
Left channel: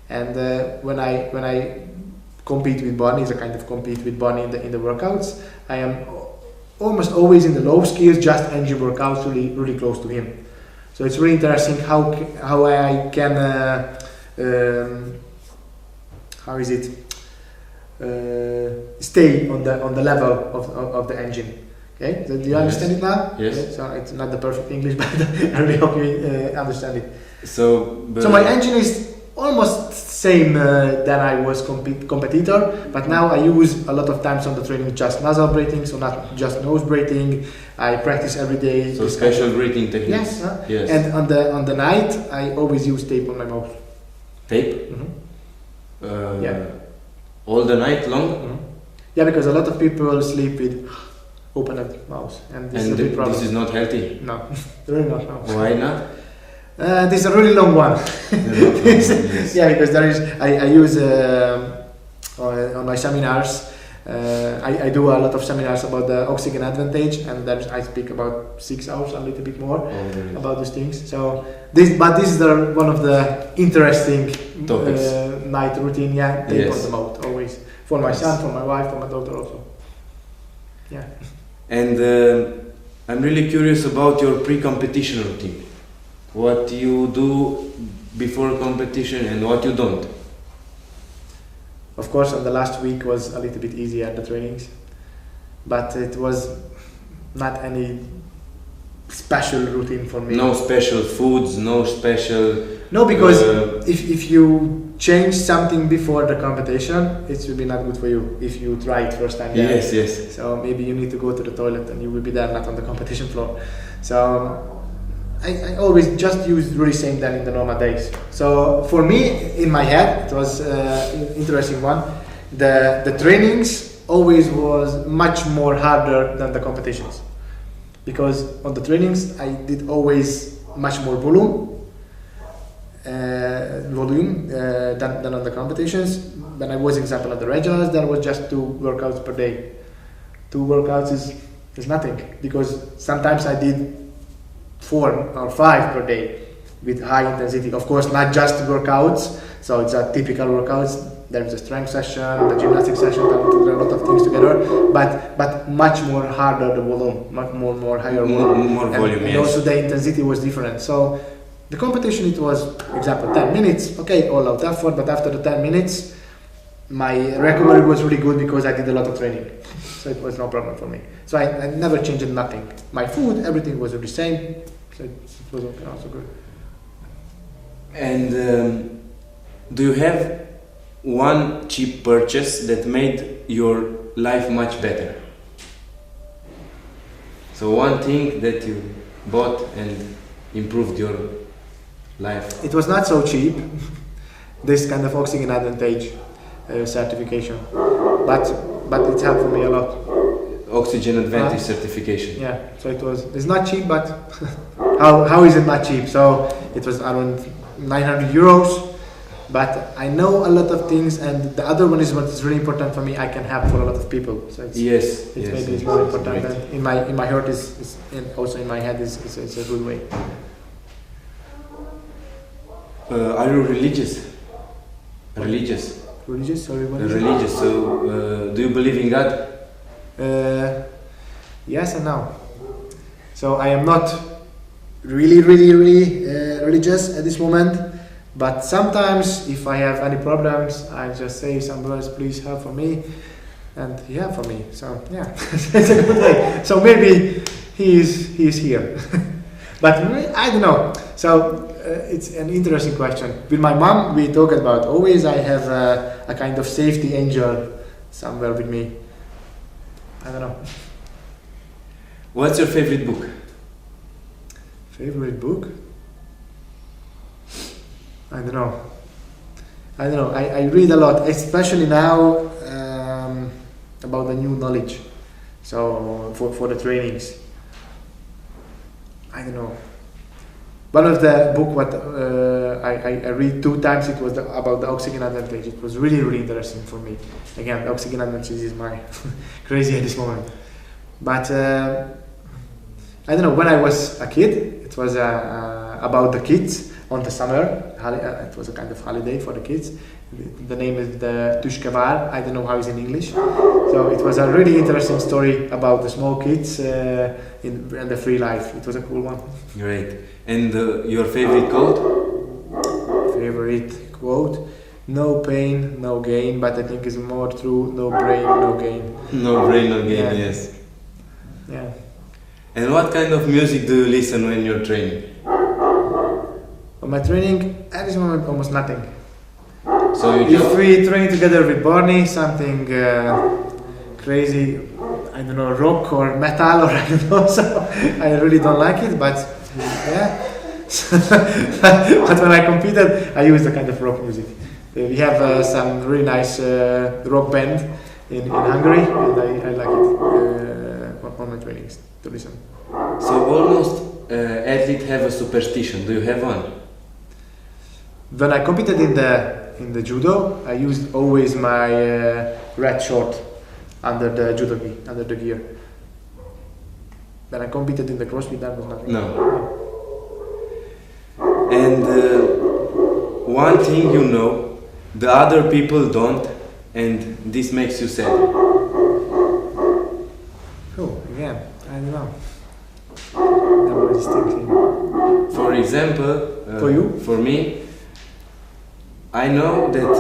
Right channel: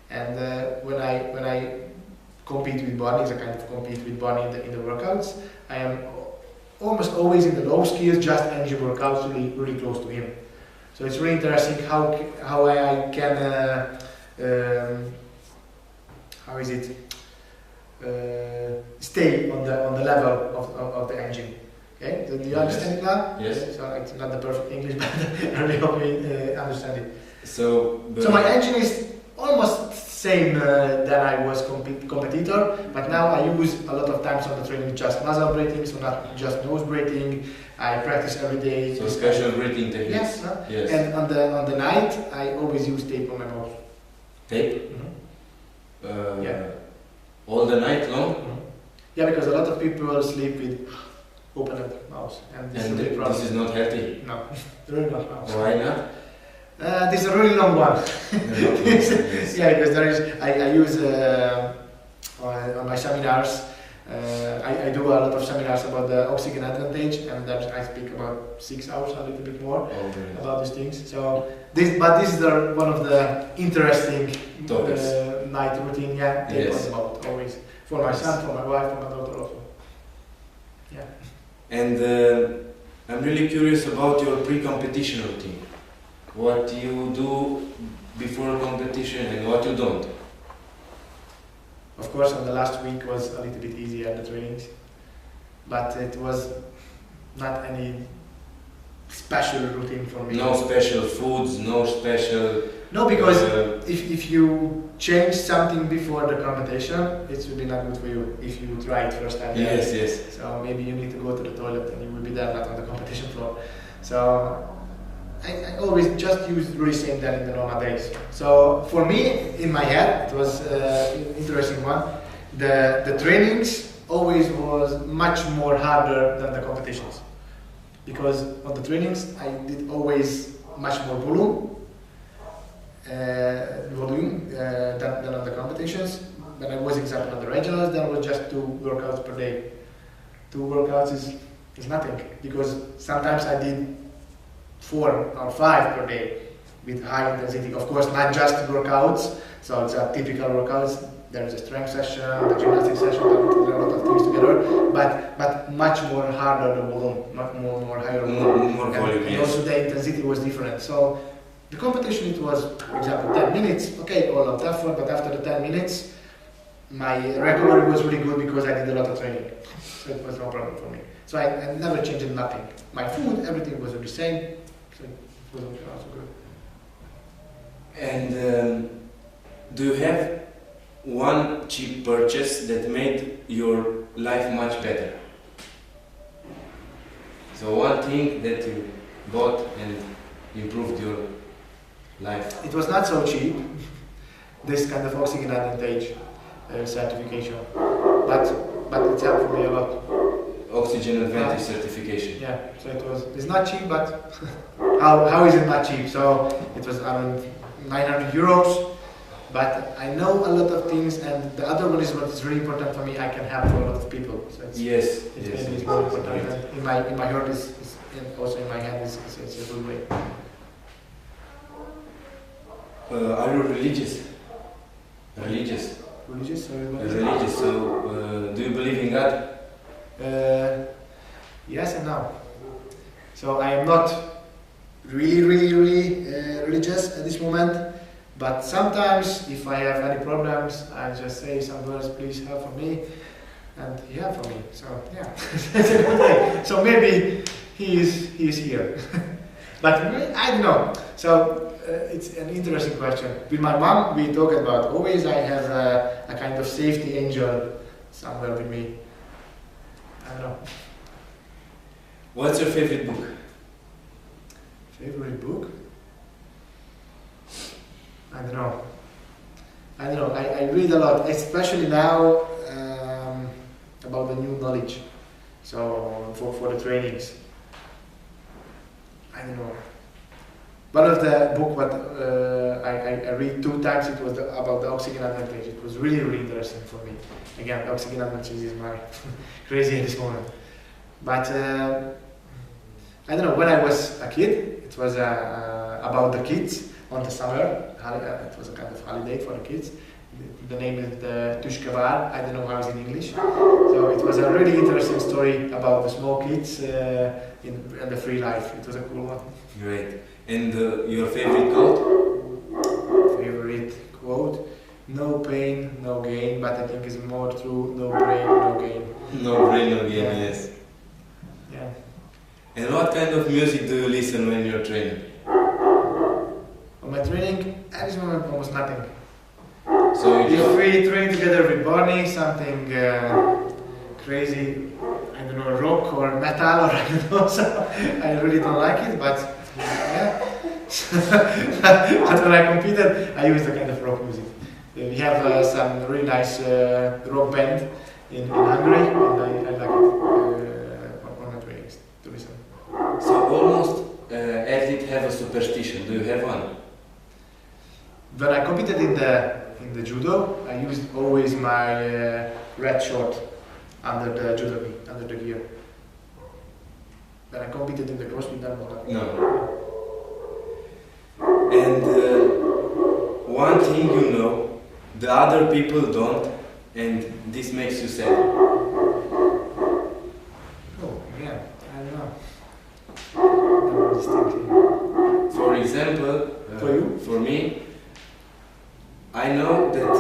And when I compete with Bonnie, it's a kind of compete with Bonnie in the workouts, I am almost always in the low skills, just engine workouts, really close to him. So it's really interesting how I can stay on the level of the engine. Okay, so do you understand it now? Yes. Okay, so it's not the perfect English, but I really hope you understand it. So my engine is almost same than I was competitor, but now I use a lot of times on the training just nasal breathing, so not just nose breathing. I practice every day. So special breathing techniques. Yes. Yes. And on the night I always use tape on my mouth. Tape? Mm-hmm. Yeah. All the night long? Mm-hmm. Yeah, because a lot of people sleep with open mouth, and this is a big problem. This is not healthy? No, really not. No. Why not? This is a really long one. Yes. Yeah, because I use on my seminars. I do a lot of seminars about the Oxygen Advantage, and then I speak about 6 hours, a little bit more about these things. So this is one of the interesting night routine. Yeah, tape on the mouth always for my son, for my wife, for my daughter also. Yeah. And I'm really curious about your pre-competition routine. What you do before competition and what you don't. Of course, on the last week was a little bit easier, the trainings, but it was not any special routine for me. No special foods, no special... No, because if you change something before the competition, it will be not good for you if you try it first time. Yes, yes. So maybe you need to go to the toilet and you will be there, not on the competition floor. So I always just use really same than in the normal days. So for me, in my head, it was interesting one. The trainings always was much more harder than the competitions, because on the trainings I did always much more volume than on the competitions. When I was, example, on the regionals, there was just 2 workouts per day. 2 workouts is nothing, because sometimes I did 4 or 5 per day with high intensity. Of course, not just workouts, so it's a typical workouts. There is a strength session, the gymnastic session, there are a lot of things together, but much more harder the volume, much more higher volume. More volume, and yes. also the intensity was different. So the competition, it was, example, 10 minutes, okay, all out effort, but after the 10 minutes, my recovery was really good because I did a lot of training. So it was no problem for me. So I never changed nothing. My food, everything was the same, so it was also good. And do you have one cheap purchase that made your life much better? So one thing that you bought and improved your life. It was not so cheap, this kind of oxygen advantage certification, but it helped for me a lot. Oxygen advantage certification. Yeah, so it's not cheap, but how is it not cheap? So it was around 900 euros, but I know a lot of things, and the other one is what is really important for me. I can help for a lot of people. So it's, maybe it's more important. Right. And in my heart is and also in my head is a good way. Are you religious? Religious. Religious? Sorry, what? Religious. So do you believe in God? Yes and no. So I am not really religious at this moment, but sometimes if I have any problems, I just say some words, please help for me, and he helped for me. So yeah, it's a good way. So maybe he is here, but I don't know. So it's an interesting question. With my mom, we talk about always I have a kind of safety angel somewhere with me. I don't know. What's your favorite book? Favorite book? I don't know. I read a lot, especially now about the new knowledge. So for the trainings. I don't know. One of the book what I read 2 times, it was about the oxygen advantage. It was really interesting for me. Again, the oxygen advantage is my crazy at this moment. But I don't know, when I was a kid, it was about the kids on the summer. It was a kind of holiday for the kids. The name is the Tushkavar. I don't know how it's in English. So it was a really interesting story about the small kids in the free life. It was a cool one. Great. And your favorite quote? Favorite quote? No pain, no gain, but I think it's more true. No brain, no gain. No brain, no gain. Yeah. Yes. Yeah. And what kind of music do you listen when you're training? On my training, at this moment, almost nothing. So if we train together with Barney, something crazy, I don't know, rock or metal or I don't know, so I really don't like it, but yeah. But when I competed, I used a kind of rock music. We have some really nice rock band in Hungary, and I like it on my trainings to listen. So almost athletes have a superstition. Do you have one? When I competed in the judo, I used always my red short under the judo gi, under the gear. When I competed in the CrossFit, that was not. No. And one thing you know, the other people don't, and this makes you sad. Oh, again, I don't know. Never was thinking. For example, for you? For me, I know that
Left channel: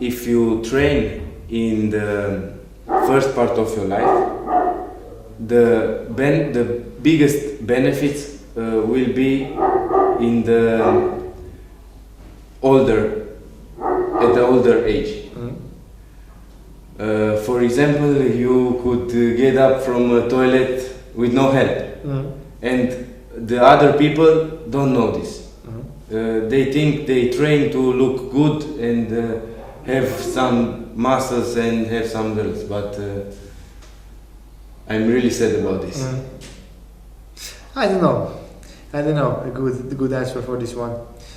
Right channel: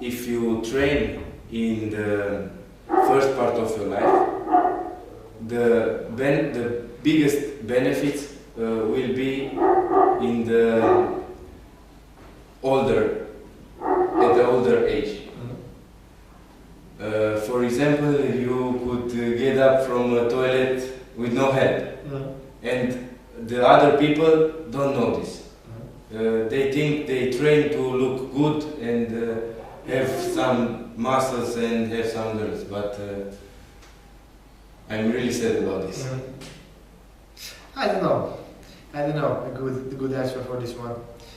if you train in the first part of your life, the biggest benefits will be in the at the older age. For example, you could get up from a toilet with no help, and the other people don't know this. They think they train to look good and have some muscles and have some girls, but I'm really sad about this. I don't know. A good answer for this one.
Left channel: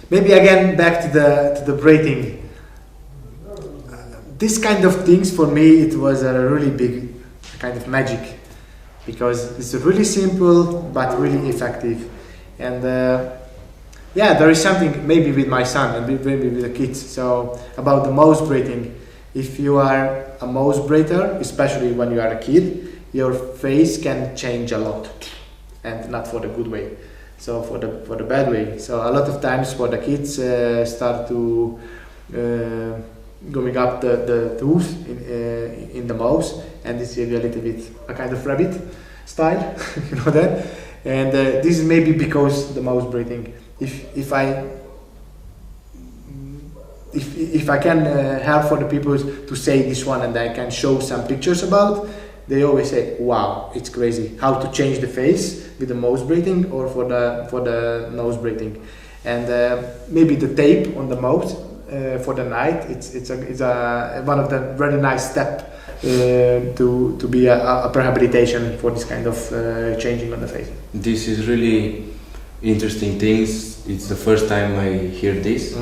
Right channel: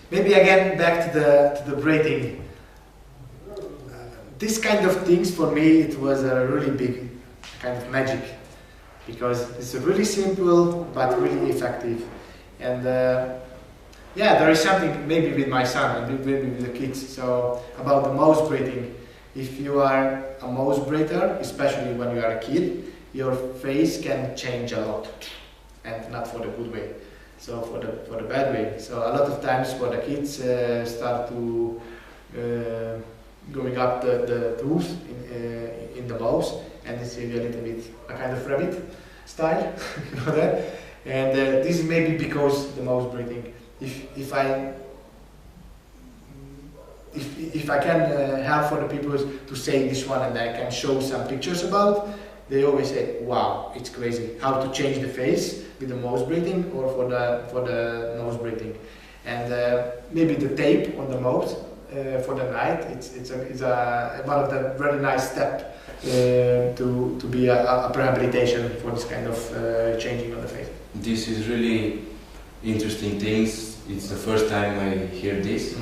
Maybe again back to the breathing. This kind of things for me, it was a really big kind of magic, because it's really simple but really effective. And there is something maybe with my son and maybe with the kids. So about the mouse breathing, if you are a mouse breather, especially when you are a kid, your face can change a lot, and not for the good way. So for the bad way. So a lot of times for the kids start to going up the tooth in the mouse, and this is a little bit a kind of rabbit style, you know that. And this is maybe because the mouse breathing. If I can help for the people to say this one, and I can show some pictures about, they always say, "Wow, it's crazy how to change the face with the mouse breathing or for the nose breathing." And maybe the tape on the mouth for the night, it's one of the very nice step to be a rehabilitation for this kind of changing on the face. This is really interesting things. It's the first time I hear this,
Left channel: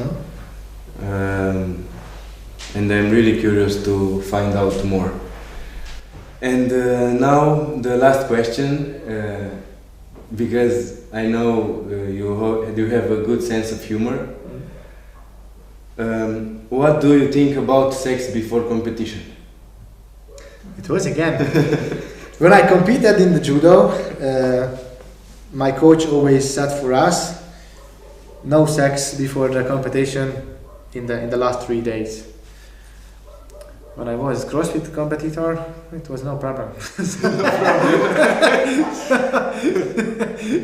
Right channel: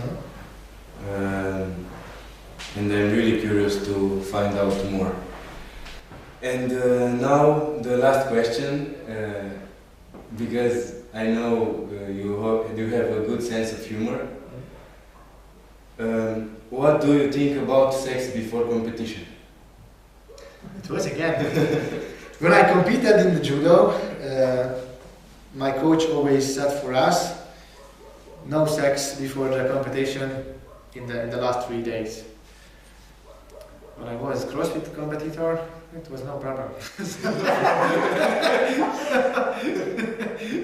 and I'm really curious to find out more. And now the last question, because I know you have a good sense of humor. What do you think about sex before competition? It was again when I competed in the judo. My coach always said for us, no sex before the competition in the last 3 days. When I was CrossFit competitor, it was no problem.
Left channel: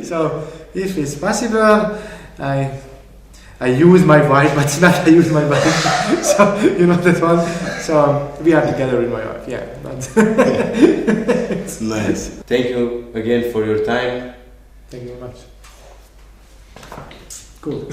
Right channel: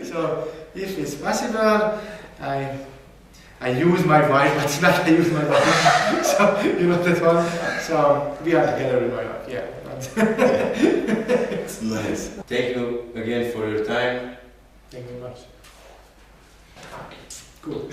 So if it's possible, I use my wife, but it's not I use my wife. So you know that one. So we are together with my wife, yeah. But it's nice. Thank you again for your time. Thank you very much. Cool.